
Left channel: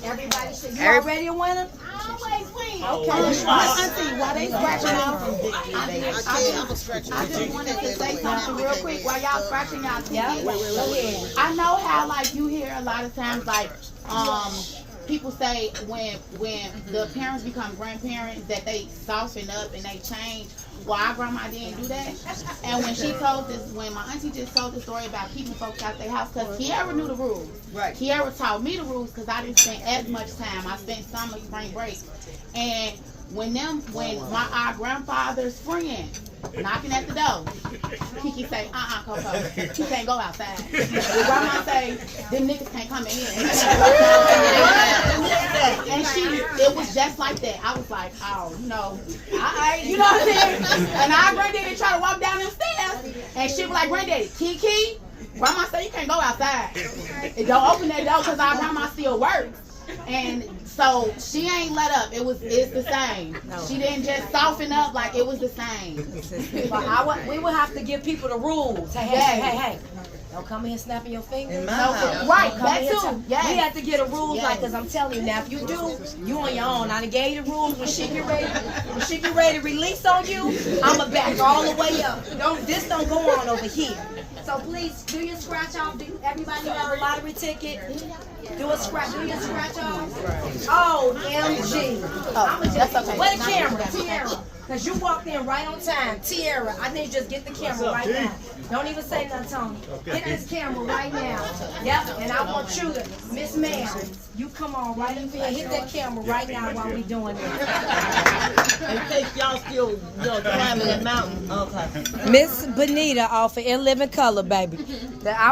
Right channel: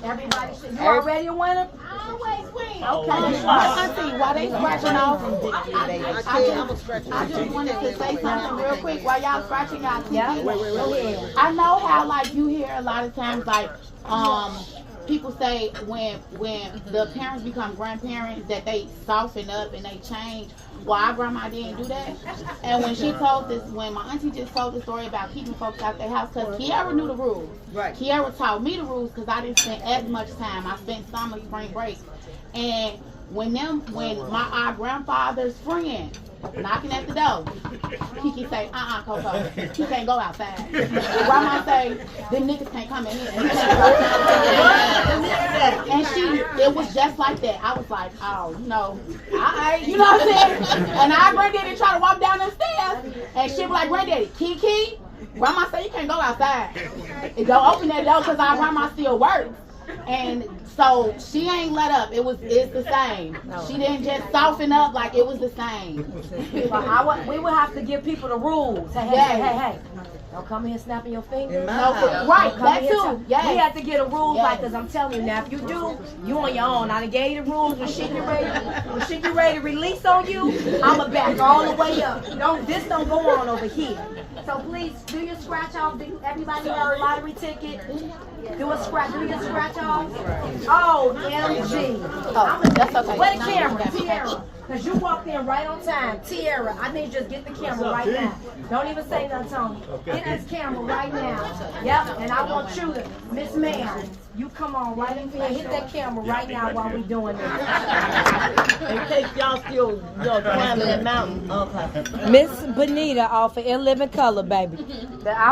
Everybody, you already a winner? Always win. Okay. While they scratching off, I just wanted to say something real quick while y'all scratching out. Yeah. Go ahead. I know how, like, you hear a lot of times, like, people say when the parents become grandparents that they soften up and they change. Well, our grandma didn't do that. And when she told this, when my auntie just told the story about keeping folks out their house, because Kiara knew the rules. Right. Kiara taught me the rules because I didn't spend as much time. I spent summer, spring break. And when our grandfather's friend knocking at the door, Kiki say, Coco, you can't go outside. Grandma say, them niggas can't come in here. just like that. I was like, oh, you know what I'm saying? And our granddaddy tried to walk down them stairs, and she was like, granddaddy, Kiki, grandma said you can't go outside. Don't open that door because our grandma still works. And so she ain't let up. It's the same. She didn't just soften up, like it was the same. We would have to give people the rules. Hey. Don't come in here snapping your fingers. Right, that too. Yes. We have to get a rules like, because I'm telling you now, if you do, you on your own. I done gave you the rules. When she get ready to release on you, I'ma back all the way up. This don't go on over here. So please do your scratch off. Everybody have a lottery ticket. Do your scratch off. Oh, MG. That's okay. What a camera, Tiara. Because you walked in right on time. Tiara, I need you to just get the camera right now. Don't even say nothing, Tony. Get this camera right now. Yep, and I want you to, Miss Ma'am, you come on right in here. Hit that camera right now while we doing this. In case y'all still climbing that mountain. Okay. Miss Benita off of In Living Color, baby.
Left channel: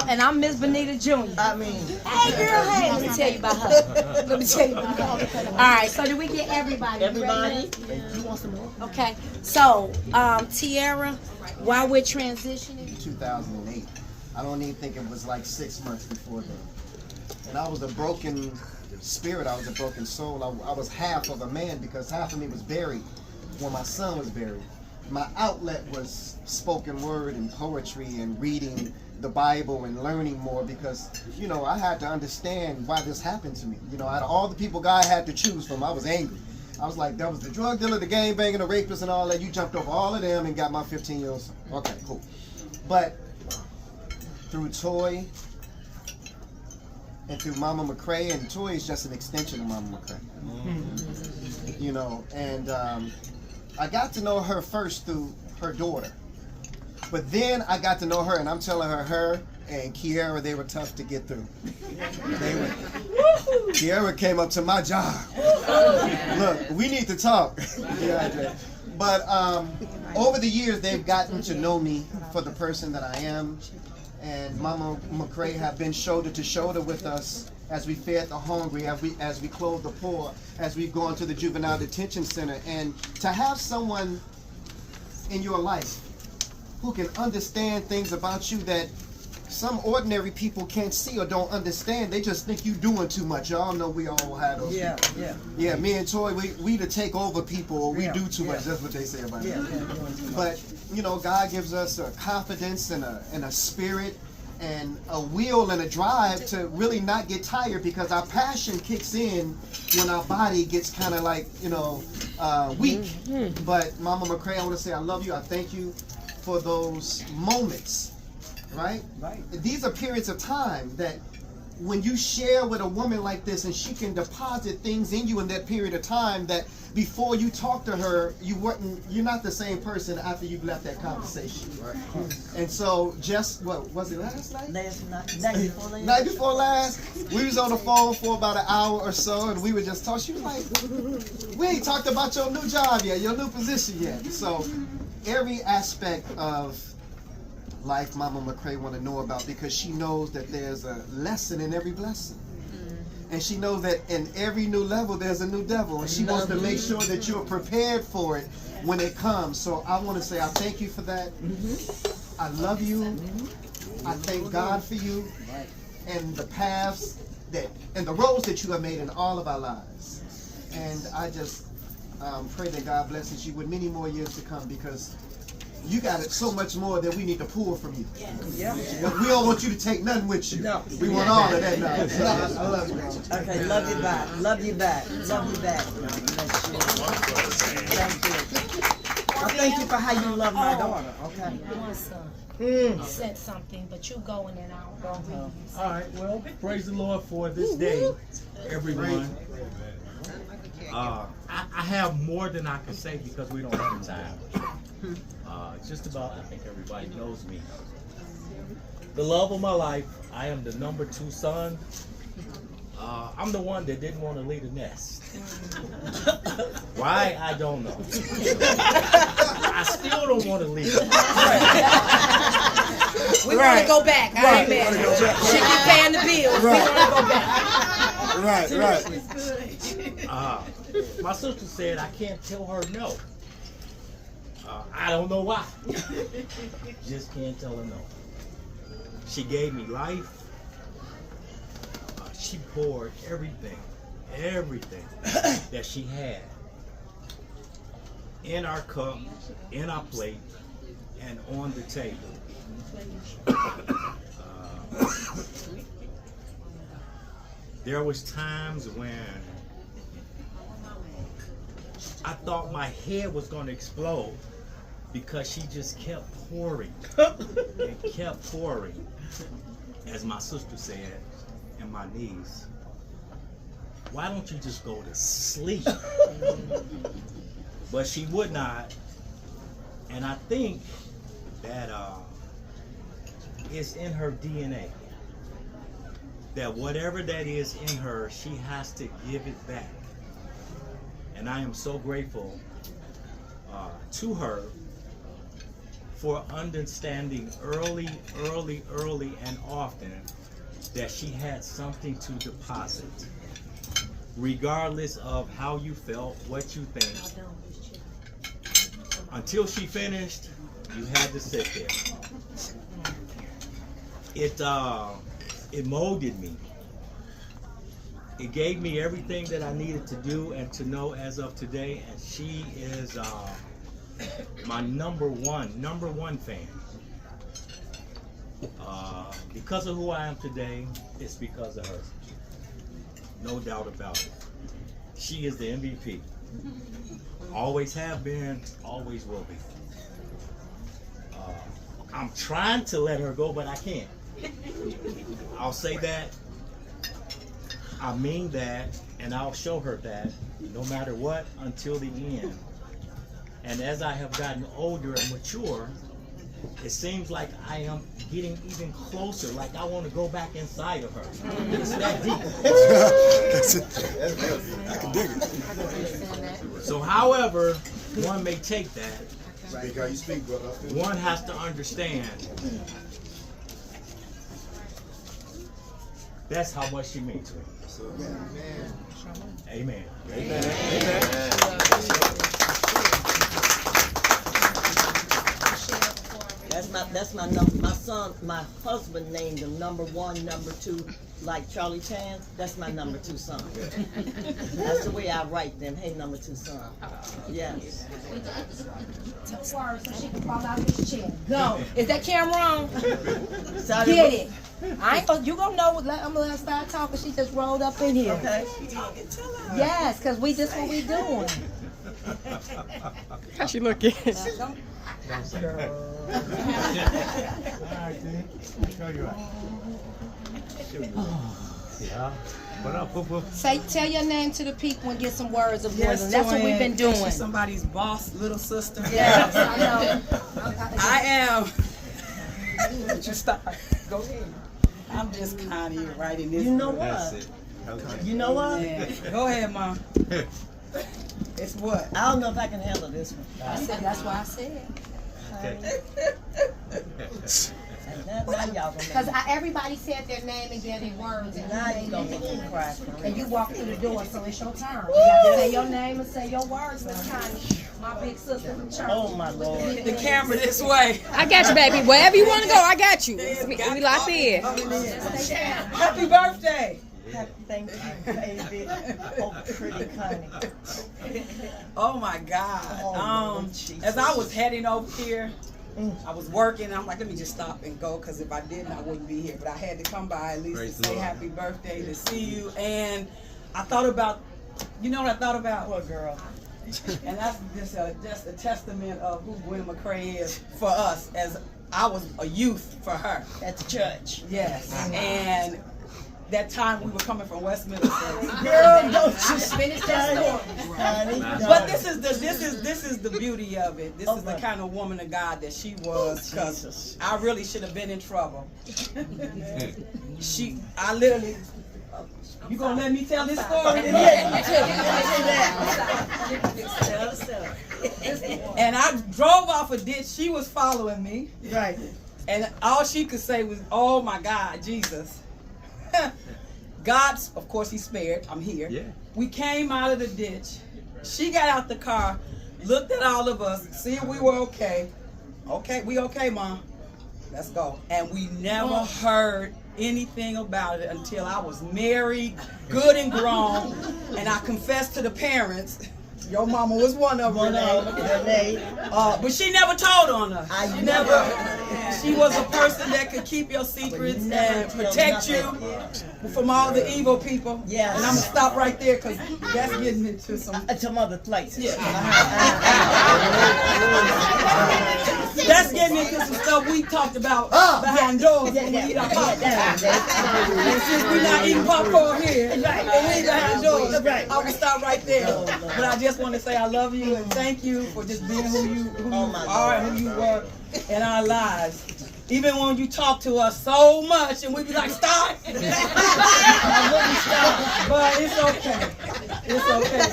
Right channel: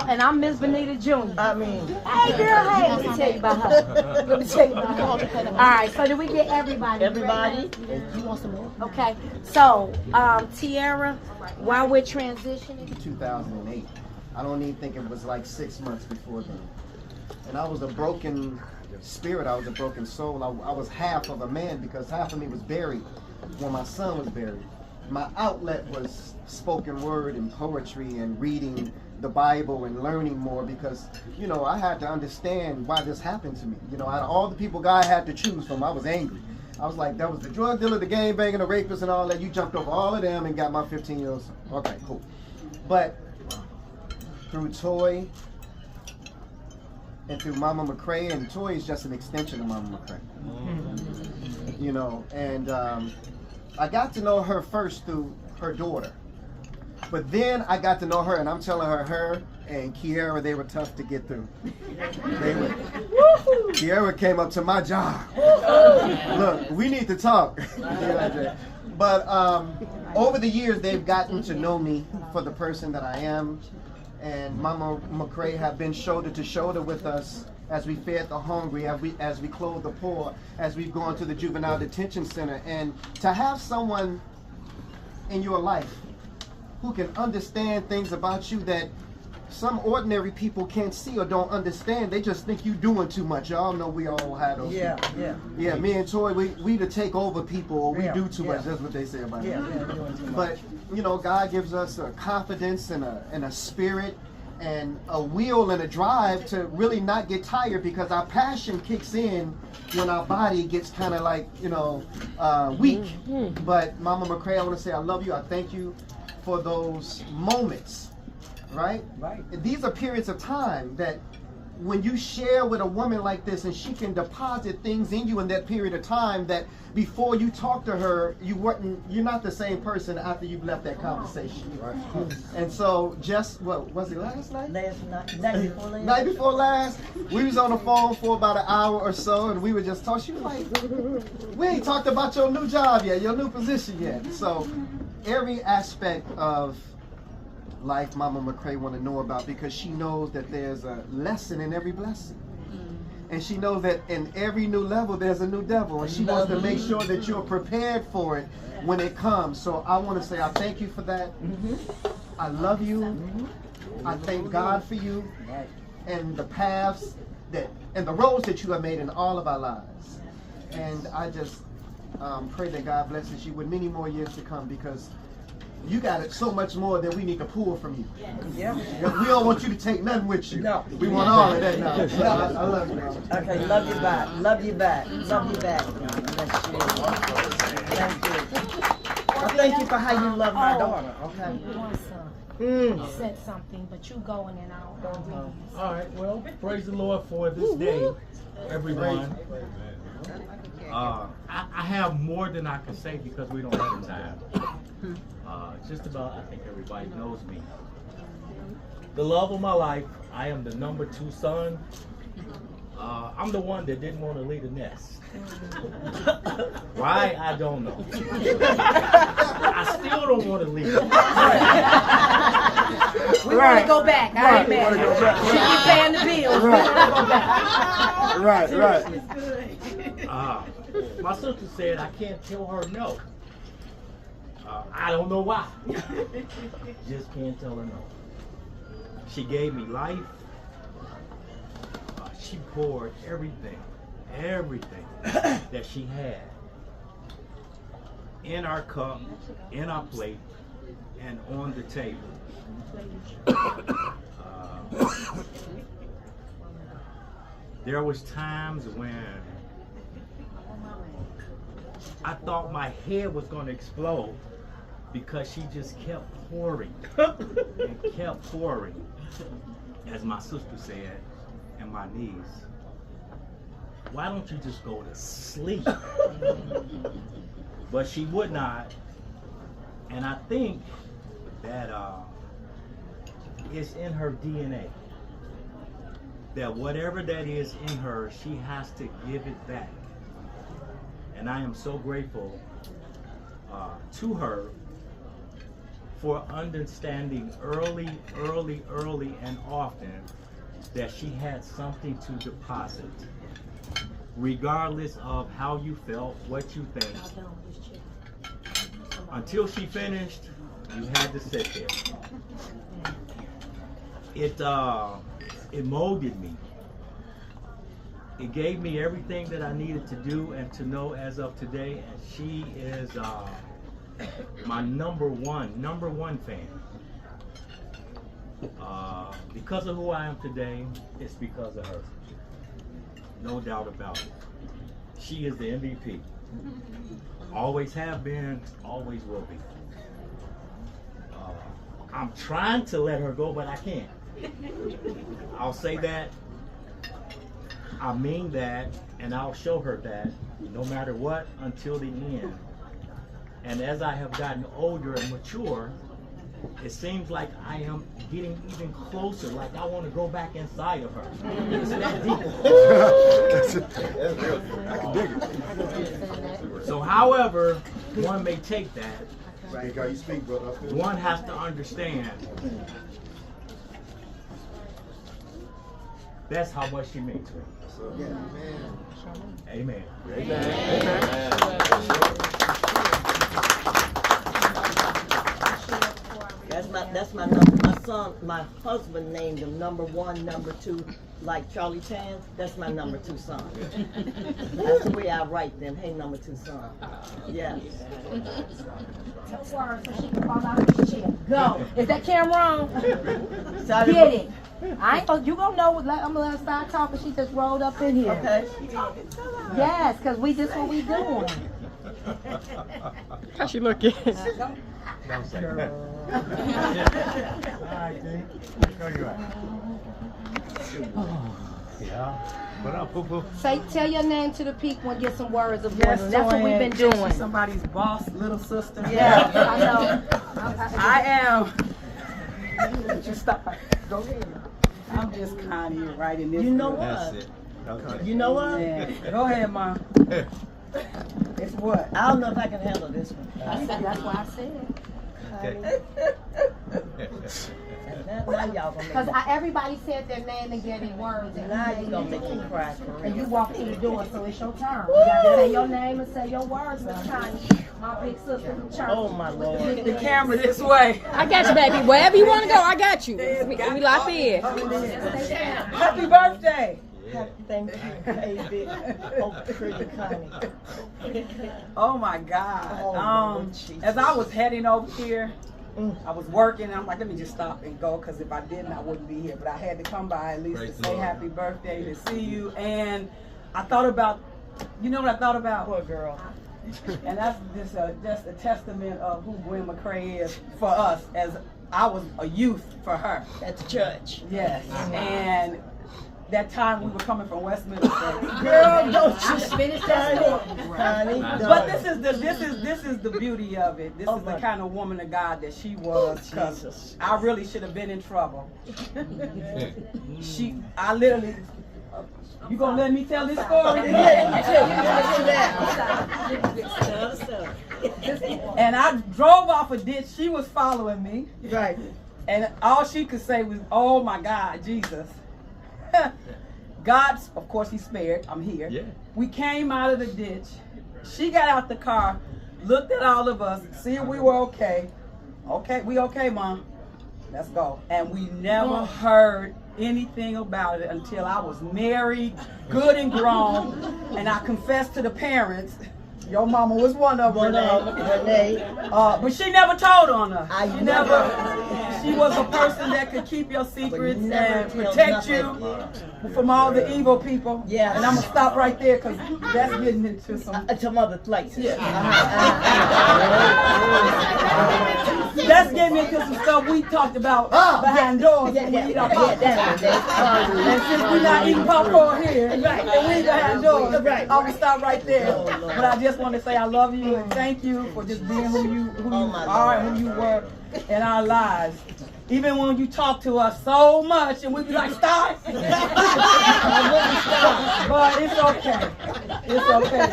And I'm Miss Benita Jr. I mean. Hey, girl, hey. Let me tell you about her. All right, so do we get everybody? Everybody? You want some more? Okay, so Tiara, while we're transitioning. 2008. I don't even think it was like 6 months before then. And I was a broken spirit. I was a broken soul. I was half of a man because half of me was buried when my son was buried. My outlet was spoken word and poetry and reading the Bible and learning more because, I had to understand why this happened to me. Out of all the people God had to choose from, I was angry. I was like, that was the drug dealer, the gangbanger, the rapist, and all that. You jumped over all of them and got my 15-year-old son. Okay, cool. But through Toy and through Mama Mccray, and Toy is just an extension of Mama Mccray. And I got to know her first through her daughter. But then I got to know her, and I'm telling her and Kiara, they were tough to get through. Kiara came up to my job. Look, we need to talk. But over the years, they've gotten to know me for the person that I am. And Mama Mccray have been shoulder to shoulder with us as we fed the hungry, as we clothed the poor, as we've gone to the juvenile detention center. And to have someone in your life who can understand things about you that some ordinary people can't see or don't understand. They just think you doing too much. Y'all know we all have those people. Yeah, me and Toy, we to take over people or we do too much. That's what they say about it. But, God gives us a confidence and a spirit and a will and a drive to really not get tired because our passion kicks in when our body gets kind of like, weak. But Mama Mccray, I want to say I love you. I thank you for those moments, right? These are periods of time that when you share with a woman like this and she can deposit things in you in that period of time that before you talk to her, you're not the same person after you've left that conversation. And so what was it last night? Night before last, we was on the phone for about an hour or so and we were just talking. She was like, we ain't talked about your new job yet, your new position yet. So every aspect of life Mama Mccray want to know about because she knows that there's a lesson in every blessing. And she knows that in every new level there's a new devil. And she wants to make sure that you're prepared for it when it comes. So I want to say I thank you for that. I love you. I thank God for you and the paths and the roads that you have made in all of our lives. And I just pray that God blesses you with many more years to come because you got it so much more that we need to pull from you. We don't want you to take nothing with you. No. We want all of that now. So I love you. Okay, love you back. Love you back. Love you back. Thank you. I thank you for how you love my daughter. Okay. Said something, but you going and I'll go. All right. Well, praise the Lord for this day, everyone. I have more than I can say because we don't have time. Just about, I think everybody knows me. The love of my life, I am the number 2 son. I'm the one that didn't want to leave the nest. Why? I don't know. I still don't want to leave. We want to go back. I ain't mad. She keep paying the bills. We want to go back. My sister said I can't tell her no. I don't know why. Just can't tell her no. She gave me life. She poured everything that she had in our cup, in our plate, and on the table. There was times when I thought my head was going to explode because she just kept pouring and kept pouring, as my sister said, and my niece. Why don't you just go to sleep? But she would not, and I think that it's in her DNA. That whatever that is in her, she has to give it back. And I am so grateful to her for understanding early and often that she had something to deposit. Regardless of how you felt, what you think. Until she finished, you had to sit there. It molded me. It gave me everything that I needed to do and to know as of today, and she is my number one fan. Because of who I am today, it's because of her. No doubt about it. She is the MVP. Always have been, always will be. I'm trying to let her go, but I can't. I'll say that. I mean that, and I'll show her that no matter what until the end. And as I have gotten older and mature, it seems like I am getting even closer, like I want to go back inside of her. It's that deep. I can dig it. So however one may take that, Speak how you speak, brother. one has to understand that's how much she means to me. Amen. That's my number. My son, my husband named him number 1, number 2, like Charlie Chan. That's my number 2 son. That's the way I write them. Hey, number 2 son. Yes. Tell her so she can fall out of this chair. Go. Is that camera on? Get it. I ain't gonna, you gonna know. I'm gonna start talking. She just rolled up in here. Okay. Yes, cause this what we doing. How she looking? Don't say that. All right, then. Show you right. Yeah. What up, boo boo? Tell your name to the people and get some words of wisdom. That's what we've been doing. She's somebody's boss, little sister. Yes, I know. I am. Just stop. Go ahead. I'm just kind of writing this. You know book. what? Okay. You know what? Yeah. Go ahead, Mom. It's what? I don't know if I can handle this one. I said, that's why I said. Because everybody said their name and gave their words. And now you gonna make me cry for real. And you walk through the door, so it's your turn. You gotta say your name and say your words, Miss Connie. My big sister from church. Oh my Lord. Get the camera this way. I got you, baby. Wherever you want to go, I got you. We locked in. Happy birthday. Thank you, baby. Oh, pretty Connie. Oh my God. As I was heading over here, I was working. I'm like, let me just stop and go, because if I didn't, I wouldn't be here. But I had to come by at least to say happy birthday, to see you. And I thought about, you know what I thought about? What, girl? And that's just a testament of who Gwen Mccray is for us, as I was a youth for her. At the church. Yes. And that time we were coming from West Middlesex. Girl, don't you finish that story. Honey, but this is the beauty of it. This is the kind of woman of God that she was, because I really should have been in trouble. I literally. You gonna let me tell this story? And I drove off a ditch. She was following me. Right. And all she could say was, "Oh my God, Jesus." God's, of course, He spared. I'm here. Yeah. We came out of the ditch. She got out the car, looked at all of us, see if we were okay. Okay, we okay, Mom. Let's go. And we never heard anything about it until I was married, good and grown, and I confessed to the parents. Your mama was one of them. But she never told on us. She was a person that could keep your secrets and protect you from all the evil people. Yeah. And I'm gonna stop right there because that's getting into some other places. Yeah. That's getting into some stuff we talked about behind doors. When we eat our popcorn. And since we're not eating popcorn here, and we eat behind doors, I'm gonna stop right there. But I just want to say I love you and thank you for just being who you are and who you were in our lives. Even when you talk to us so much and we be like, stop. I wouldn't stop. But it's okay. It's okay.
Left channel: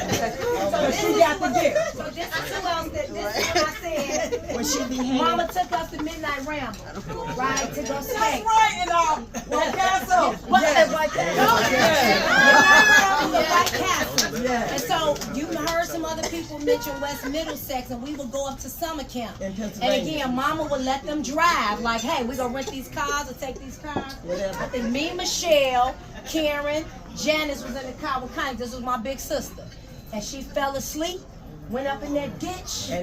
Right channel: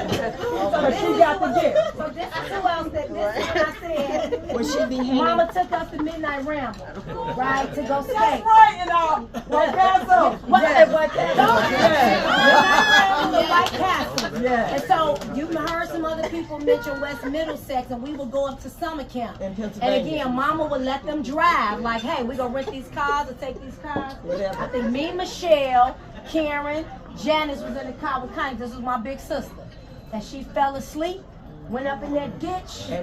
But she got the gift. So this is who else that this is what I said. When she be Mama took us to Midnight Ramble, right, to go skate. That's right, and White Castle. White Castle. The White Castle. Yeah. And so you heard some other people mention West Middlesex, and we would go up to summer camp. In And Pennsylvania. again, Mama would let them drive. Like, hey, we're gonna rent these cars or take these cars. Whatever. I think me, Michelle, Karen, Janice was in the car with Connie. This was my big sister, and she fell asleep. Went up in that ditch, we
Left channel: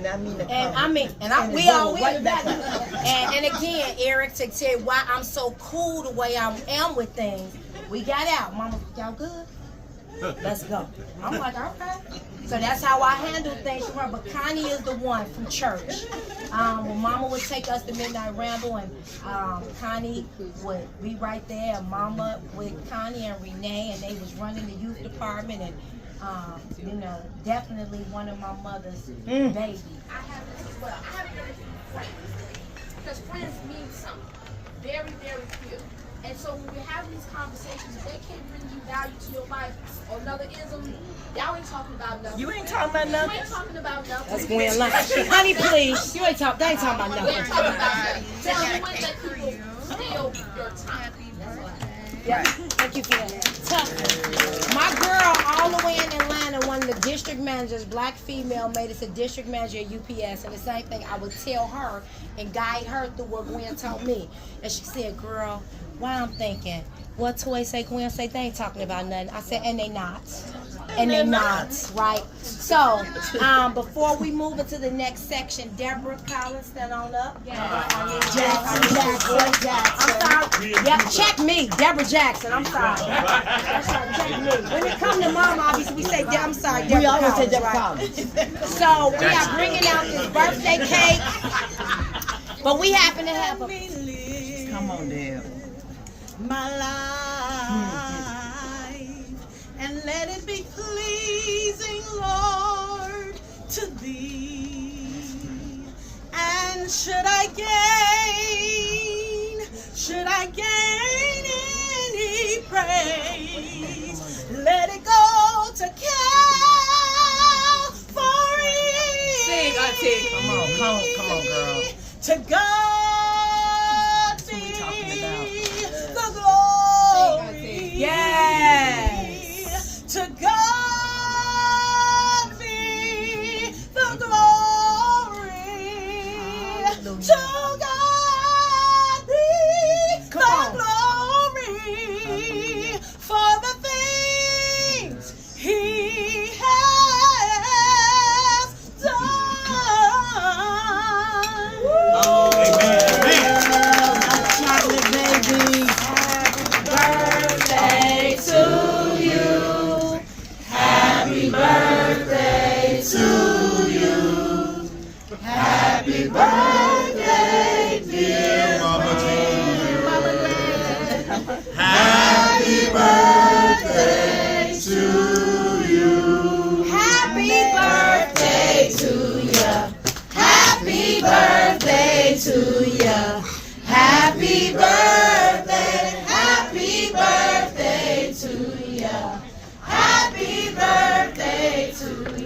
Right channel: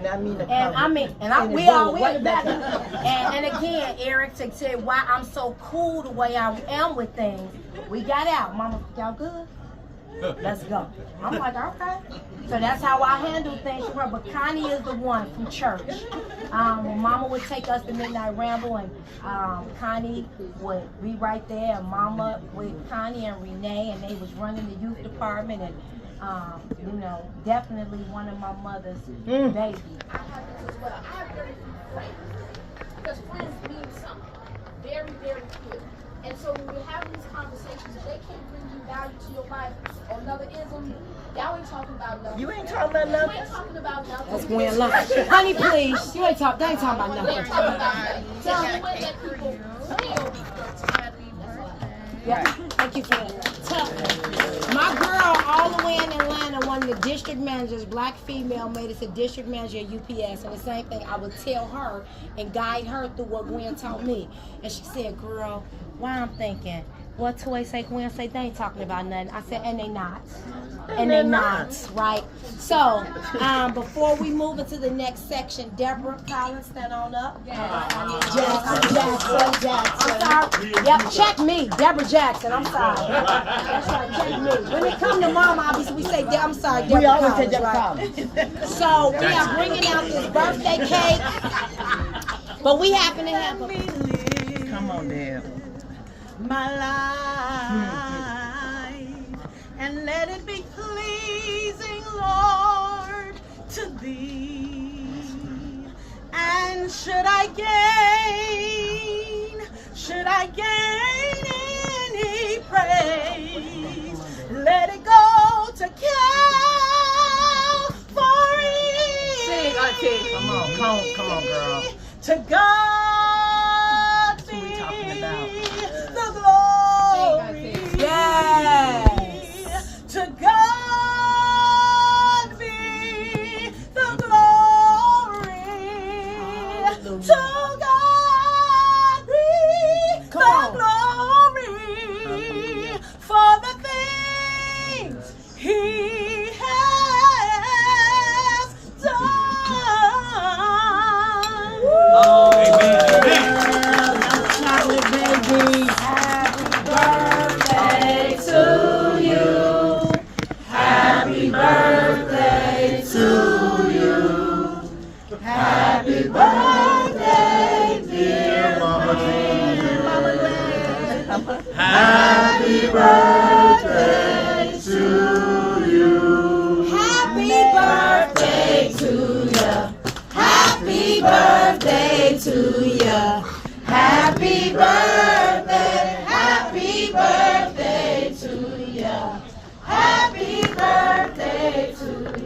all right back up. And again, Eric, to tell you why I'm so cool the way I am with things, we got out. Mama, y'all good? Let's go. I'm like, okay. So that's how I handle things from her. But Connie is the one from church. When Mama would take us to Midnight Ramble, and Connie would be right there, and Mama with Connie and Renee, and they was running the youth department, and you know, definitely one of my mother's babies. I have this as well. I have very few friends because friends mean something. Very, very few. And so when we're having these conversations, if they can't bring you value to your life or another ism, y'all ain't talking about nothing. You ain't talking about nothing. You ain't talking about nothing. That's Gwen Lunch. Honey, please. They ain't talking about nothing. Tell me what that people feel your time. Yeah. Thank you for that. My girl, all the way in Atlanta, one of the district managers, black female, made us a district manager at UPS. And the same thing, I would tell her and guide her through what Gwen told me. And she said, girl, why I'm thinking, what Toy say, Gwen say, they ain't talking about nothing. I said, and they not. And they not, right? So, before we move into the next section, Deborah Collins, stand on up. Jackson. I'm sorry. Yep, check me, Deborah Jackson. I'm sorry. That's right, check me. When it comes to Mama, obviously we say, I'm sorry, Deborah. We always say Collins, Deborah right? Collins. So we are bringing out this birthday cake, but we happen to have a. Come on, Deb. My life, and let it be pleasing, Lord, to Thee. And should I gain any praise, let it go to Calvary. Sing, Auntie. Come on, girl. To God be the glory. Yes. To God be the glory. To God be the glory for the things He has done. Oh, chocolate baby. Happy birthday to you. Happy birthday, dear Happy birthday to you. Happy birthday to ya. Happy birthday to ya. Happy birthday. Happy birthday to ya. Happy birthday to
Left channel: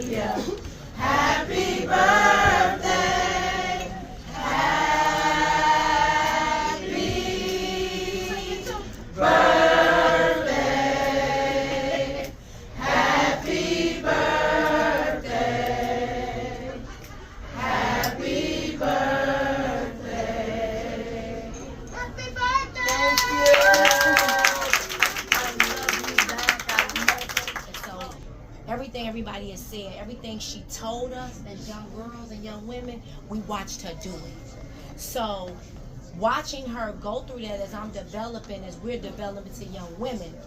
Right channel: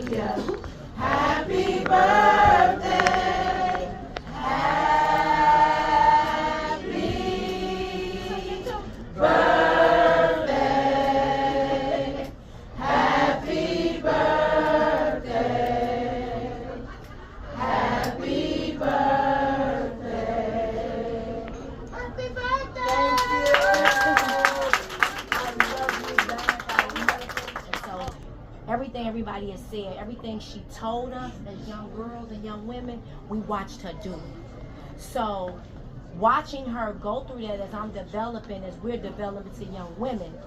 everything everybody has said, everything she told us as young girls and young women, we watched her do it. So watching her go through that as I'm developing, as we're developing to young women,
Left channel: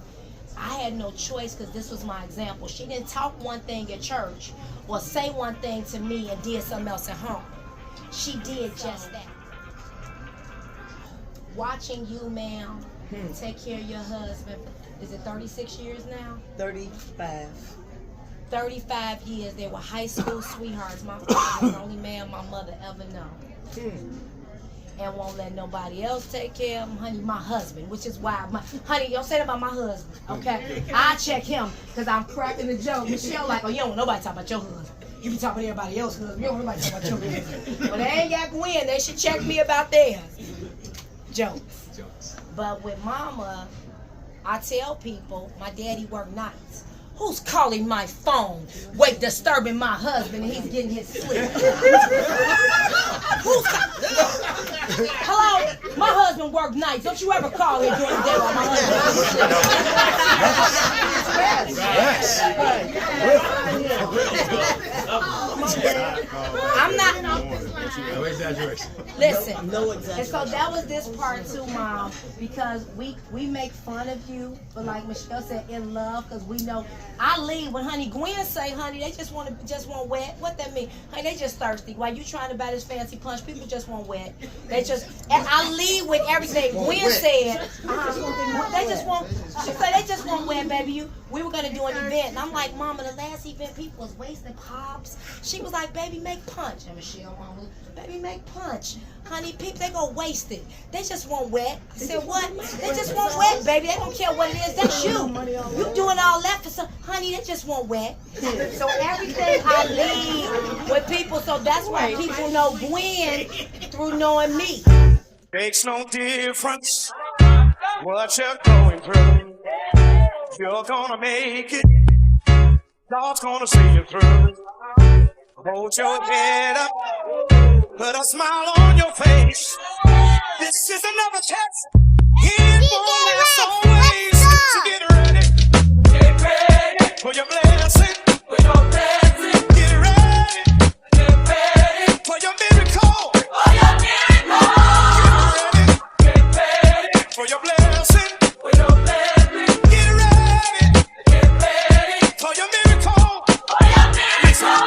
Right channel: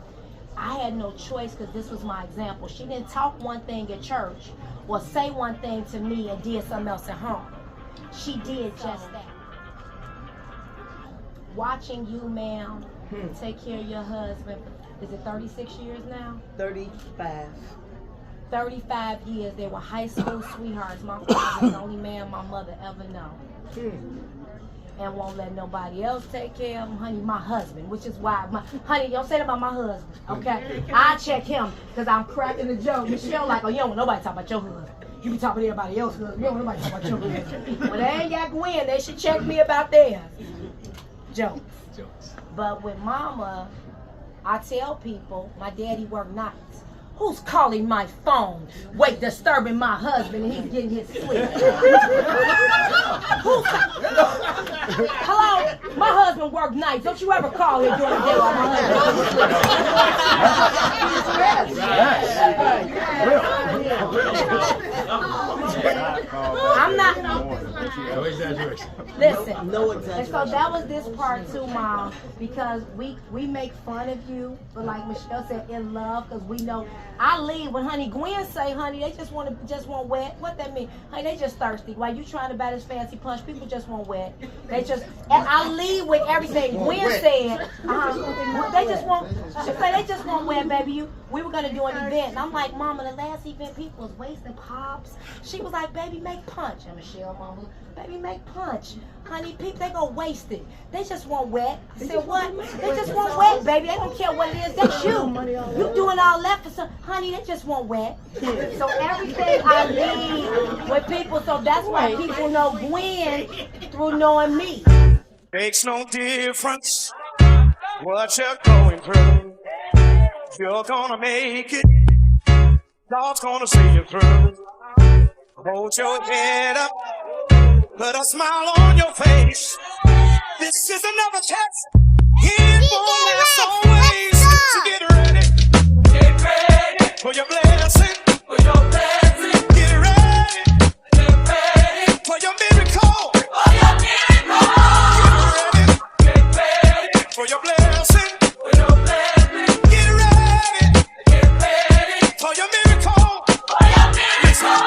I had no choice because this was my example. She didn't talk one thing at church or say one thing to me and did something else at home. She did just that. Watching you, ma'am, take care of your husband. Is it 36 years now? 35. 35 years. They were high school sweethearts. My father was the only man my mother ever known. And won't let nobody else take care of him. Honey, my husband, which is why, honey, don't say that about my husband, okay? I check him because I'm cracking the joke. Michelle like, oh, you don't want nobody talk about your husband. You be talking to everybody else's husband. You don't want nobody talk about your husband. But they ain't got Gwen. They should check me about theirs. Jokes. But with mama, I tell people, my daddy worked nights. Who's calling my phone? Wait, disturbing my husband and he's getting his sleep. Hello? My husband worked nights. Don't you ever call him during the day while my husband I'm not. No exaggeration. Listen. No And exaggeration. so that was this part too, Mom, because we make fun of you, but like Michelle said, in love, because we know. I leave when Honey Gwen say, honey, they just want wet. What that mean? Honey, they just thirsty. While you trying to buy this fancy punch, people just want wet. They just, and I leave with everything Gwen said. They just want. She said they just want wet, baby. We were gonna do an event, and I'm like, Mama, the last event people was wasting pops. She was like, baby, make punch. And Michelle, Mama, baby, make punch. Honey, people, they gonna waste it. They just want wet. I said, what? They just want wet, baby. They don't care what it is. That's you. You doing all that for some. Honey, they just want wet. So everything I leave with people, so that's why people know Gwen through knowing me. Makes no difference what you're going through. You're gonna make it. God's gonna see you through. Hold your head up. Put a smile on your face. This is another test. It won't last always. So get ready. Get ready for your blessing. For your blessing. Get ready. Get ready for your miracle. For your miracle. Get ready for your blessing. For your blessing. Get ready. Get ready for your miracle. For your miracle.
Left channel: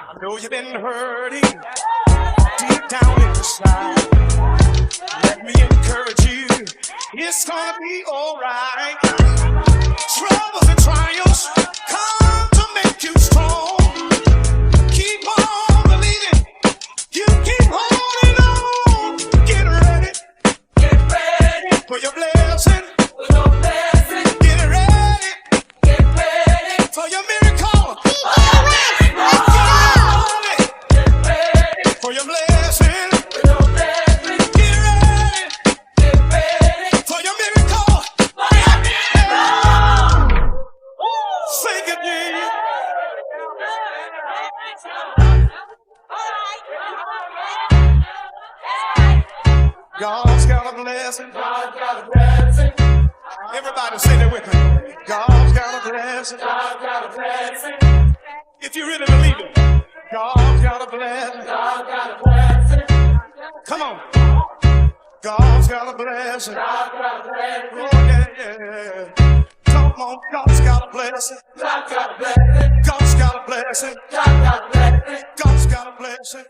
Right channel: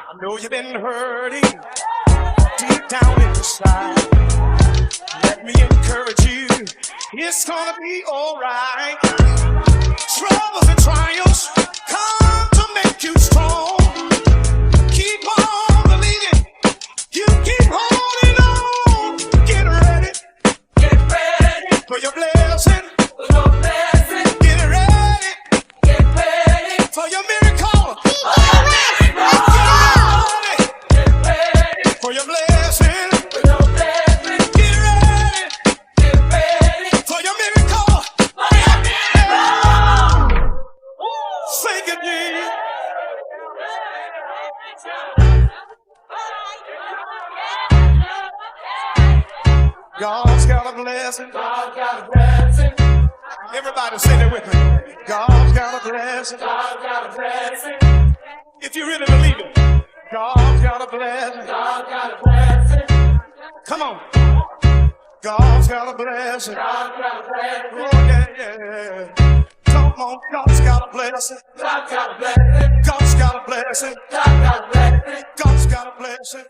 I know you've been hurting deep down inside. Let me encourage you. It's gonna be alright. Troubles and trials come to make you strong. Keep on believing. You keep holding on. Get ready. Get ready for your blessing. For your blessing. Get ready. Get ready for your miracle. Get ready. Get ready for your blessing. For your blessing. Get ready. Get ready for your miracle. For your miracle. Thank you, Jesus. God's got a blessing. God's got a blessing. Everybody say that with me. God's got a blessing. God's got a blessing. If you really believe it, God's got a blessing. God's got a blessing. Come on. God's got a blessing. God's got a blessing. Oh, yeah. Come on. God's got a blessing. God's got a blessing. God's got a blessing. God's got a blessing. God's got a blessing.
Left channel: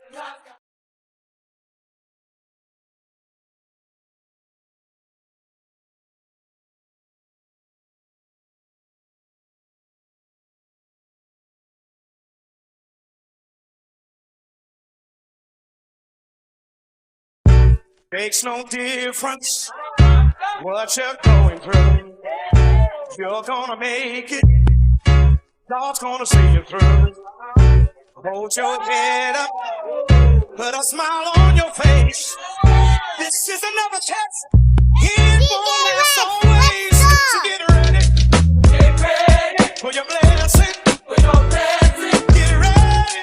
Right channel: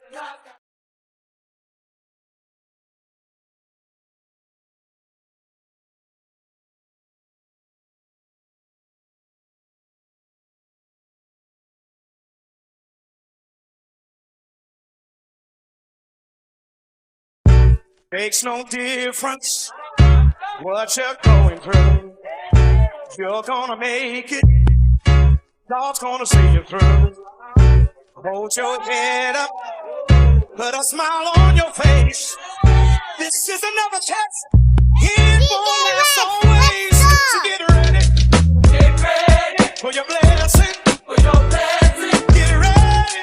Makes no difference what you're going through. You're gonna make it. God's gonna see you through. Hold your head up. Put a smile on your face. This is another test. It won't last always. So get ready. Get ready for your blessing. For your blessing. Get ready.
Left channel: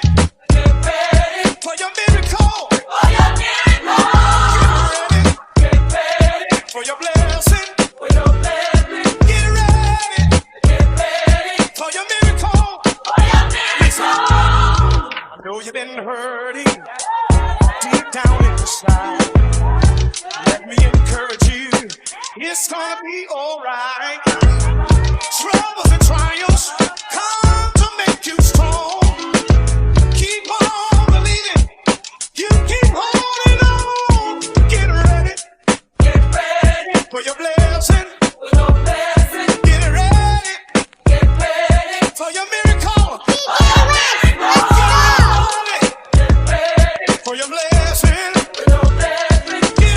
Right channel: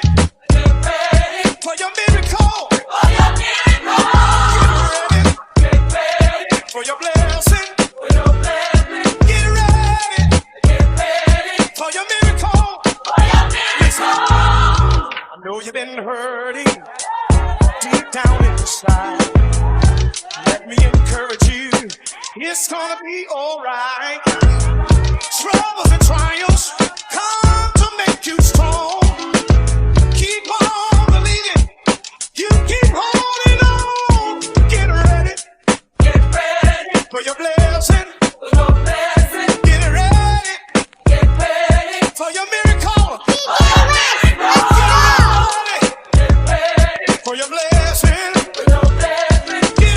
Get ready for your miracle. For your miracle. Get ready for your blessing. For your blessing. Get ready. Get ready for your miracle. know you've been hurting deep down inside. Let me encourage you, it's gonna be alright. Troubles and trials come to make you strong. Keep on believing, you keep holding on. Get ready for your blessing. Get ready for your miracle. For your blessing. Get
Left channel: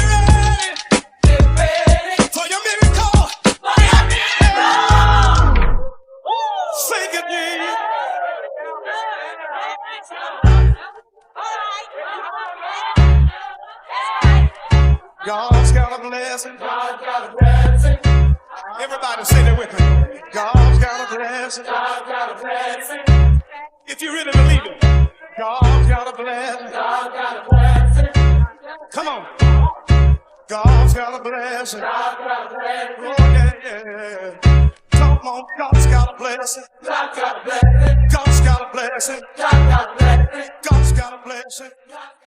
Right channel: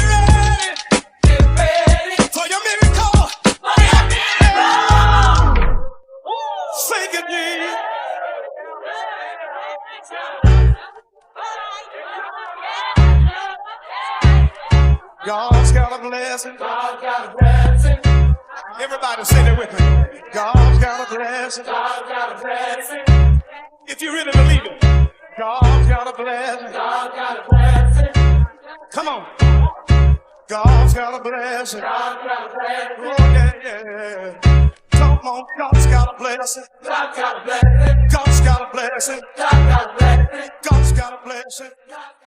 ready for your miracle. Say good news. God's got a blessing. God's got a blessing. Everybody say that with me. God's got a blessing. God's got a blessing. If you really believe it, God's got a blessing. God's got a blessing. Come on. God's got a blessing. God's got a blessing. Oh, yeah, yeah. Come on. God's got a blessing. God's got a blessing. God's got a blessing. God's got a blessing. God's got a blessing.